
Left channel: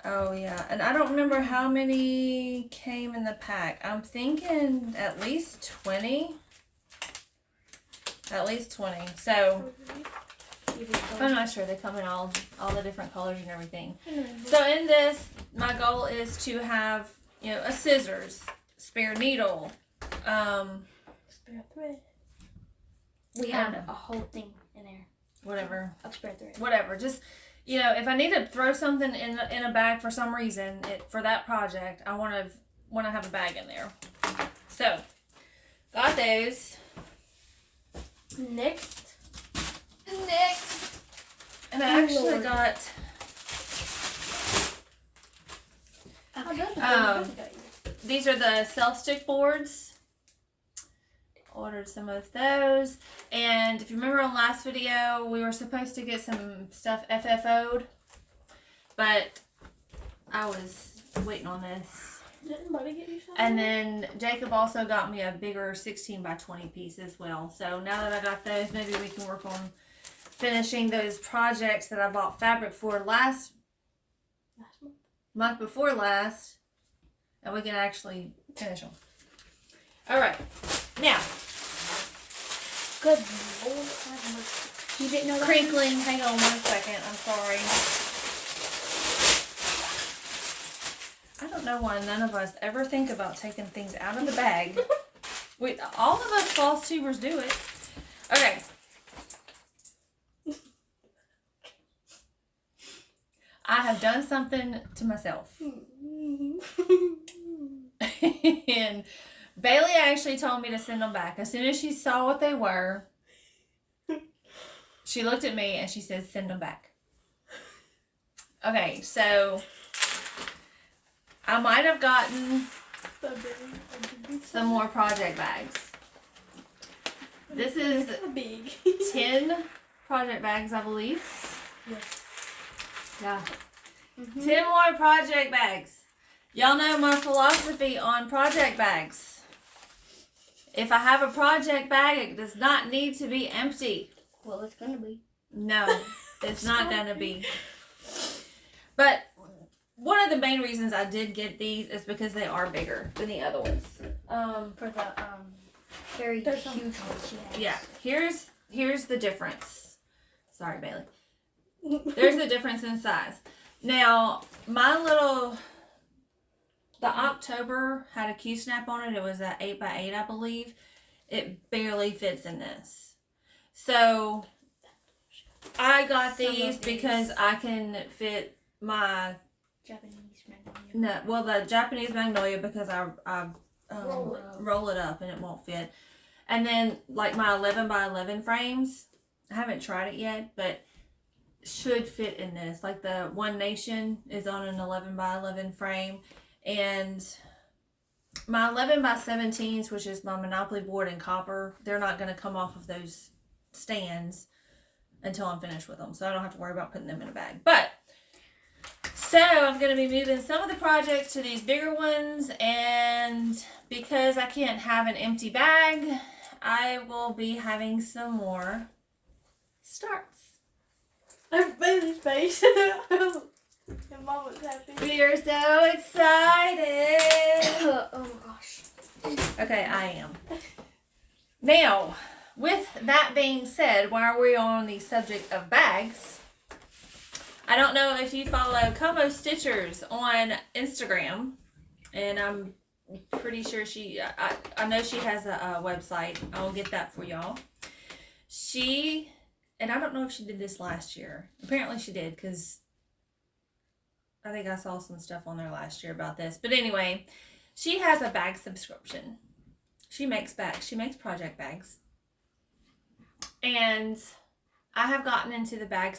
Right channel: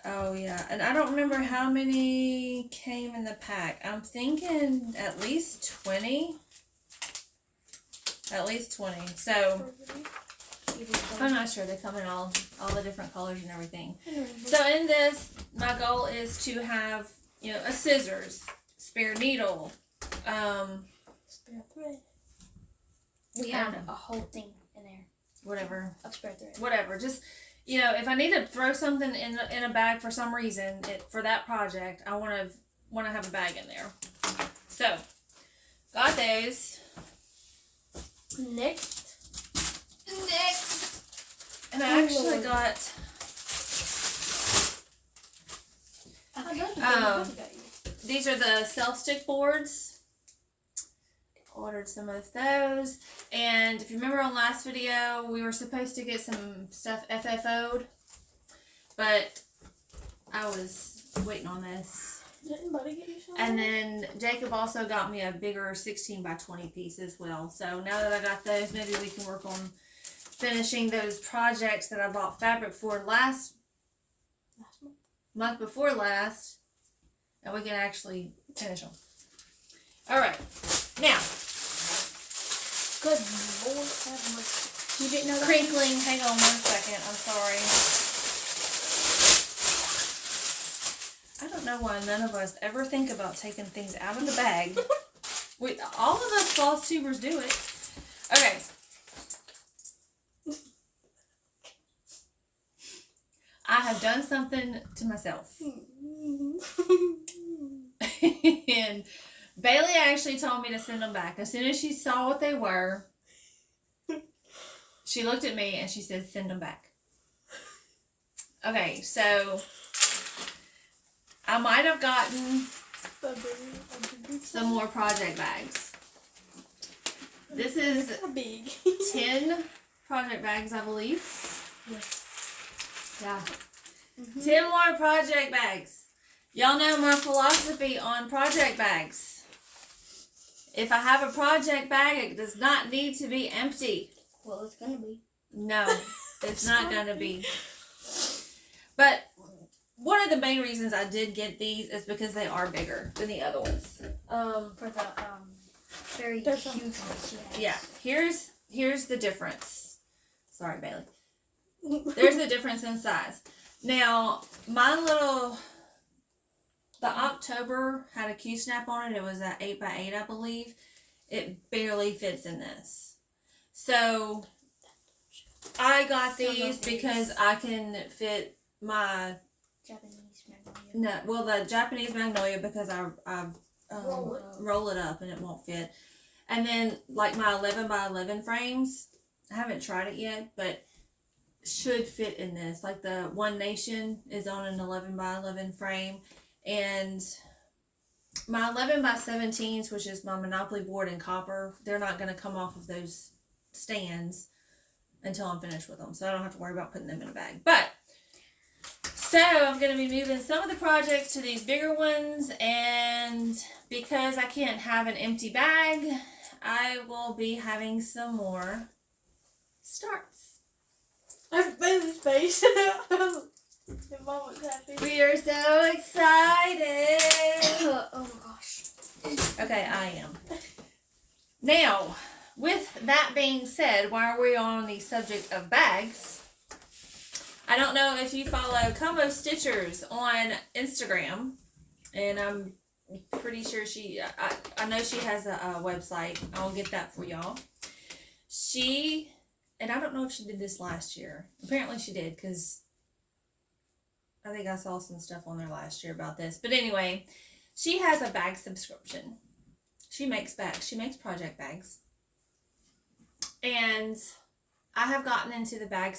Oh yeah, and I don't remember how many came in the pack. I'm thinking at least 20. At least 20. So I'm not sure. They come in all the different colors and everything. So in this, my goal is to have, you know, a scissors, spare needle, Spare thread. We have a whole thing in there whatever. of spare thread. Whatever. Just, you know, if I need to throw something in a bag for some reason, for that project, I want to have a bag in there. So, got those. Next And I actually Lord. got these are the self-stick boards. Ordered some of those. And if you remember on last video, we were supposed to get some stuff FFO'd. But I was waiting on this. Didn't Buddy get you some? And then Jacob also got me a bigger 16 by 20 piece as well. So now that I got those, maybe we can work on finishing those projects that I bought fabric for last month before last. And we can actually finish them. Alright. Now. Good Lord have mercy. You didn't know that? Crinkling. Hang on 1 second. I'm sorry. I don't know why none of us ever think about taking things out of the bag. All of us floss tubers do it. Okay. I have done something to myself. And Bailey actually told me to send them back. As soon as she saw what they were, she looked at me and she said, send them back. Okay, so I might have gotten some more project bags. This is big. 10 project bags, I believe. Yes. Yeah. 10 more project bags. Y'all know my philosophy on project bags. If I have a project bag, it does not need to be empty. Well, it's gonna be. No, it's not gonna be. But one of the main reasons I did get these is because they are bigger than the other ones. For the very There's huge ones she has. Yeah, here's the difference. Sorry, Bailey. There's the difference in size. Now, the October had a Q-snap on it. It was at 8x8, I believe. It barely fits in this. So, I got these because I can fit my... Japanese Magnolia. No, well, the Japanese Magnolia because I roll it up and it won't fit. And then, like my 11x11 frames, I haven't tried it yet, but should fit in this. Like the One Nation is on an 11x11 frame. And my 11x17s, which is my Monopoly board in copper, they're not going to come off of those stands until I'm finished with them. So I don't have to worry about putting them in a bag. But, so I'm going to be moving some of the projects to these bigger ones. And because I can't have an empty bag, I will be having some more starts. I've Bailey's face. Your mom was happy. We are so excited. Oh my gosh. Okay, I am. Now, with that being said, while we're on the subject of bags, I don't know if you follow Como Stitchers on Instagram, and I'm pretty sure I know she has a website. I'll get that for y'all. And I don't know if she did this last year. Apparently she did, because I think I saw some stuff on there last year about this. But anyway, she has a bag subscription. She makes bags. She makes project bags. And I have gotten into the bag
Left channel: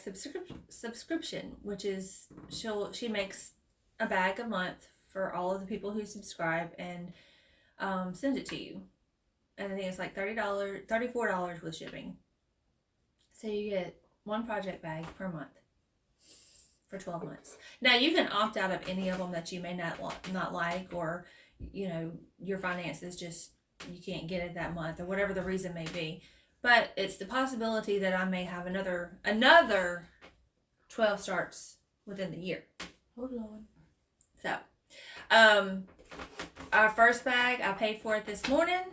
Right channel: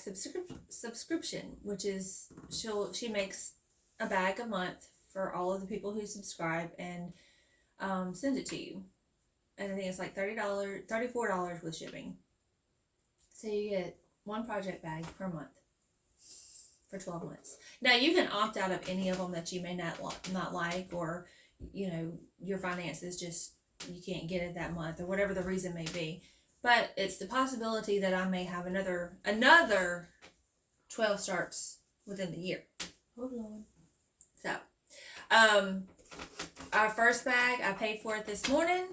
subscription, which is she makes a bag a month for all of the people who subscribe and send it to you. And I think it's like $34 with shipping. So you get one project bag per month for 12 months. Now you can opt out of any of them that you may not like, or your finances just you can't get it that month, or whatever the reason may be. But it's the possibility that I may have another 12 starts within the year. Oh Lord. So, our first bag I paid for it this morning,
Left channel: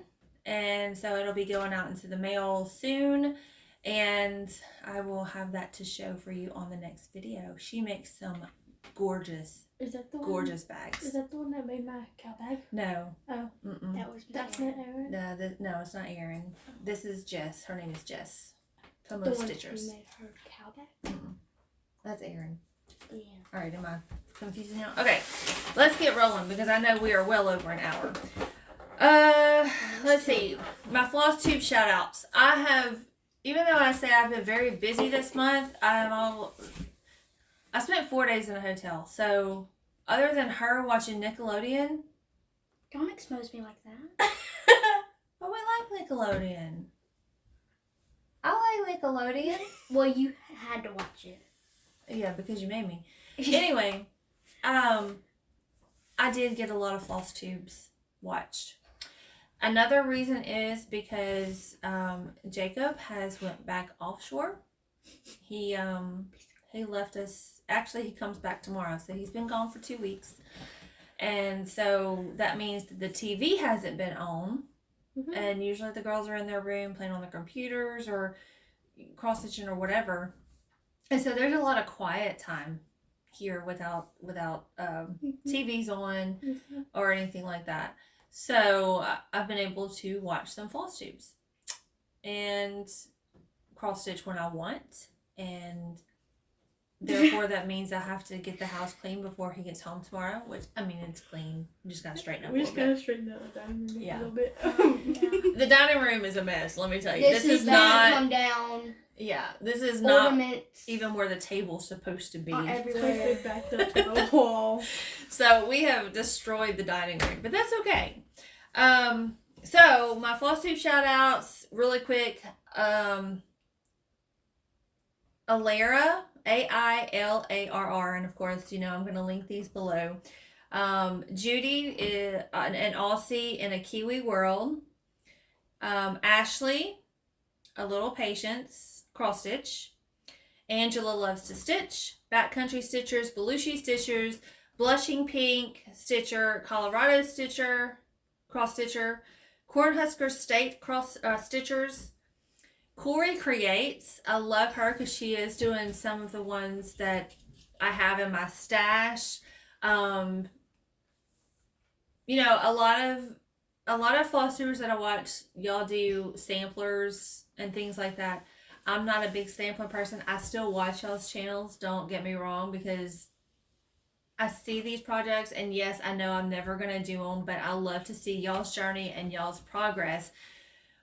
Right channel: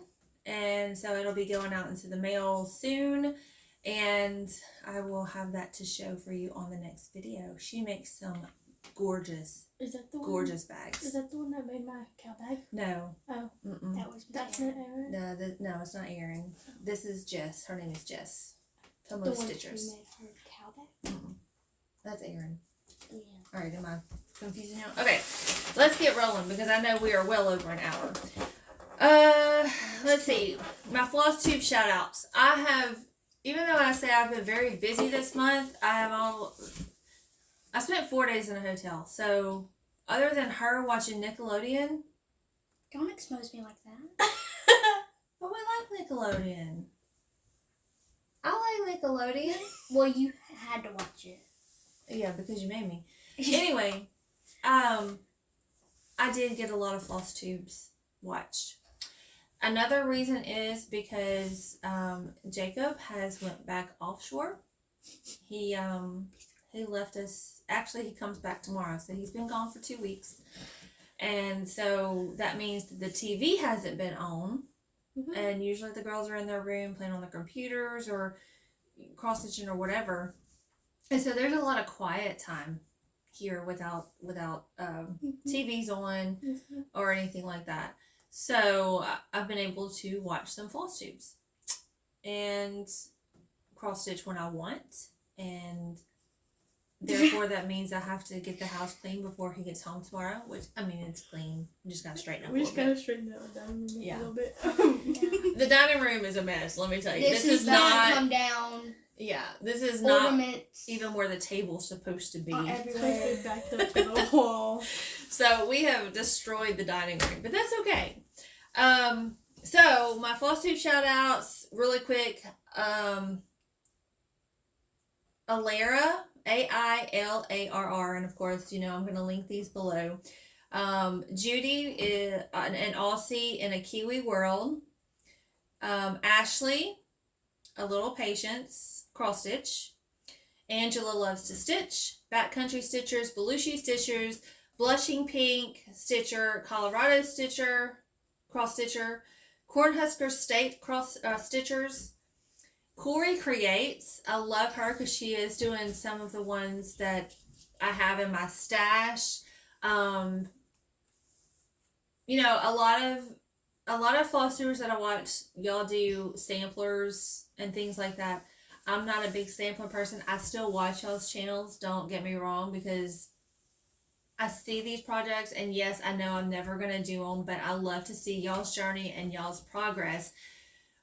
and so it'll be going out into the mail soon. And I will have that to show for you on the next video. She makes some gorgeous bags. Is that the one that made my cow bag? No. Oh. Mm-mm. That's not Aaron? No, it's not Erin. This is Jess. Her name is Jess. The Como one Stitchers. she made her cow bag? Mm-mm. That's Erin. Yeah. Alright, am I confusing now? Okay, let's get rolling because I know we are well over an hour. Let's see. My Flosstube shout outs. I have even though I say I've been very busy this month, I spent 4 days in a hotel. So other than her watching Nickelodeon, Don't expose me like that. but we like Nickelodeon. I like Nickelodeon. Well, you had to watch it. Yeah, because you made me. Anyway, I did get a lot of Flosstubes watched. Another reason is because Jacob has went back offshore. He left us. Actually, he comes back tomorrow, so he's been gone for 2 weeks, and so that means that the TV hasn't been on. Mhm. And usually the girls are in their room playing on their computers or cross-stitching or whatever. And so there's a lot of quiet time here without TVs on or anything like that. So I've been able to watch some Flosstubes and cross-stitch when I want. And therefore that means I have to get the house clean before he gets home tomorrow, which, I mean, it's clean. You just gotta straighten up a We little just bit. gotta straighten out the dining room Yeah. a little bit. The dining room is a mess, let me tell you. This is not come down. Yeah, this is not Ornaments even where the table's supposed to be. are Twisted everywhere. back up to the wall. So we have destroyed the dining room, but that's okay. So my Flosstube shout outs really quick. Alara, AILARR, and of course, you know, I'm going to link these below. Judy is an Aussie in a Kiwi world. Ashley, a little patience, cross stitch. Angela loves to stitch. Backcountry Stitchers, Belushi Stitchers, Blushing Pink Stitcher, Colorado Stitcher, cross stitcher. Cornhusker State cross stitchers. Corey Creates. I love her because she is doing some of the ones that I have in my stash. You know, a lot of Flosstubers that I watch, y'all do samplers and things like that. I'm not a big sampler person. I still watch y'all's channels, don't get me wrong, because I see these projects, and yes, I know I'm never going to do them, but I love to see y'all's journey and y'all's progress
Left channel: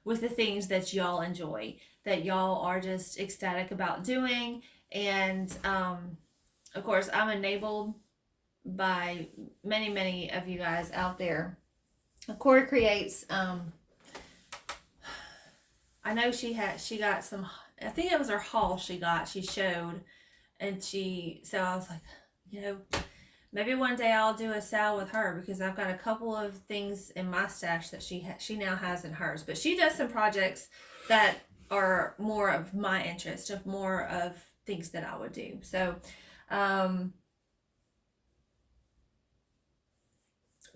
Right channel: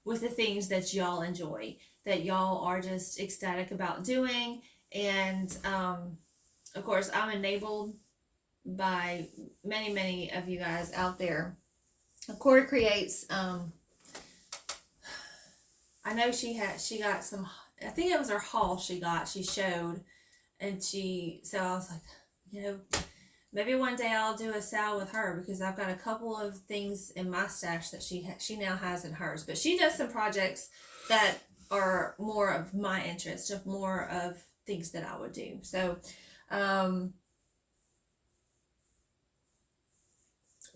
with the things that y'all enjoy, that y'all are just ecstatic about doing. And of course, I'm enabled by many of you guys out there. Corey Creates, I know she got some, I think it was her haul she showed, and so I was like, you know, maybe one day I'll do a sale with her, because I've got a couple of things in my stash that she now has in hers. But she does some projects that are more of my interest, of more of things that I would do. So,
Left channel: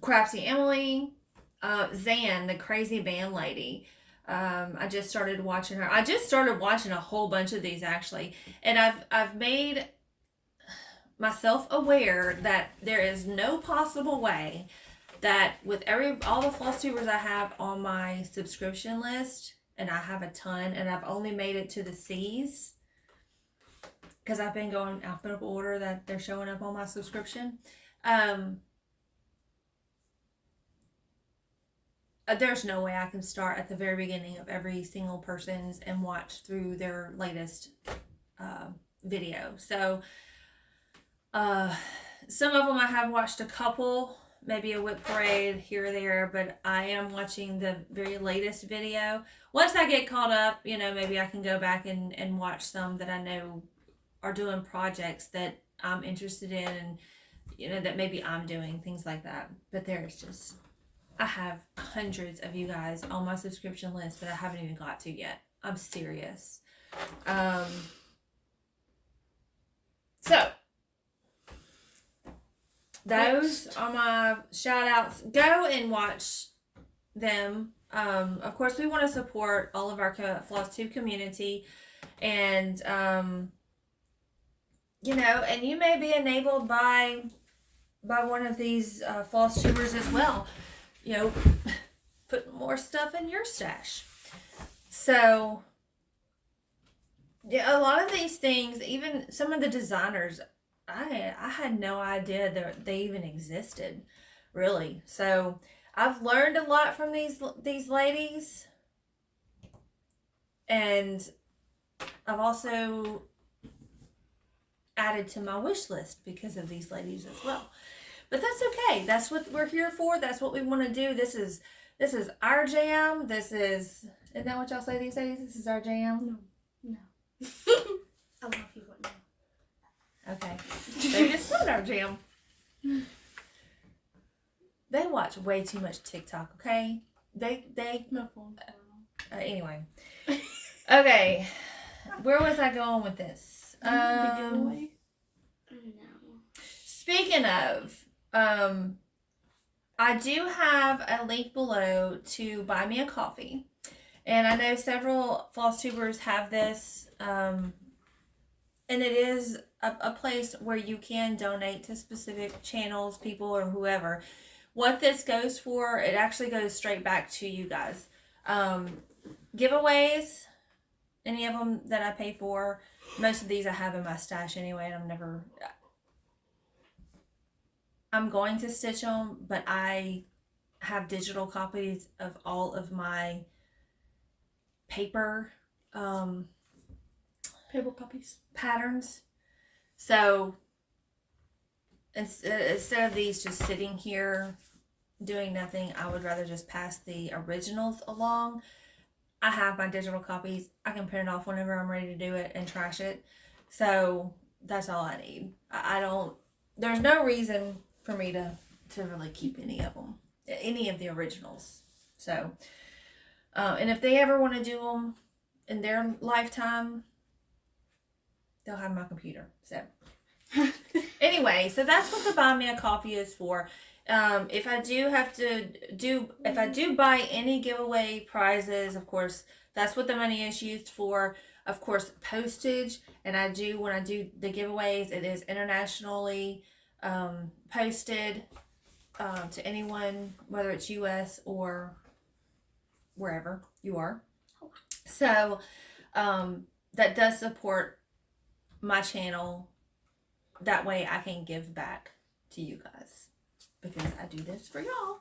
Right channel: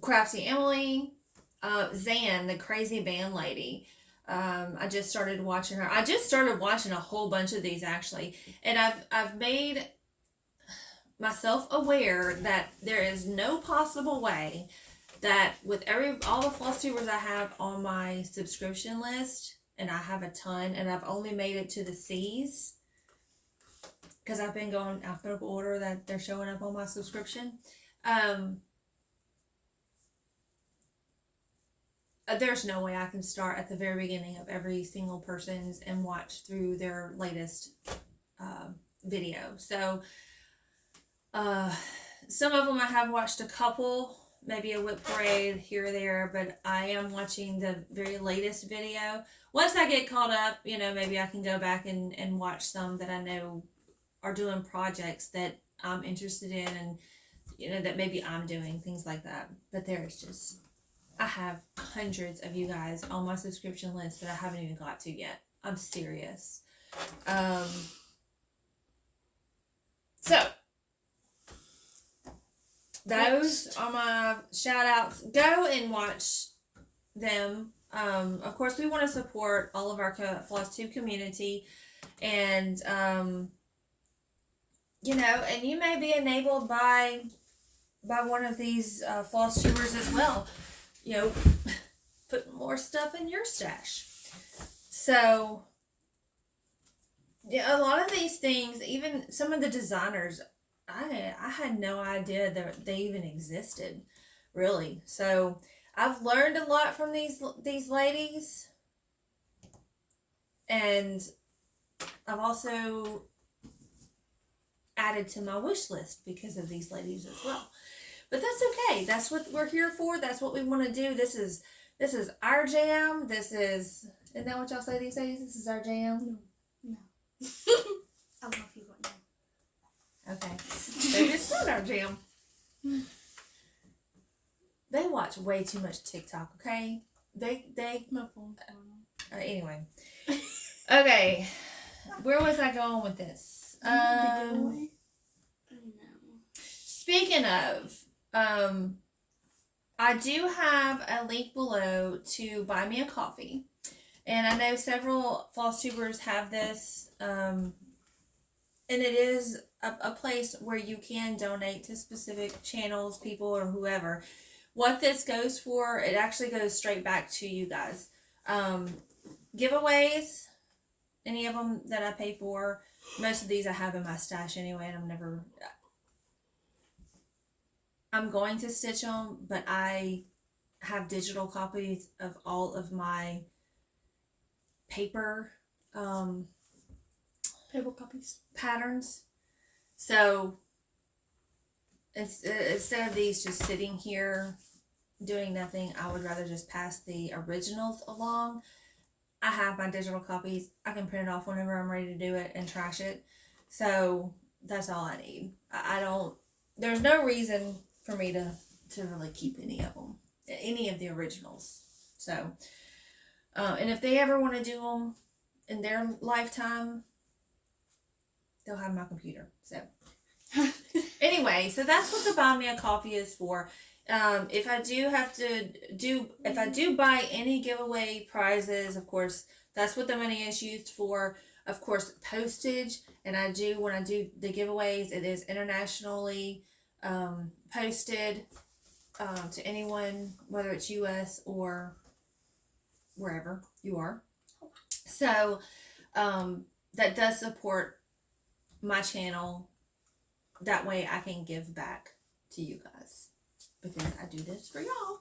Crafty Emily, Zan, the crazy band lady. I just started watching her. I just started watching a whole bunch of these actually, and I've made myself aware that there is no possible way that with all the Flosstubers I have on my subscription list, and I have a ton, and I've only made it to the C's because I've been going alphabetical order that they're showing up on my subscription. There's no way I can start at the very beginning of every single person's and watch through their latest video. So some of them I have watched a couple, maybe a WIP parade here or there, but I am watching the very latest video. Once I get caught up, you know, maybe I can go back and watch some that I know are doing projects that I'm interested in, and, you know, that maybe I'm doing, things like that. But there's just, I have hundreds of you guys on my subscription list that I haven't even got to yet. I'm serious. So those are my shout outs. Go and watch them. Of course, we want to support all of our Flosstube community, and you know, and you may be enabled by one of these Flosstubers as well. You know, put more stuff in your stash. So yeah, a lot of these things, even some of the designers, I had no idea that they even existed, really. So I've learned a lot from these ladies, and I've also added to my wish list because of these ladies as well. But that's okay. That's what we're here for. That's what we want to do. This is our jam. Isn't that what y'all say these days? This is our jam? No. I love you, but no. Okay. Maybe it's not our jam. They watch way too much TikTok, okay? They My phone's anyway. Okay. Where was I going with this? No. Speaking of, I do have a link below to buy me a coffee. And I know several Flosstubers have this. And it is a place where you can donate to specific channels, people, or whoever. What this goes for, it actually goes straight back to you guys. Giveaways, any of them that I pay for, most of these I have in my stash anyway, and I'm going to stitch them, but I have digital copies of all of my paper copies. patterns. So instead of these just sitting here doing nothing, I would rather just pass the originals along. I have my digital copies. I can print it off whenever I'm ready to do it and trash it. So that's all I need. I don't, there's no reason for me to really keep any of them, any of the originals. So, and if they ever want to do them in their lifetime, they'll have my computer. So anyway, so that's what the Buy Me a Coffee is for. If I do buy any giveaway prizes, of course, that's what the money is used for. Of course, postage, and when I do the giveaways, it is internationally posted to anyone, whether it's US or wherever you are. So that does support my channel. That way I can give back to you guys, because I do this for y'all.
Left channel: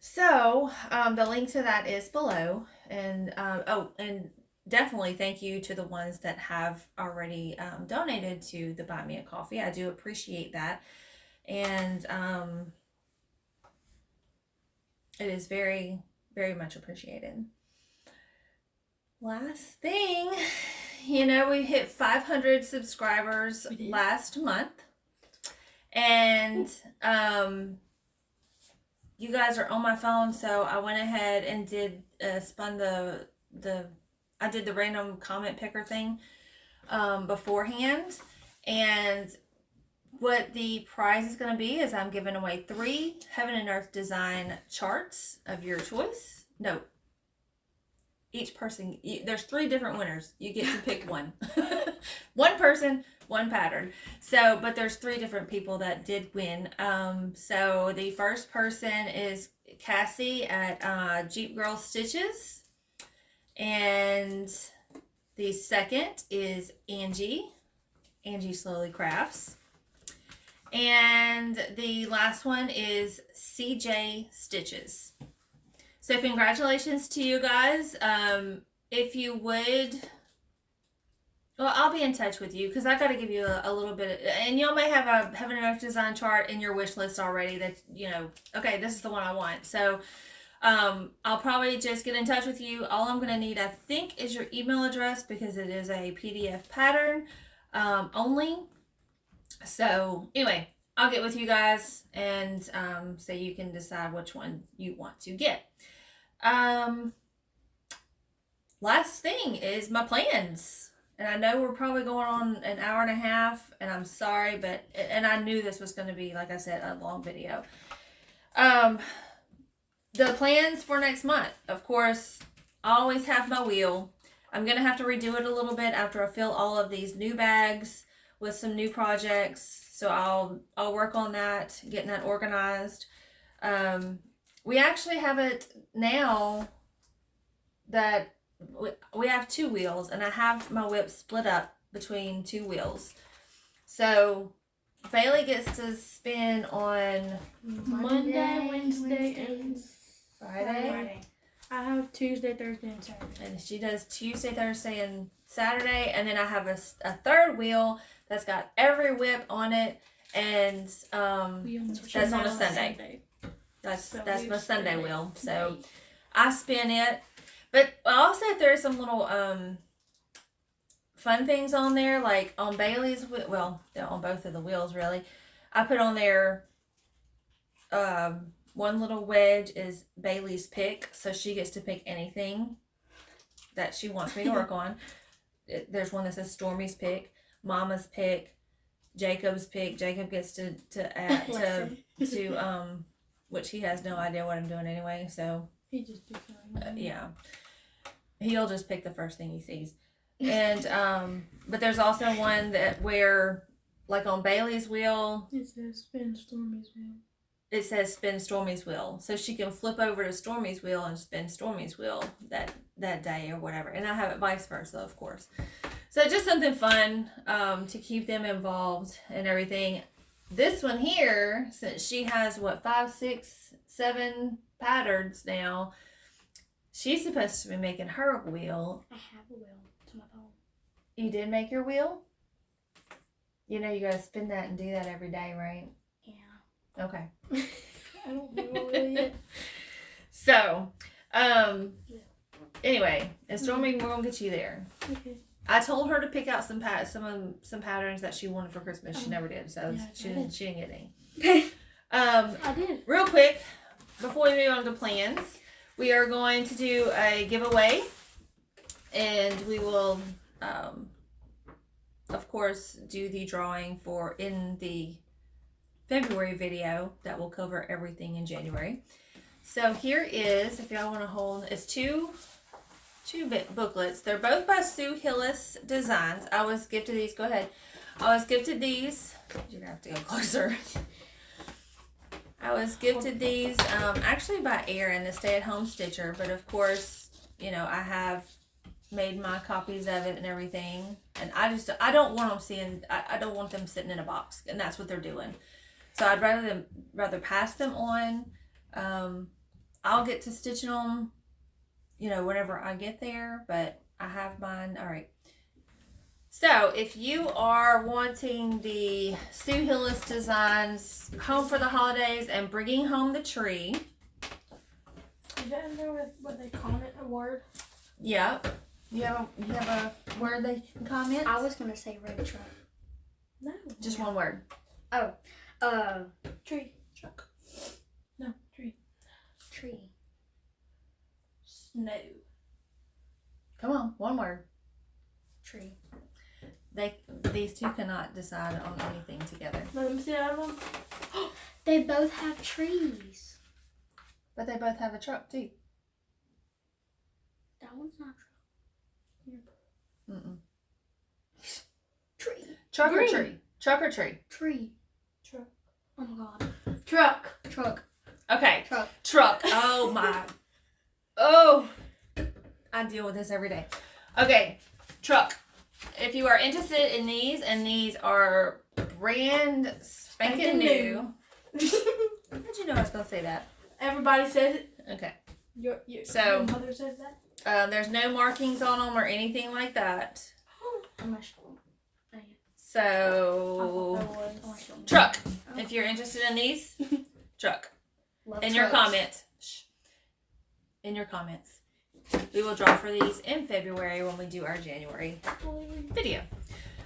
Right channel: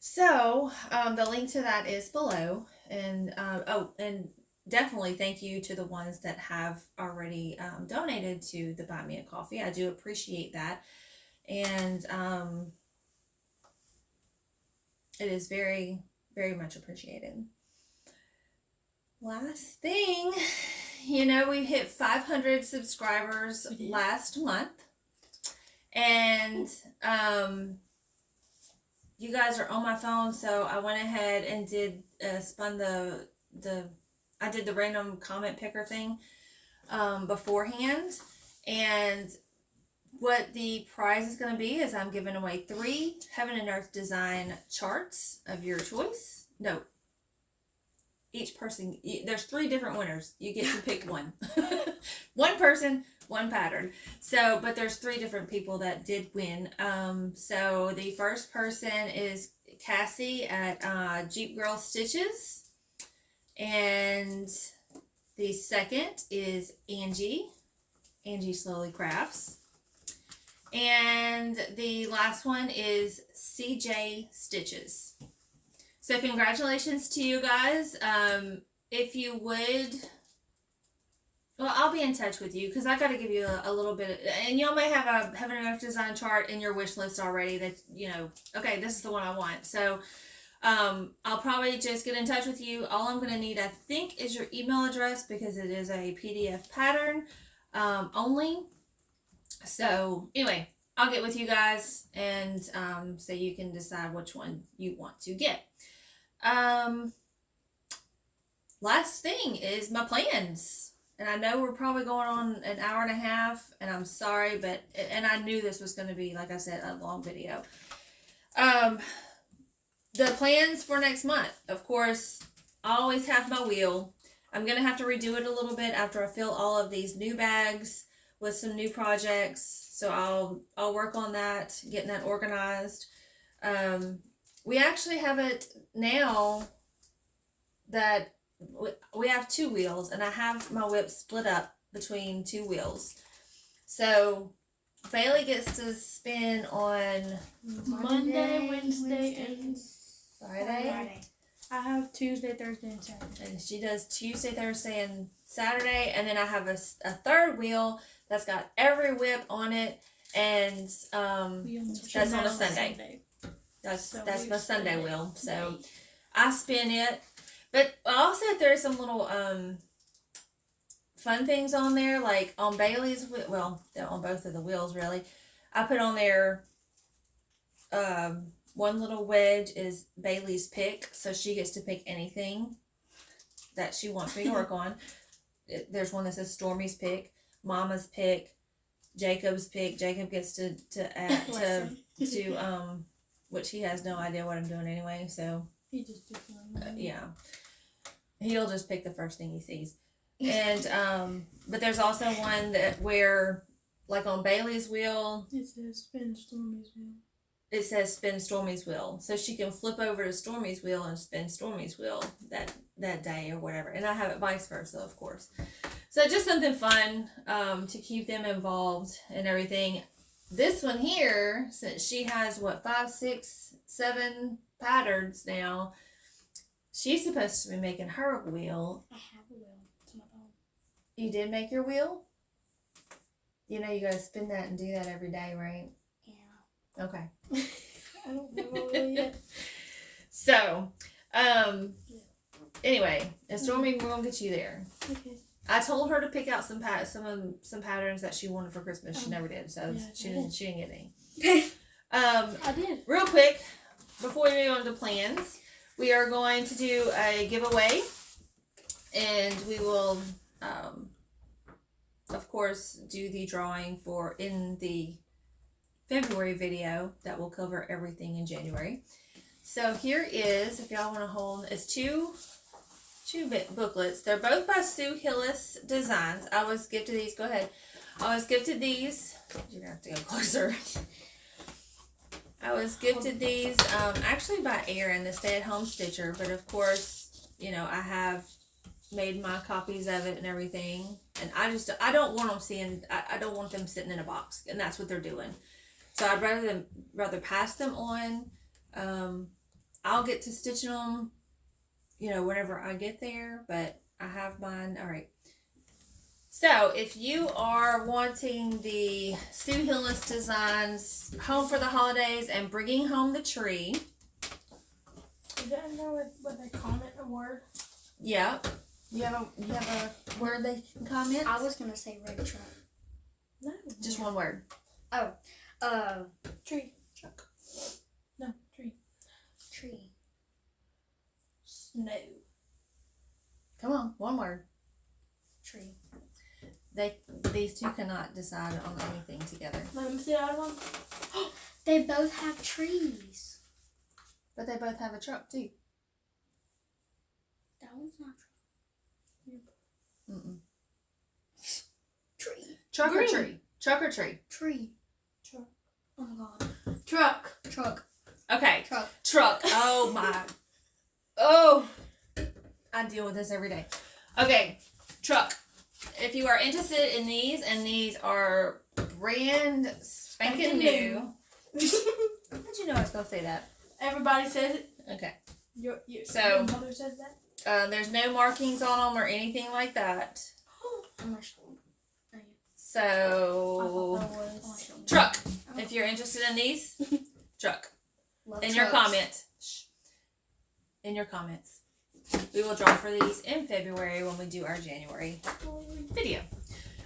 So the link to that is below, and and definitely thank you to the ones that have already donated to the Buy Me a Coffee. I do appreciate that, and it is very, very much appreciated. Last thing, we hit 500 subscribers last month. And you guys are on my phone, so I went ahead and did I did the random comment picker thing beforehand. And what the prize is going to be is I'm giving away 3 Heaven and Earth design charts of your choice. No, each person, there's 3 different winners. You get to pick one. One person, one pattern. So, but there's 3 different people that did win. So the first person is Cassie at Jeep Girl Stitches, and the second is Angie Slowly Crafts, and the last one is CJ Stitches. So congratulations to you guys. If you would, well, I'll be in touch with you, because I got to give you a little bit, and y'all may have a Heaven and Earth design chart in your wish list already that, okay, this is the one I want. So I'll probably just get in touch with you. All I'm going to need, I think, is your email address, because it is a PDF pattern only. So anyway, I'll get with you guys, and so you can decide which one you want to get. Last thing is my plans. And I know we're probably going on an hour and a half, and I'm sorry, and I knew this was going to be, like I said, a long video. The plans for next month, of course, I always have my wheel. I'm going to have to redo it a little bit after I fill all of these new bags with some new projects. So I'll work on that, getting that organized. We actually have it now that we have 2 wheels, and I have my WIP split up between 2 wheels. So Bailey gets to spin on Monday, Wednesday, and Friday. I have Tuesday, Thursday, and Saturday. And she does Tuesday, Thursday, and Saturday. And then I have a third wheel that's got every WIP on it. And that's on a Sunday. That's my Sunday wheel. So I spin it. But I also there's some little fun things on there, like on Bailey's wheel. Well, on both of the wheels, really. I put on there. One little wedge is Bailey's pick, so she gets to pick anything that she wants me to work on. There's one that says Stormy's pick, Mama's pick, Jacob's pick. Jacob gets to add to which he has no idea what I'm doing anyway. So He just picks one. yeah, he'll just pick the first thing he sees. And but there's also one that where like on Bailey's wheel, It says spin Stormy's wheel. it says spin Stormy's wheel, so she can flip over to Stormy's wheel and spin Stormy's wheel that day or whatever. And I have it vice versa, of course. So just something fun to keep them involved and everything. This one here, since she has 5, 6, 7 patterns now, she's supposed to be making her wheel. I have a wheel. It's my phone. You did make your wheel? You know you gotta spin that and do that every day, right? Yeah. Okay. I don't know what wheel yet. So, anyway, and Stormy, we're gonna get you there. Okay. I told her to pick out some patterns that she wanted for Christmas. She never did, so Yeah, she didn't get any. I did. Real quick, before we move on to plans, we are going to do a giveaway, and we will, of course, do the drawing in the February video that will cover everything in January. So here is, if y'all want to hold, it's two booklets. They're both by Sue Hillis Designs. I was gifted these. Go ahead. I was gifted these. You're gonna have to go closer. I was gifted these actually by Erin, the stay-at-home stitcher. But of course, you know, I have made my copies of it and everything. And I don't want them seeing. I don't want them sitting in a box, and that's what they're doing. So I'd rather pass them on. I'll get to stitching them, you know, whenever I get there, but I have mine. All right. So if you are wanting the Sue Hillis Designs Home for the Holidays and bringing home the tree. Is that in there with what they comment a word? Yep. You have a word they can comment? I was gonna say red truck. No. Just one word. Tree. Truck. No, tree. Tree. Snow. Come on, one word. Tree. These two cannot decide on anything together. Let me see that one. They both have trees. But they both have a truck too. That one's not Mm-mm. tree. Truck Green. or tree? Truck or tree? Tree. Truck. Oh my god. Truck. Truck. Okay. Truck. Truck. Oh my. Oh. I deal with this every day. Okay. Truck. If you are interested in these, and these are brand spanking new. How'd you know I was going to say that? Everybody says it. Okay. Your So- mother says that. There's no markings on them or anything like that. Unless So, truck. If you're interested in these, truck. Love In your trucks. comments. Shh. In your comments. We will draw for these in February when we do our January video.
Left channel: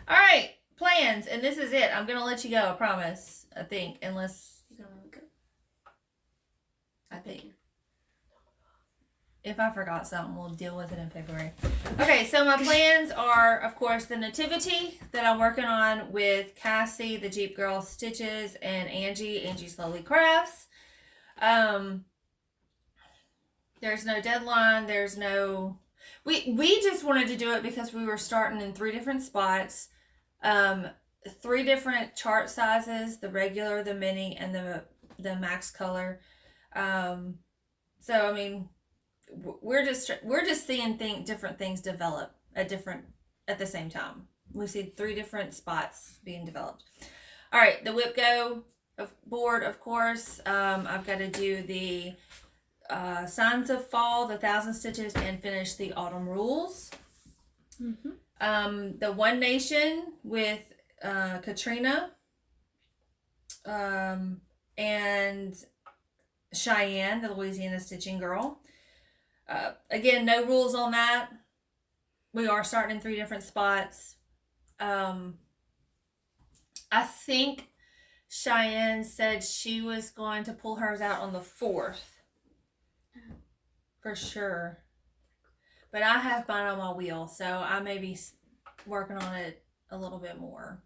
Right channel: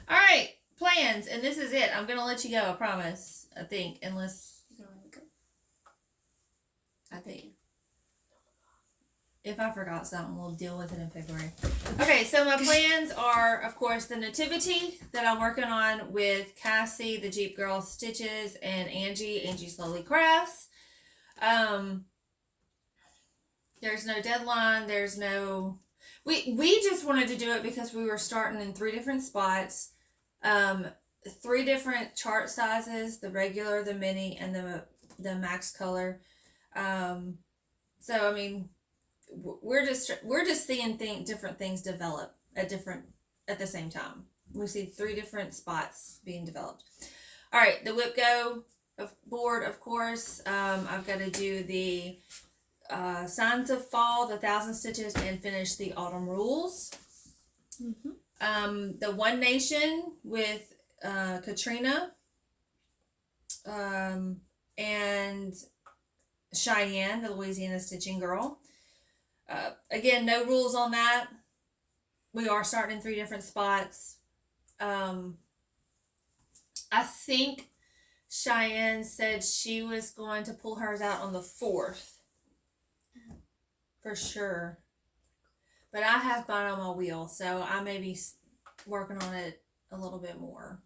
All right, plans, and this is it. I'm gonna let you go. I promise. I think, unless You're gonna let me go. I think if I forgot something, we'll deal with it in February. Okay, so my plans are, of course, the nativity that I'm working on with Cassie, the Jeep Girl Stitches, and Angie Slowly Crafts. There's no deadline. There's no. We just wanted to do it because we were starting in 3 different spots, 3 different chart sizes: the regular, the mini, and the max color. So I mean, we're just seeing different things develop at the same time. We see 3 different spots being developed. All right, the WIPGO board, of course. I've got to do the Signs of Fall, the 1,000 Stitches, and finished the Autumn Rules. The One Nation with Katrina and Cheyenne, the Louisiana Stitching Girl. Again, no rules on that. We are starting in 3 different spots. I think Cheyenne said she was going to pull hers out on the 4th. For sure. But I have mine on my wheel, so I may be working on it a little bit more.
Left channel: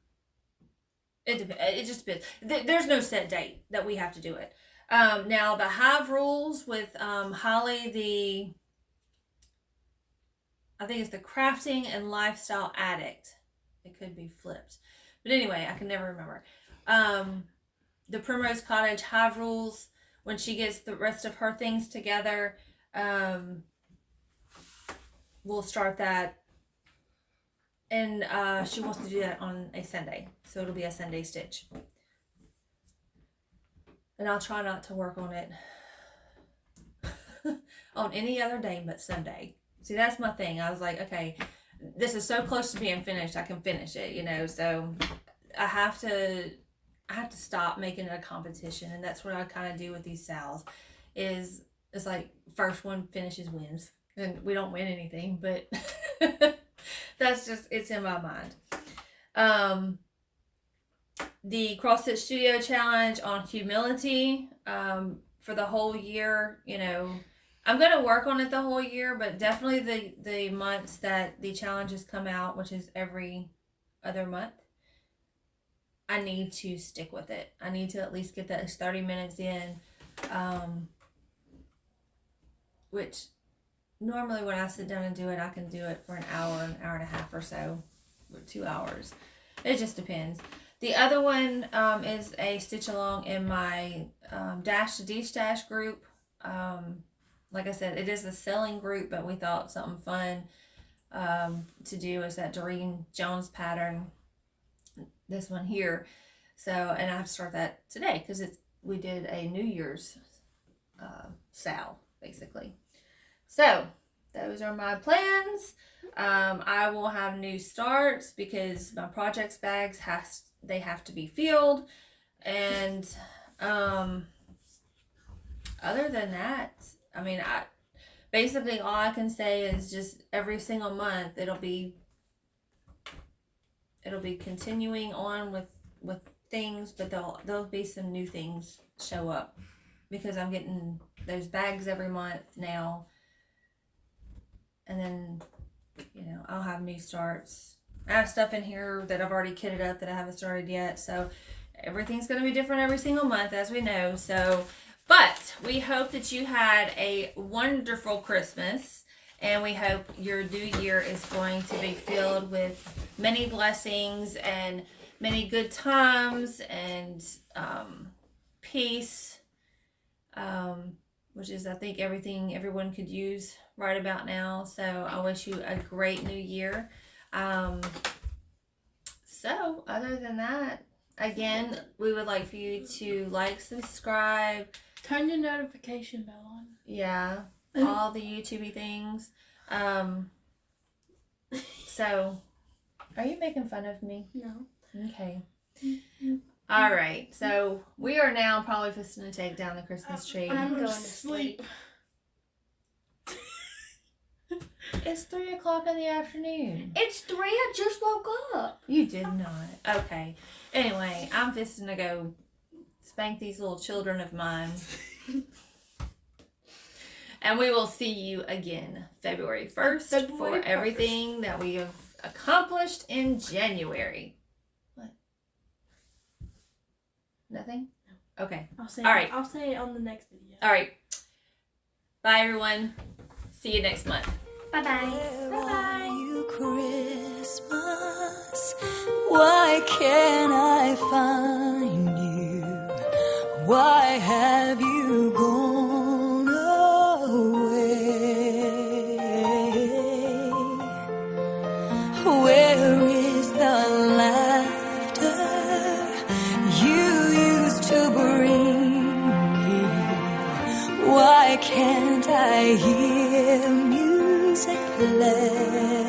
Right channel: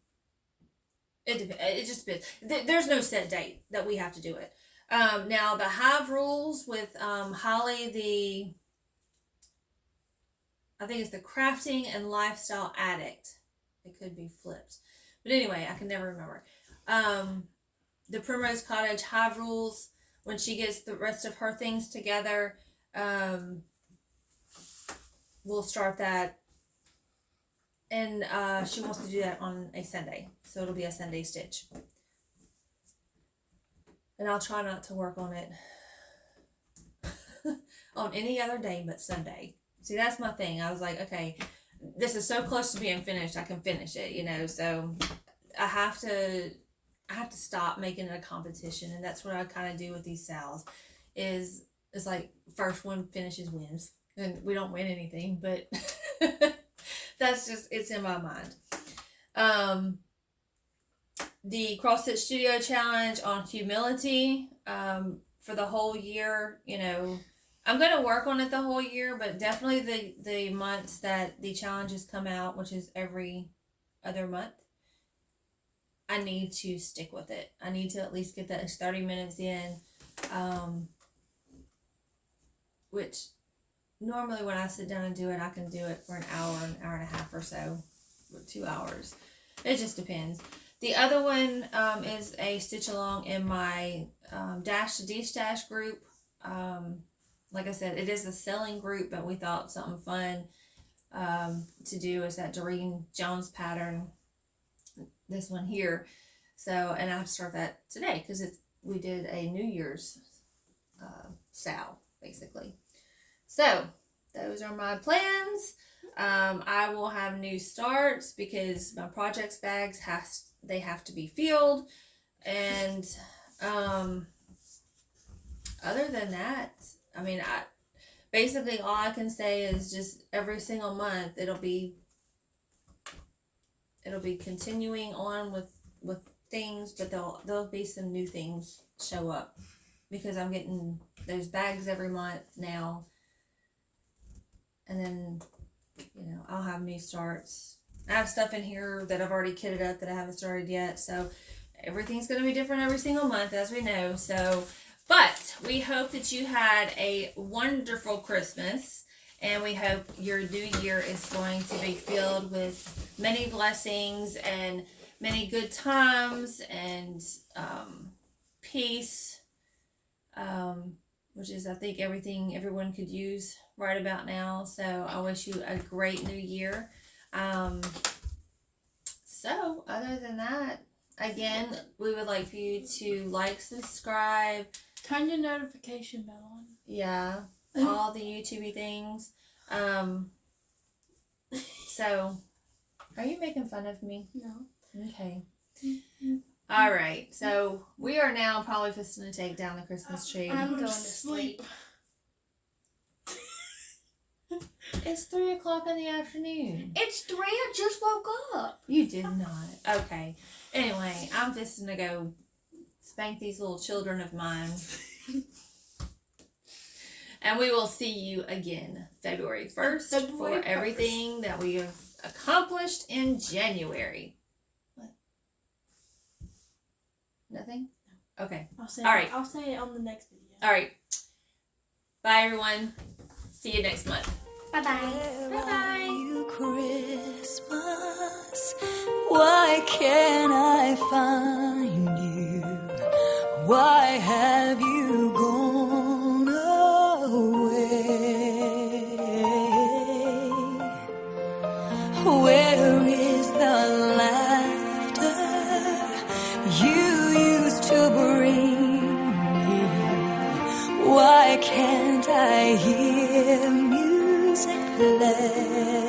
It just depends. There's no set date that we have to do it. Now, the Hive Rules with Holly, I think it's the Crafting and Lifestyle Addict. It could be flipped. But anyway, I can never remember. The Primrose Cottage Hive Rules, when she gets the rest of her things together, we'll start that. And she wants to do that on a Sunday. So it'll be a Sunday stitch. And I'll try not to work on it on any other day but Sunday. See, that's my thing. I was like, okay, this is so close to being finished, I can finish it, you know. So I have to stop making it a competition, and that's what I kind of do with these sales. It's like first one finishes wins, and we don't win anything, but that's just, it's in my mind. The Cross Stitch Studio Challenge on humility for the whole year, you know. I'm going to work on it the whole year, but definitely the months that the challenges come out, which is every other month, I need to stick with it. I need to at least get that 30 minutes in, which normally when I sit down and do it, I can do it for an hour and a half or so, or 2 hours. It just depends. The other one is a stitch along in my Dash to D-Stash group. Like I said, it is a selling group, but we thought something fun to do is that Doreen Jones pattern, this one here. So, and I have to start that today because we did a New Year's sale, basically. So, those are my plans. I will have new starts because my projects bags they have to be filled, and other than that, I mean, basically all I can say is just every single month it'll be continuing on with things, but there'll be some new things show up because I'm getting those bags every month now, and then, you know, I'll have new starts. I have stuff in here that I've already kitted up that I haven't started yet, so everything's going to be different every single month, as we know. So, but we hope that you had a wonderful Christmas, and we hope your new year is going to be filled with many blessings and many good times and peace, which is, I think, everything everyone could use right about now. So I wish you a great new year. So other than that, again, we would like for you to like, subscribe, turn the notification bell on. Yeah, all the YouTubey things. So, are you making fun of me? No. Okay. All right. So we are now probably just going to take down the Christmas tree. I'm going to sleep. It's 3:00 in the afternoon. It's 3. I just woke up. You did not. Okay. Anyway, I'm just going to go spank these little children of mine. And we will see you again February 1st for everything that we have accomplished in January. What? Nothing? Okay. I'll say it on the next video. All right. Bye, everyone. See you next month. Bye-bye. Where are you, Christmas? Why can't I find you? Why have you gone away? Where is the laughter you used to bring me? Why Why can't I hear music play?